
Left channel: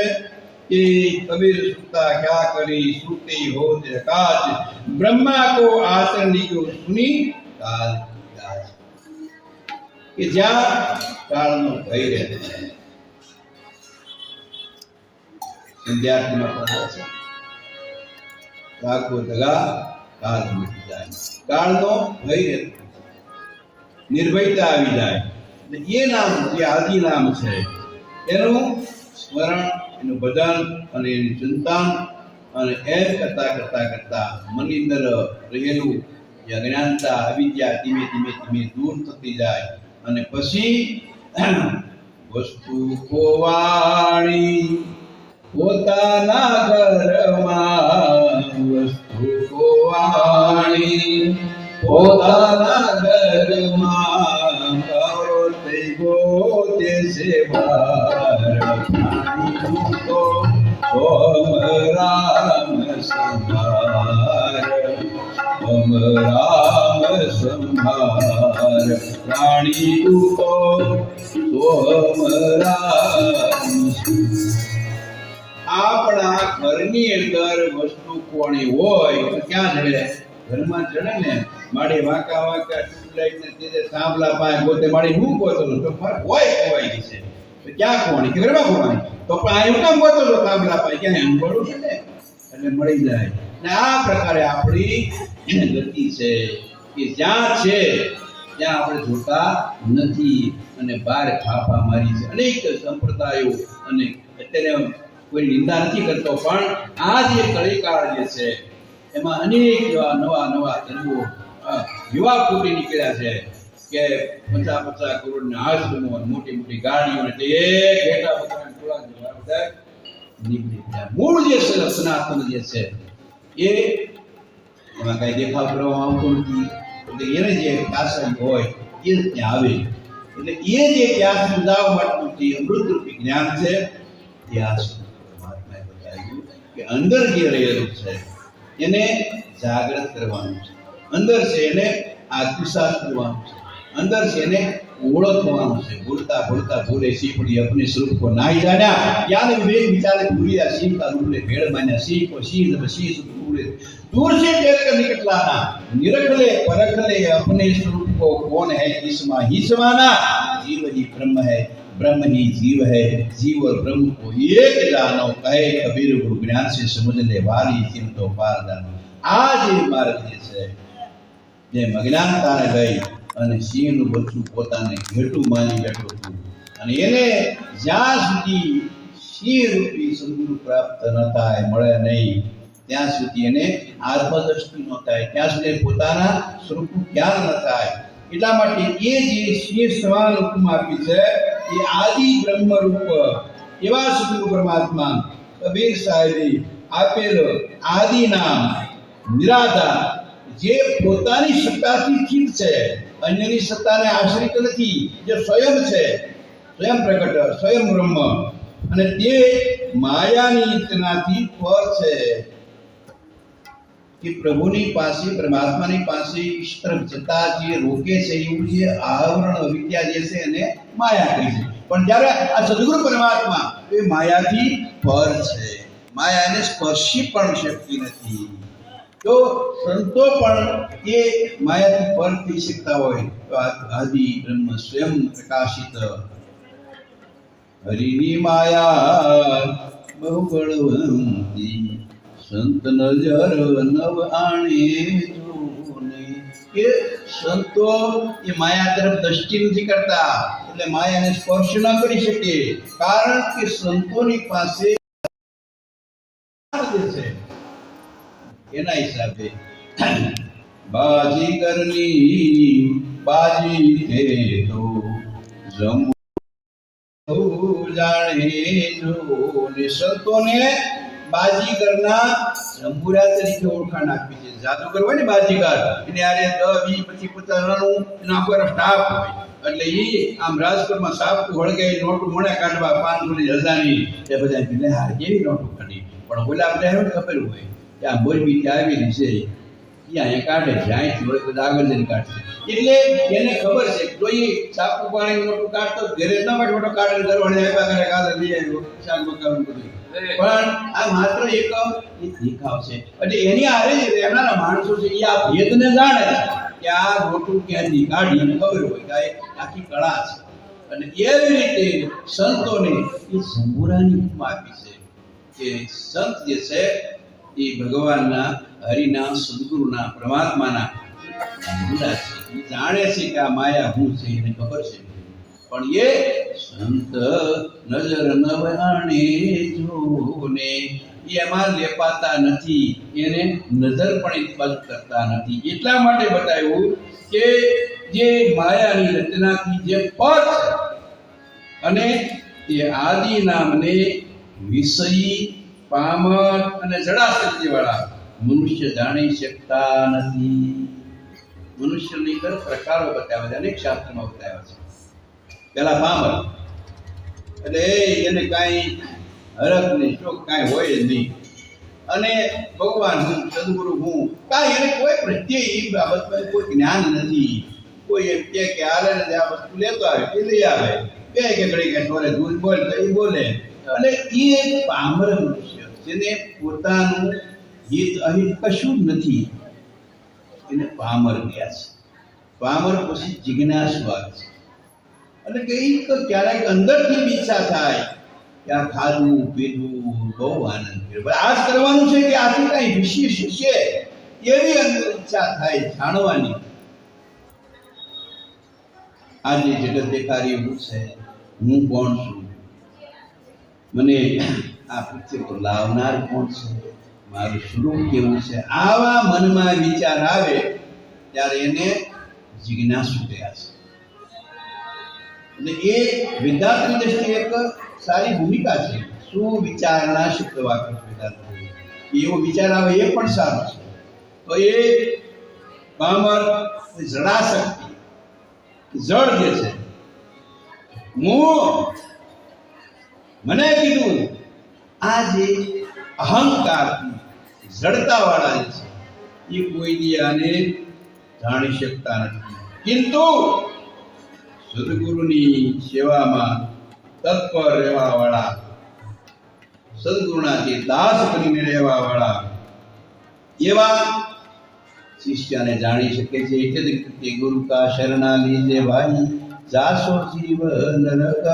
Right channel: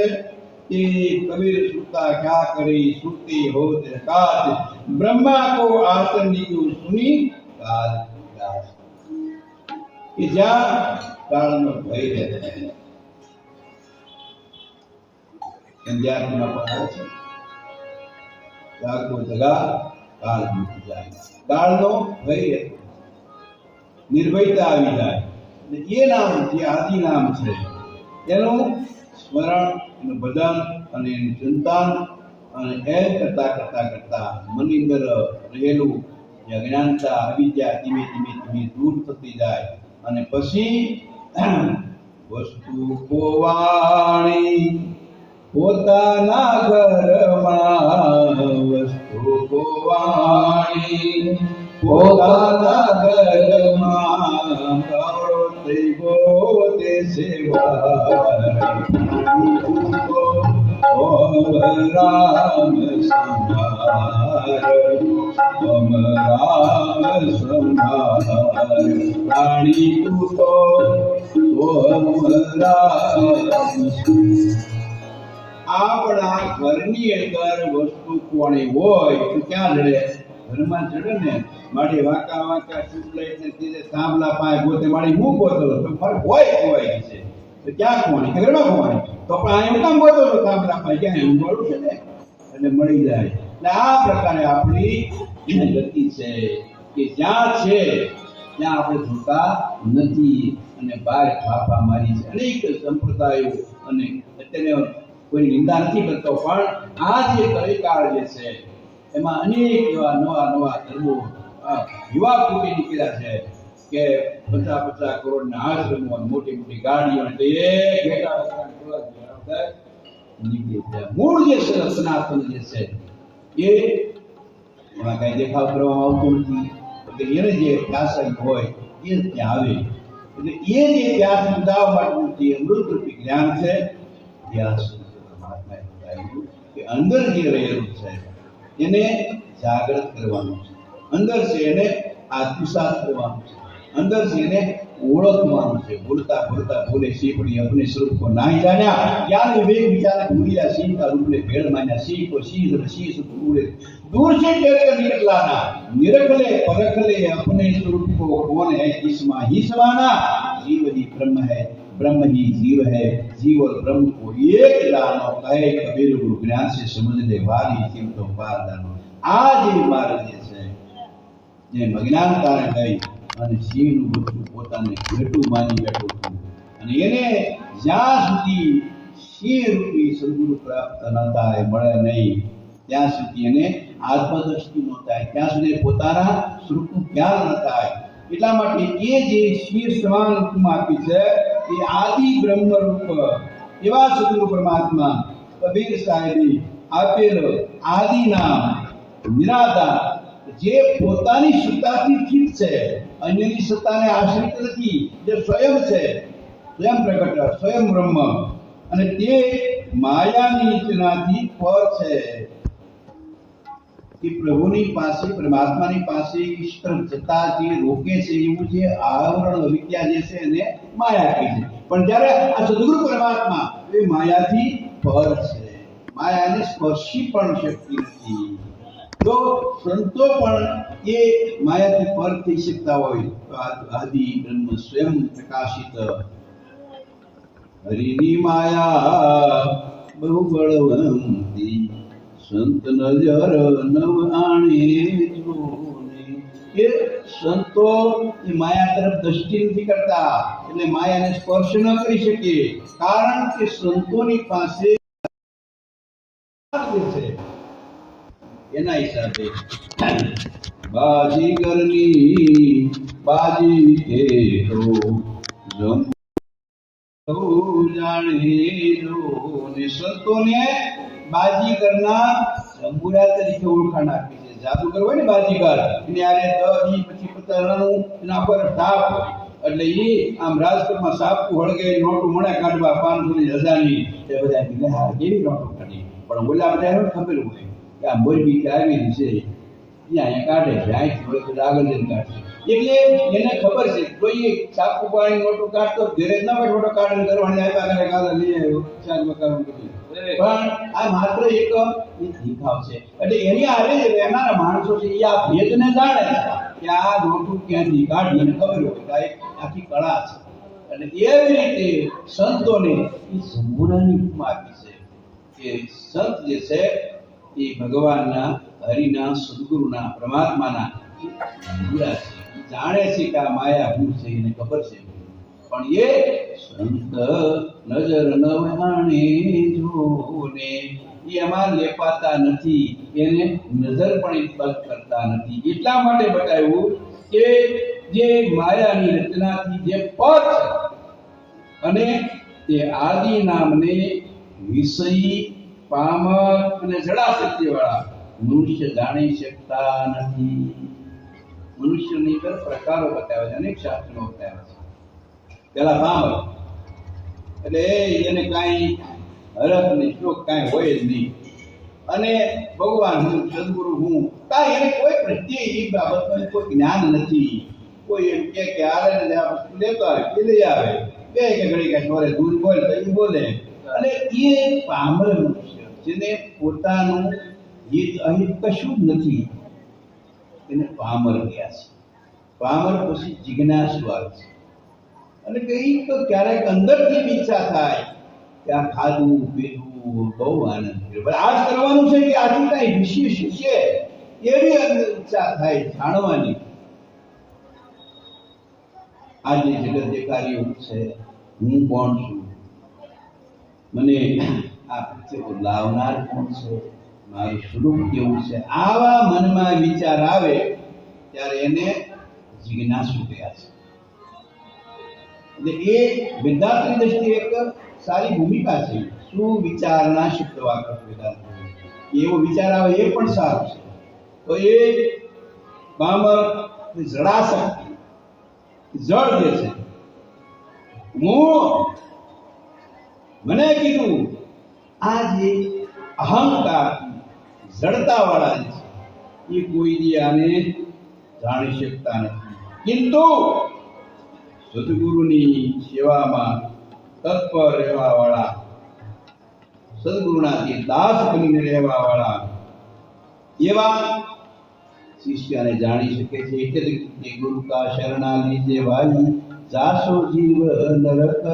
कि कबीर सुता क्या करी सुते हो काज ब्रह्मा को आचरण की सुनी काल काज कि ज्यां कालનો ભય રહે છે. સંધ્યામાં પડાવે છે કાકો દગા કાલ મૂકી જાય, કાળનો ભય રહે, નિર્ભયતા આવી જાય. અને એ નામ જે આદિ નામ છે એનું સ્મરણ, એનું ભજન અને એની ચિંતન, અને એમ કરતા કરતા કરતા મનની અંદર રહેલું જે અજ્ઞાનતા, અવિદ્યા ધીમે ધીમે ધીમે દૂર થતી જાય. અને પછી વસ્તુ કોવાણી પોતાના ઘરમાં, વસ્તુ કોવાણી પોતાના ઘરમાં, ગૌતે ગોતે સેવા રામ સંભાર, રામ સંભાર, રાણી તું તો સોમ રામ. આપણા ઘરની અંદર વસ્તુ કોણી હોય તો ક્યાં જડે? ઘરમાં જડે ને. મારી વાંકા વાંકા ટ્યુબલાઇટ ને તે થાંભલા પાસે ગોતે મારી હું ગોતો તો મારે હોય ખોવાઈ છે તો ક્યાં ખોવાની? કે ઘરમાં ખોવાની? તો પણ આ એમ કેમ ગોતો તો થાંભલા પાસે? ક્યાં એમ મળું છે ને એટલે મળી જાય. ને આ પ્રકારે આપણી ગતિ છે કે જ્યાં છે ત્યાં આપણે જોતા નથી અને બહાર ફાફા મારી છે. અનેક સંપ્રદાયો, અને અત્યારે કોઈ નિંદા નથી કરતો, પણ આ જે કળીકાળ જે છે એમાં અનેક નવા નવા ધર્મો યુવા ફૂટી નીકળ્યા છે કે 50-50 કરોડના આશ્રમો, મોટી મોટી ગાડીઓ, ને તે ઘેટા બધા નીકળી ગયા. મૂળ જે સનાતન જે છે એ એમાં કઈ દેખાવ કરવામાં આવતો નથી. એટલે એને જે કાસન હોય એ ત્યાં આવે. એટલે એ જે ત્યાં સમજાવવા માટેનું જે અમૃતરૂપી જ્ઞાન છે ત્યાં પરમાત્માએ બતાવ્યું કે અંદર જે રહેલું છે એને જાગૃત કરવાનું છે, અંદર છે એને આત્મસાત કરવાનું છે, અંદર છે એને ઓળખવાનું છે. બોલતા बोलता बोले सीपड़ी अपने स्वरूप को नहीं जाना, ज्ञान विवेक विचार भूलिया, सिंह का रूप ले भेड़ माना, सिंह को सिंह जब सिंह से पूरे दूर से टेर कर निकट लाना, निरख ले परख ले अपने स्वरूप को कौन है किसमा ही समाना, जीव ही ब्रह्म है, ब्रह्म ही जीव है, जीव और ब्रह्म को एक जानो, कहे कबीर गुरु ज्ञान से समझ ले वाली सिम तो पार जानो. आज ये मार्ग જે છે જે અજ્ઞાનતાને ગઈ અને સિંહનું બચ્ચું પોતાને ઘેટું માની બેઠું હતું, અને એને જ્યાં સુધી સિંહ રૂપી સદગુરુ પ્રાપ્ત ન થાય, મળે નહીં, ત્યાં સુધી એને આત્મદ્રષ્ટિ ન થાય, ત્યાં સુધી પોતાના સ્વરૂપનું જ્ઞાન ન થાય. એટલા માટે એ જે સિંહ સમાન રૂપમાં આપી છે એ આદિ બ્રહ્મ રૂપ એવા સદગુરુ પરમાત્મા કબીર સાહેબે આપેલો આદિ નામ નિરાધાર, જે પોતાની સત્તાથી સ્થિત છે, અન્યની સત્તાને આશ્રિત નથી, જે સ્વયં છે, સ્વયં પ્રગટ, સ્વયં બ્રહ્મ, અને તે માયાની તેનાથી પર છે. કે પ્રભુની પાસે, પરમાત્માની પાસે ઈશ તરફ જતા જે રોકે છે એવું જે આવરણ અવિદ્યા જે છે એને માયા કહી છે. પણ જ્યારે આ સદગુરુ પરમાત્મા એ માયાથી પર છે, માયા એને સ્પર્શી પણ શકતી નથી. તો સંતો પણ એ માયાથી પર થઈ શકતા હોય તો આદિ બ્રહ્મ સ્વયં પ્રકાશિત હરિની માયા બહુ બળવંતી સંત નજર નવ આણે જોને કે સંતો એ માયા તરફ દ્રષ્ટિ નથી કરતા એટલે માયાને સ્પર્શ ન કરી શકે કારણ કે સંતોની પાસે છે એના હિસાબે બાજીગરની બાજી તે તો જંબુ જાણે જો ને સંતોને બાજીગરના જંબુરા તરીકે ઓળખાણ આપી છે જાદુગર હોય ને બાજીગર એને આરે 10 20 25 50 રણું એનો આખો સ્ટાફ હોય એટલે એ આમ રાજકોટમાં સાપકું હળગાઈ નોટું મળે કાઢવા 500 ની 1000 ની એ બધા એટલે હા કેવી નોટું કાઢી પણ ઓલા બધા ખબર હોય કે આ મોરબી થી આવેલી છે ત્યાં એ કાઢે છે અહીંથી હોય બધા આગળ જઈને કાઢશે એટલે એને ખબર છે કોઈ સાપકું પાણી નોટું કાઢતો ઘરે ના બેઠો ફોટો કાઢીને કરવાને આવ્યા કરે કાલે લઈ આવ્યો શાક મકાન બધું પણ આ માત્ર એક દેખાવ છે એટલે એની આરે જ રહેનારા માણસો છે એ આ ભેદને જાણે કે આ નોટું ક્યાંથી કાઢી એને ખબર હોય કે આ આખી કળા છે અને એવી રીતે સંતોને એ સંબુરાની ઉપમા આપી છે કે સંત જે છે એ ભગવાનના હરિના સદગુરુના પરમાત્માના સંબુરા છે એ જાણે છે કે આ માયા શું છે એને ખબર છે પણ એ સંત નજર નવાણે જોને એમાં લેપાતા નથી એને નજર પણ બંધ કરતા નથી એટલા માટે બતાવ્યું કે જે માયાની રચનાથી જે પર છે અને એ આદિ નામને વિષયી પામર અને જડાશક્તિ વાળા મનુષ્ય જાણી શકતા નથી મનુષ્યની અંદર પ્રકારો બતાવ્યા છે અનેક શાસ્ત્રમાં બતાવ્યા છે પેલા પામર એટલે એને કાંઈ હરખ નહીં શોખ કાંઈ હોય જ નહીં અને ભગવાન હું સદગુરુ હું કાંઈ એને કોઈ પ્રત્યે એ બાબતમાં કોઈ જ્ઞાન નથી કોઈ એમ કે હાલે ને આ વસ્તુ લેતો આવે એ લઈ આવે કે ઘડી કાંઈ છોરે દૂધ બોલ તો એ બોલે અને એ પામર મનુષ્ય જેને પોતાનું હિત અહિત કશું જ નથી એને પામર ગયા છે પામર પછી જિજ્ઞાસુ આવે છે અને કંઈક ક્યારેક અંદરથી ઈચ્છા થાય કે આ ખાધું પીધું બહુ આનંદ કર્યો આ જ કરવાનું છે કે આથી કઈ વિશેષ છે એવી અંદર ઈચ્છા થાય જાણવાની આજે જગત દેખાડી એવું છે હું કોણ છું મને આ પૃથ્વી પર લાવનાર કોણ છે મારું સ્વરૂપ કેવું છે આવા મનમાં વિચાર આવે ત્યારે એને જિજ્ઞાસુ કહ્યા છે એટલે એ વેદાંતની દ્રષ્ટિએ એક સારી ભૂમિકા છે શું વિચારણા શુદ્ધ વાક્ય વેદાંત એવો વિચાર આવે એ પણ સારું છે તો એ પામર જડાશક્તિ જળ જે છે મને કીધું આ જે અહંકાર જડતા વાળા જે છે એ કોઈ દી આને જાણી શકતા નથી કિંતુ સદગુરુની સેવામાં તત્પર રહેવા વાળા સદગુરુના જે દાસ બનીને રહેવા વાળા એવા શિષ્યને જાણી શકે છે એટલે કે ગુરુ કા શરણા લીજે ભાઈ જાસો જીવ નરક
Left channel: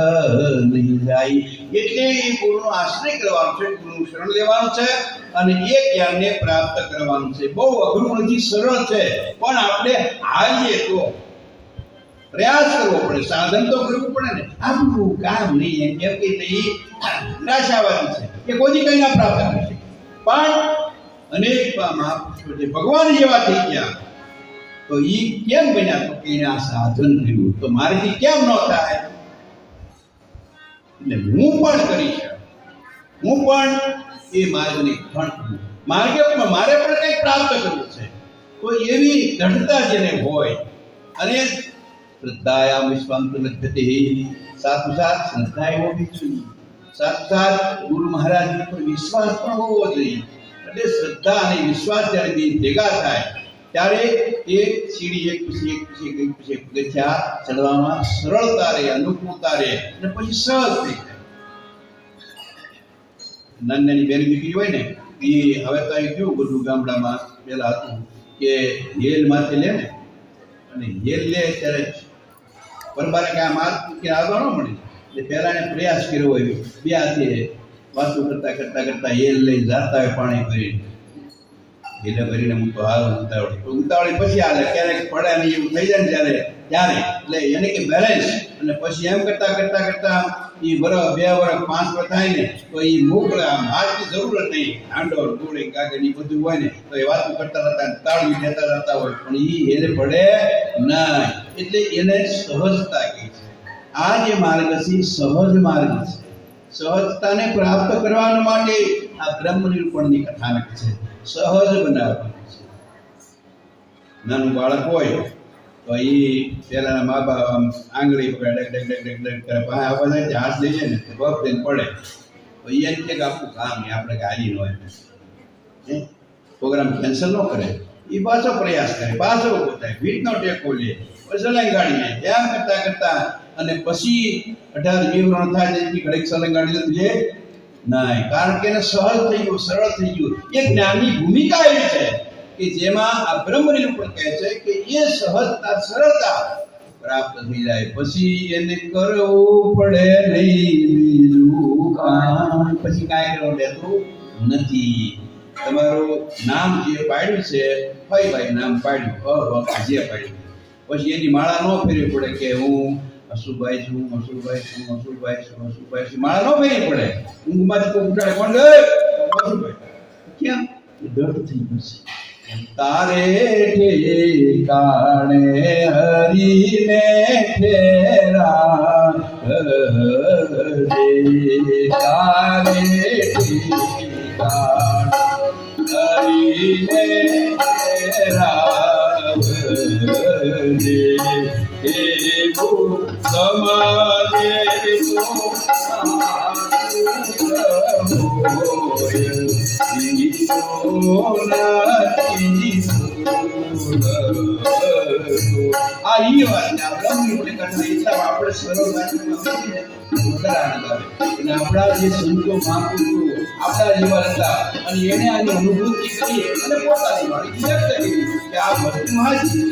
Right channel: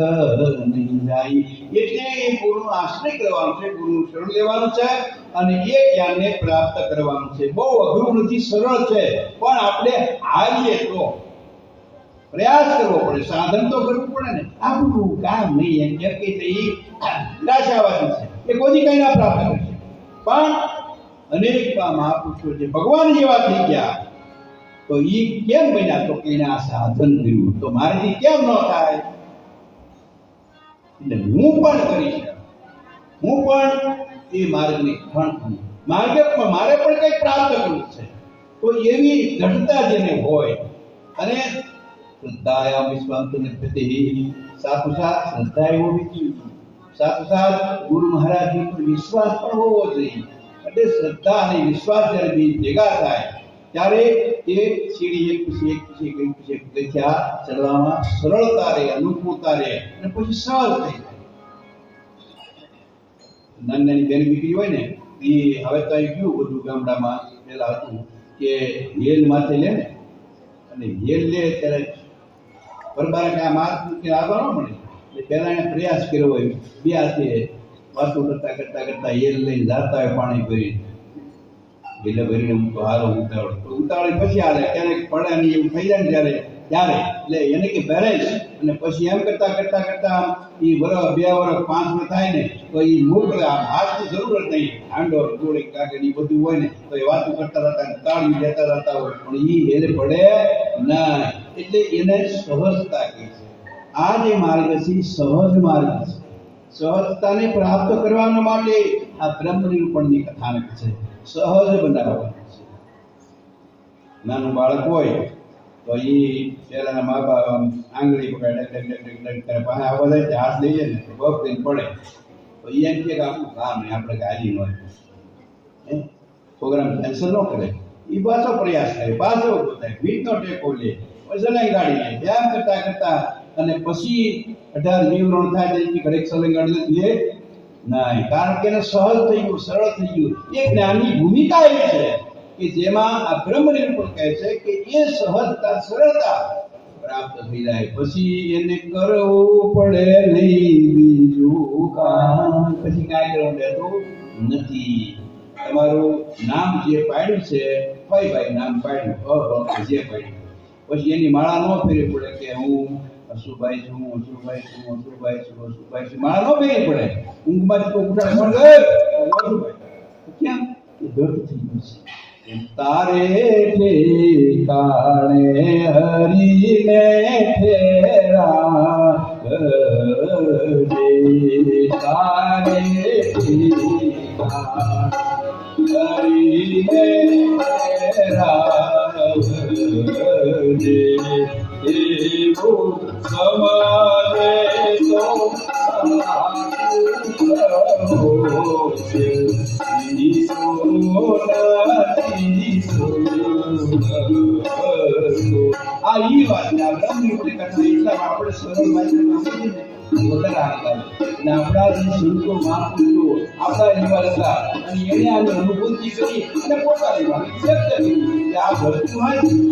નહીં જાય એટલે એ ગુરુનો આશ્રય કરવાનો છે ગુરુનું શરણ લેવાનું છે અને એ જ્ઞાનને પ્રાપ્ત કરવાનું છે બહુ અઘરું નથી સરળ છે પણ આપણે હાલીએ તો પ્રયાસ કરવો પડે સાધન તો કરવું પડે ને આપણું કામ નહીં એમ કેમ કે એ નિરાશાવાદી છે એ કોઈ કઈ ના પ્રાપ્ત કરી શકે પણ અનેક મહાપુરુષો જે ભગવાન જેવા થઈ ગયા તો એ કેમ બન્યા તો કે એને આ સાધન કર્યું તો મારાથી કેમ ન થાય એટલે હું પણ કરીશ હું પણ એ માર્ગને ખણું માર્ગે મારે પણ કંઈક પ્રાપ્ત કરવું છે તો એવી દ્રઢતા જેને હોય અને શ્રદ્ધાયામ વિશ્વાંત લભ્યતે સાથોસાથ શ્રદ્ધા હોવી જોઈએ સાથોસાથ ગુરુ મહારાજની પર વિશ્વાસ પણ હોવો જોઈએ એટલે શ્રદ્ધા અને વિશ્વાસ જ્યારે બે ભેગા થાય ત્યારે એ સીડી એક પછી પગથિયા ચડવામાં સરળતા રહે અનુકૂળતા રહે અને પછી સહજ થઈ જાય નાની નાની બેન દીકરી હોય ને એ હવે તો અહીં કેવું બધું ગામડામાં પેલા હતું કે હેલ માથે લે ને અને હેલ લે ત્યારે પરબારે કે આ માથ મૂકીને આગળ ન મળે એટલે પહેલા એને પ્રયાસ કર્યો હોય બે હાથે વાતો કરતા કરતા કરતા હેલ લઈને જાતા હોય પાણી ભરીને એને ભરીને હું તો હારો ઉતાવળી પછી હાલે ક્યારેક પડે નહીં એવું થઈ જાય ને ત્યારે એટલે એને કે બેલેન્સ અને પછી એમ કરતા કરતા કરતા એ વર્ષ 2 વર્ષ 5 વર્ષ થાય ને તો એ મોકલે આમ હાથની જરૂરત નહીં હાંડો ગોળે કાગળ એ બધું હોય ને તો એ વાતો કરતા રહેતા તાળવી દેતા રહેતા હોય પણ એ એને પડે ના એટલે એને સહજતા કહે છે આ જે માર્ગ છે સહજ માર્ગ છે સહજતાને પ્રાપ્ત કરવા માટે આ બ્રહ્મ નિરૂપણની કથાનક છે સહજ બનાવવાની છે નાનું બાળક હોય તો એ પહેલાના મા બાપ આંગળી પકડે ડગ ડગ ડગ ડગ કરે પાસે આવવા જાય હાથ લઈ જાય ને બપ દઈને પડે તો એ એમ કે આપણું કામ નહીં આપણે ગાડી ન હોય પ્રોગ્રામ કેન્સલ ન કરે એ પાછો પ્રયાસ કરે પાછો પોતાય ભીડનો ટેકો લે સલંગ ગાડી લે ત્યાં કરતા કરતા અને પછી 18 વિવરણ થાય એટલે ઘડીક સલંગ ગાડી લે ના કારણ કે એને સહજ થઈ ગયું સરળ થઈ ગયું એ જ્ઞાનની ભૂમિકા એવી છે કે જેમાં આ બ્રહ્મ નિરૂપણ કહે છે કે એ સહજતા સરળતા પ્રાપ્ત થઈ જાય પછી એને કરવું પડે નહીં બીજું કામ પછી કાંઈ કરવું દેતું નથી તમારું નામ જે પાડ્યું છે ભાઈ નામ પાડ્યું જે પાડ્યું પછી એની માળા ન ફેરવી પડે કે હું અશુભાઈ છું માળા ન ફેરવી પડે ઊંઘમાંથી તો ઉઠાડે પણ અશુભાઈ કેમ દર્દ થઈ ગયું છે તારે ઠેકાણે હરીને ઠેરા તારે ઠેકાણે હરીને એવું સમાજે આ ઈ વાત ને આ બ્રહ્મ નિરૂપણ કરતા એટલા આપણે સરળ ભાષામાં વધારે આનંદ આવે અને આપણા જે સંતો મહાપુરુષો આપણા જેવા હતા અને એને આની અનુભૂતિ કરી અને પોતાની વાણી વ્યક્ત કરી કે આ વસ્તુ હાજી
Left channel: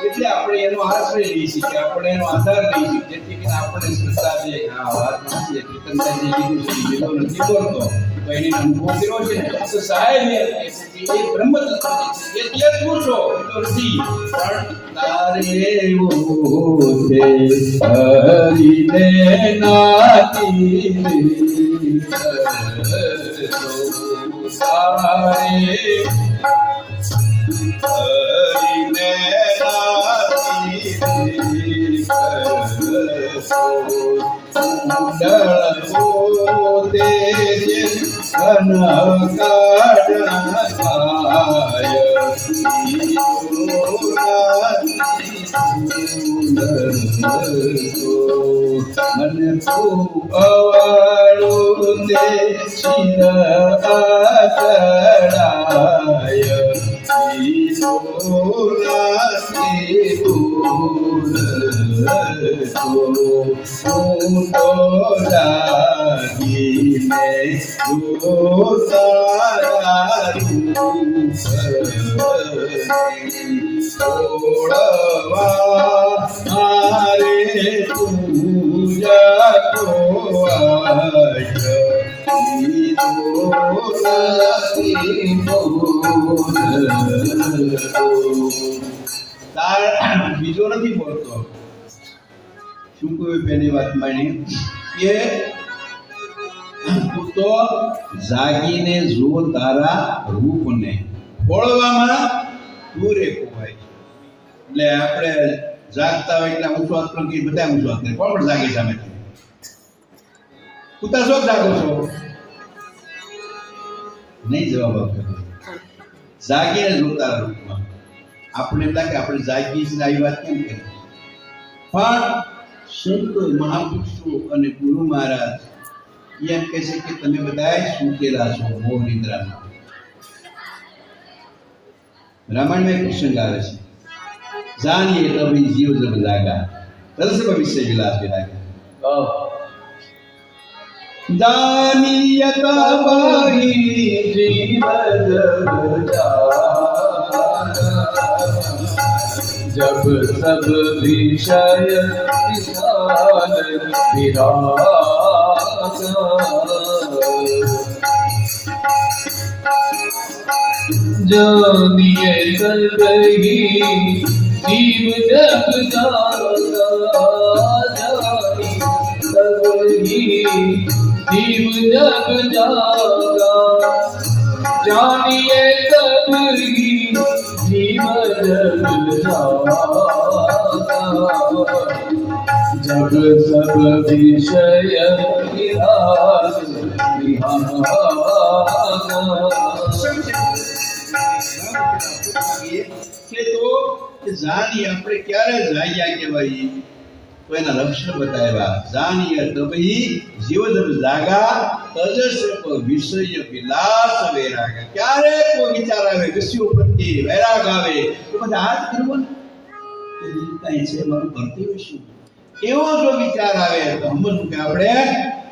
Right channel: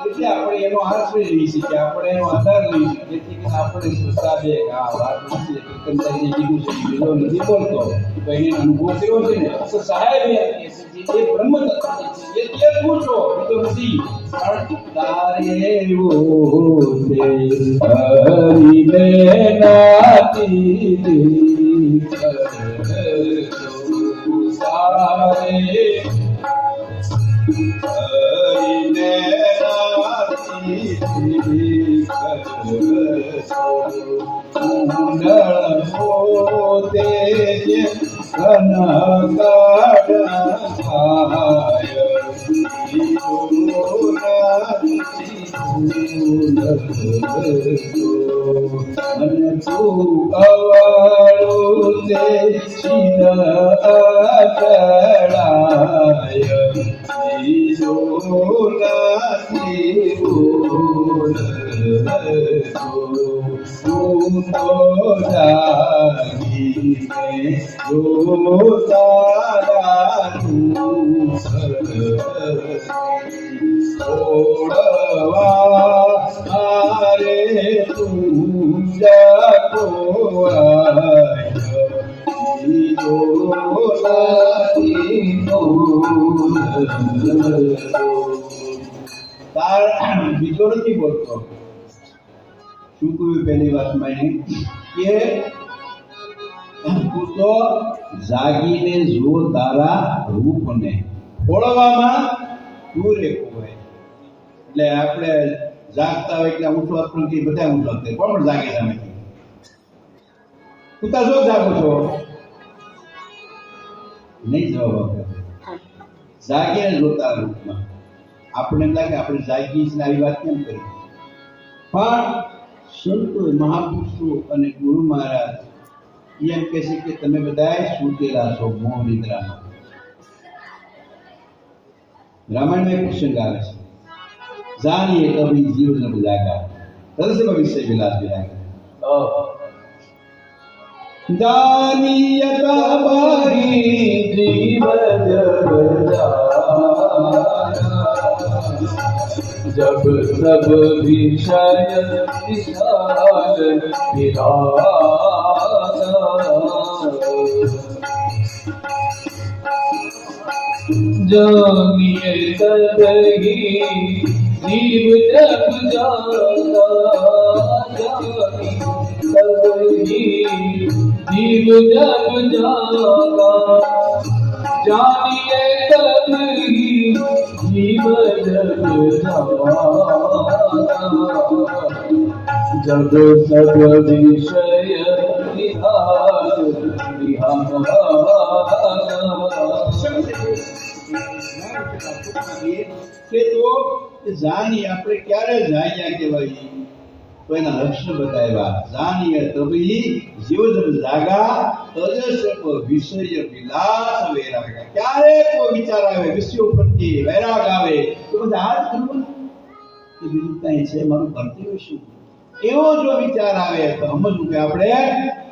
એટલે આપણે એનો આશ્રય લઈ શકીએ આપણે એનો આધાર લઈ શકીએ જેથી કરીને આપણે શ્રદ્ધા દે આ વાત નથી કીર્તનદાસજી કીધું છે જેનો નથી બોલતો તો એને અનુભવ કર્યો છે ને તો સાહેબ એ બ્રહ્મ તત્વ છે એ પૂછો તો નથી પણ તારે ઓ છે હરિને નાતી તારે હરિને મને તું અવાળું તે ચડાય બીજો નથી બોલતો શું કહ્યું પહેલી વાત માની કે તું તો જાગીને જો તારા રૂપને ઓળવામાં દૂરે ખોવાય એટલે આપણે જાગતા હોય એટલે ઊંચો હાથ પણ કે બધા ઊંચો હાથ કોણ પણ જાગે સામેથી તું શું જાગો છો નહીં જવાબ આપે જાગીને જોતા રૂપમાં આપણે એમ લાગે આપણે જાગીએ છીએ આવી વાત કેમ કરી પણ સંતો મહાપુરુષો અને ગુરુ મહારાજ એમ કહે છે કે તમે બધા સૂતેલા છો મોહ નિદ્રામાં રામાયણમાં એક પ્રસંગ આવે છે જાણીએ તभी जीव जब जागा तब से भविष्य विलास विरागा दानियत बारी जीव जब जब सब विषय विशाल विरागा जानिए सबही जीव जब जागा जानी सबही जीव जब जागा जानिए सबही जीव जब जागा जब सब विषय विराग विहागा કે તો જાની આપણે ક્યારે જાગ્યા કહેવાય તો એના લક્ષણ બતાવ્યા જાનીય તબહી જીવ જબ જાગા તજસ વિષય વિલાસ વૈરાગ ક્યારે કોઈ વિચાર આવે વિષયો પ્રત્યે વૈરાગ આવે તો બધા હાથ કરવો ને કે બીજું કાંઈ છે મારું કર્તવ્ય શું એવો જો વિચાર આવે તો સમજવું કે આપણે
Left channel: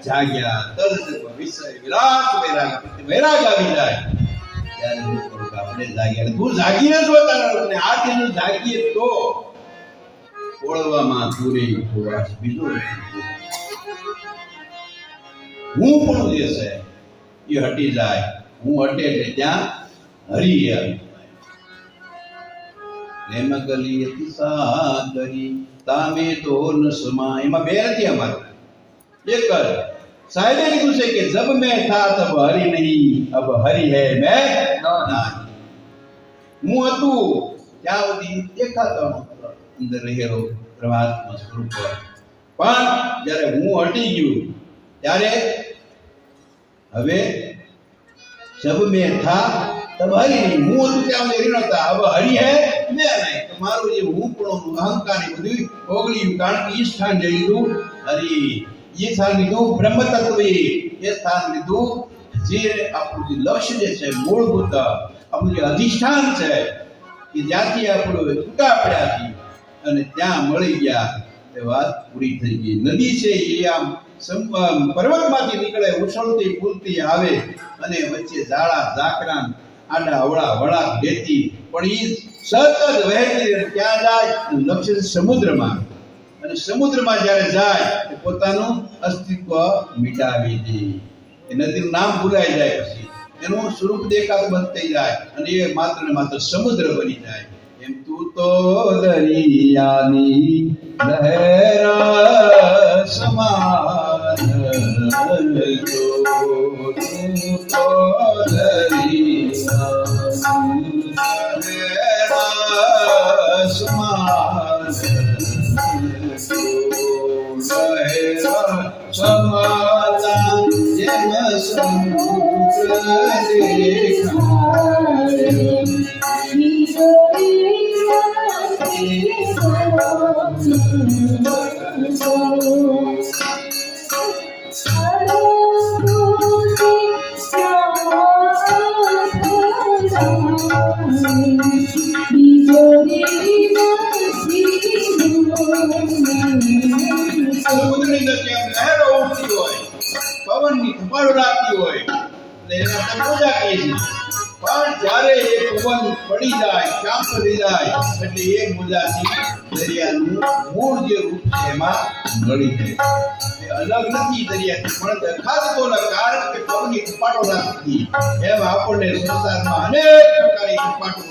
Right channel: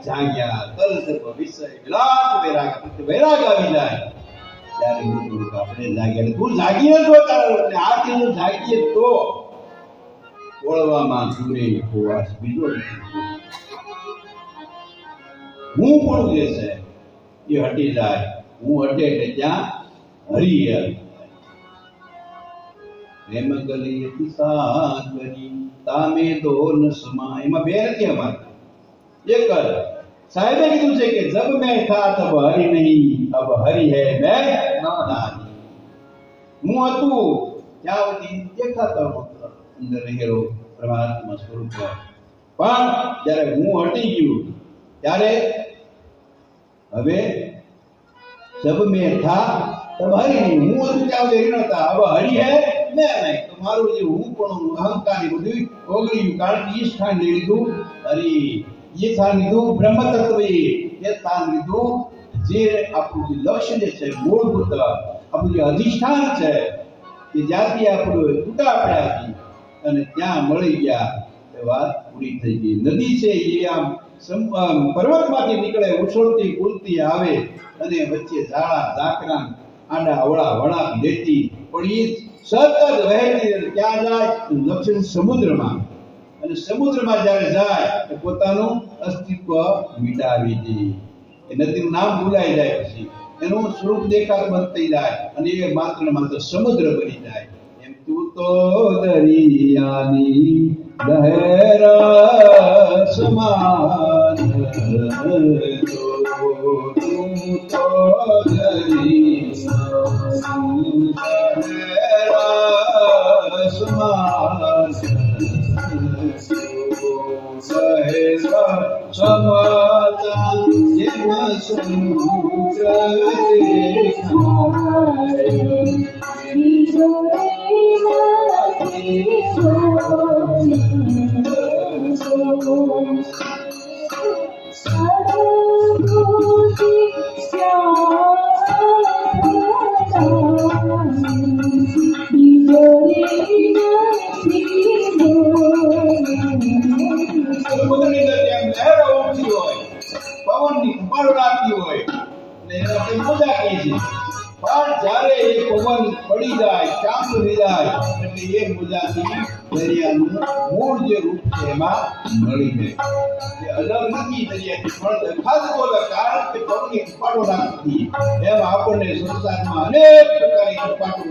જાગ્યા તજસ વિષય વિલાસ વૈરાગ વૈરાગ આવી જાય ત્યારે આપણે જાગ્યા તું જાગીએ તો તારા લોકોને આ તેનું જાગીએ તો ઓળવામાં પૂરે ઉપવાસ બીજો હું પણ જે છે એ હટી જાય હું હટે એટલે ત્યાં હરી આવી પ્રેમ ગલી સાગરી તામે તો નસમા એમાં બે નથી અમારે એક જ साहिब ने कहा कि जब मैं था तब हरि नहीं अब हरि है मैं नहीं હું હતું ત્યાં સુધી દેખાતો અંદર રહેલો પરમાત્મા સ્વરૂપ પણ જ્યારે હું હટી ગયો ત્યારે હવે सब में था तब हरि नहीं હું હતું ત્યાં સુધી નહોતા अब हरि है मैं नहीं तो મારું જે હું પણ અહંકાર ની બધું ઓગળ્યું કારણ કે ઈ સ્થાન લઈ લીધું હરિ ये स्थान લીધું બ્રહ્મ તત્વે એ સ્થાન લીધું જે આપણું જે લક્ષ્ય જે છે મૂળભૂત આપણું જે અધિષ્ઠાન છે કે જ્યાંથી આપણું છૂટા પડ્યા છીએ અને ત્યાં મળી ગયા તે વાત પૂરી થઈ ગઈ નદી છે એ આમ પર્વતમાંથી નીકળે ઉછળતી કૂદતી આવે અને વચ્ચે ઝાડા ઝાકરા આડા અવળા વળાક લેતી પણ એ સતત વહેતી ક્યાં જાય લક્ષ્ય સમુદ્રમાં અને સમુદ્રમાં જ્યારે જાય એ પોતાનું અસ્તિત્વ મિટાવી દે એ નદીનું નામ ભૂલાઈ જાય પછી એનું સ્વરૂપ દેખાતું બંધ થઈ જાય અને એ માત્ર ને માત્ર સમુદ્ર બની જાય એમ તું તો દરિયાની લહેરા સમાન જો તું તો દરિયાની લહેરા સમાન समाला जन समुद्र પડી જાય શાંત થઈ જાય એટલે એ મુજાથી દરિયાનું મૂળ જે રૂપ છે એમાં મળી જાય અલગ નથી દરિયાથી પણ દેખાતો કારણ કે પવનની કપાટો રાખતી એમ આપણને સંસારમાં અનેક પ્રકારની કપાટો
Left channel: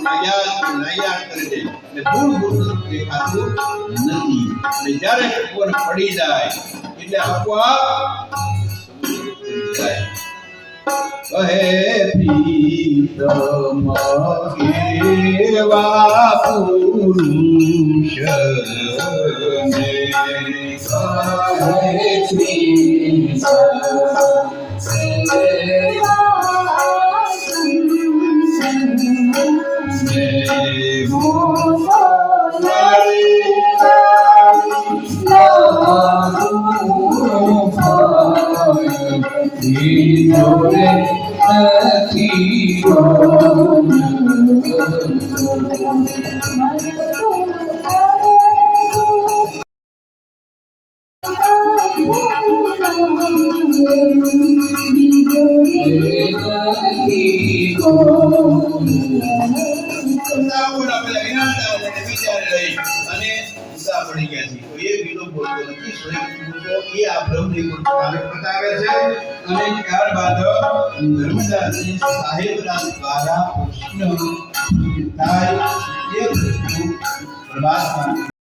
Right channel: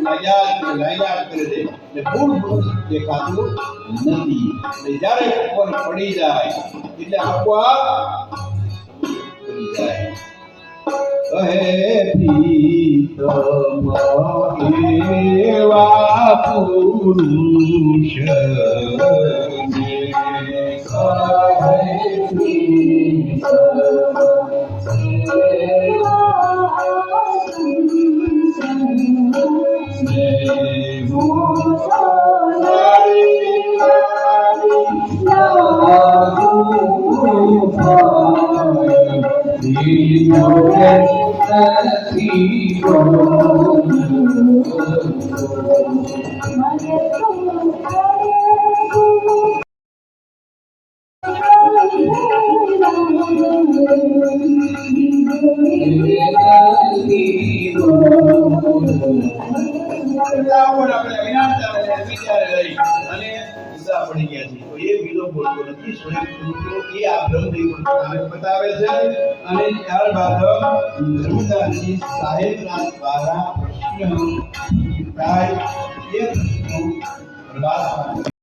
લાગ્યા કરે છે એટલે મૂળ દેખાતું નથી એટલે જ્યારે પવન પડી જાય એટલે આપોઆપ જાય કહે પ્રીતમ એવા પુરુષ ને કહે પુરુષો એ આ બ્રહ્મની પોતાને બતાવે છે અને ત્યારબાદ નર્મદાજી સાહેબના દ્વારા પ્રશ્ન થાય એ પ્રશ્નો પ્રભાસ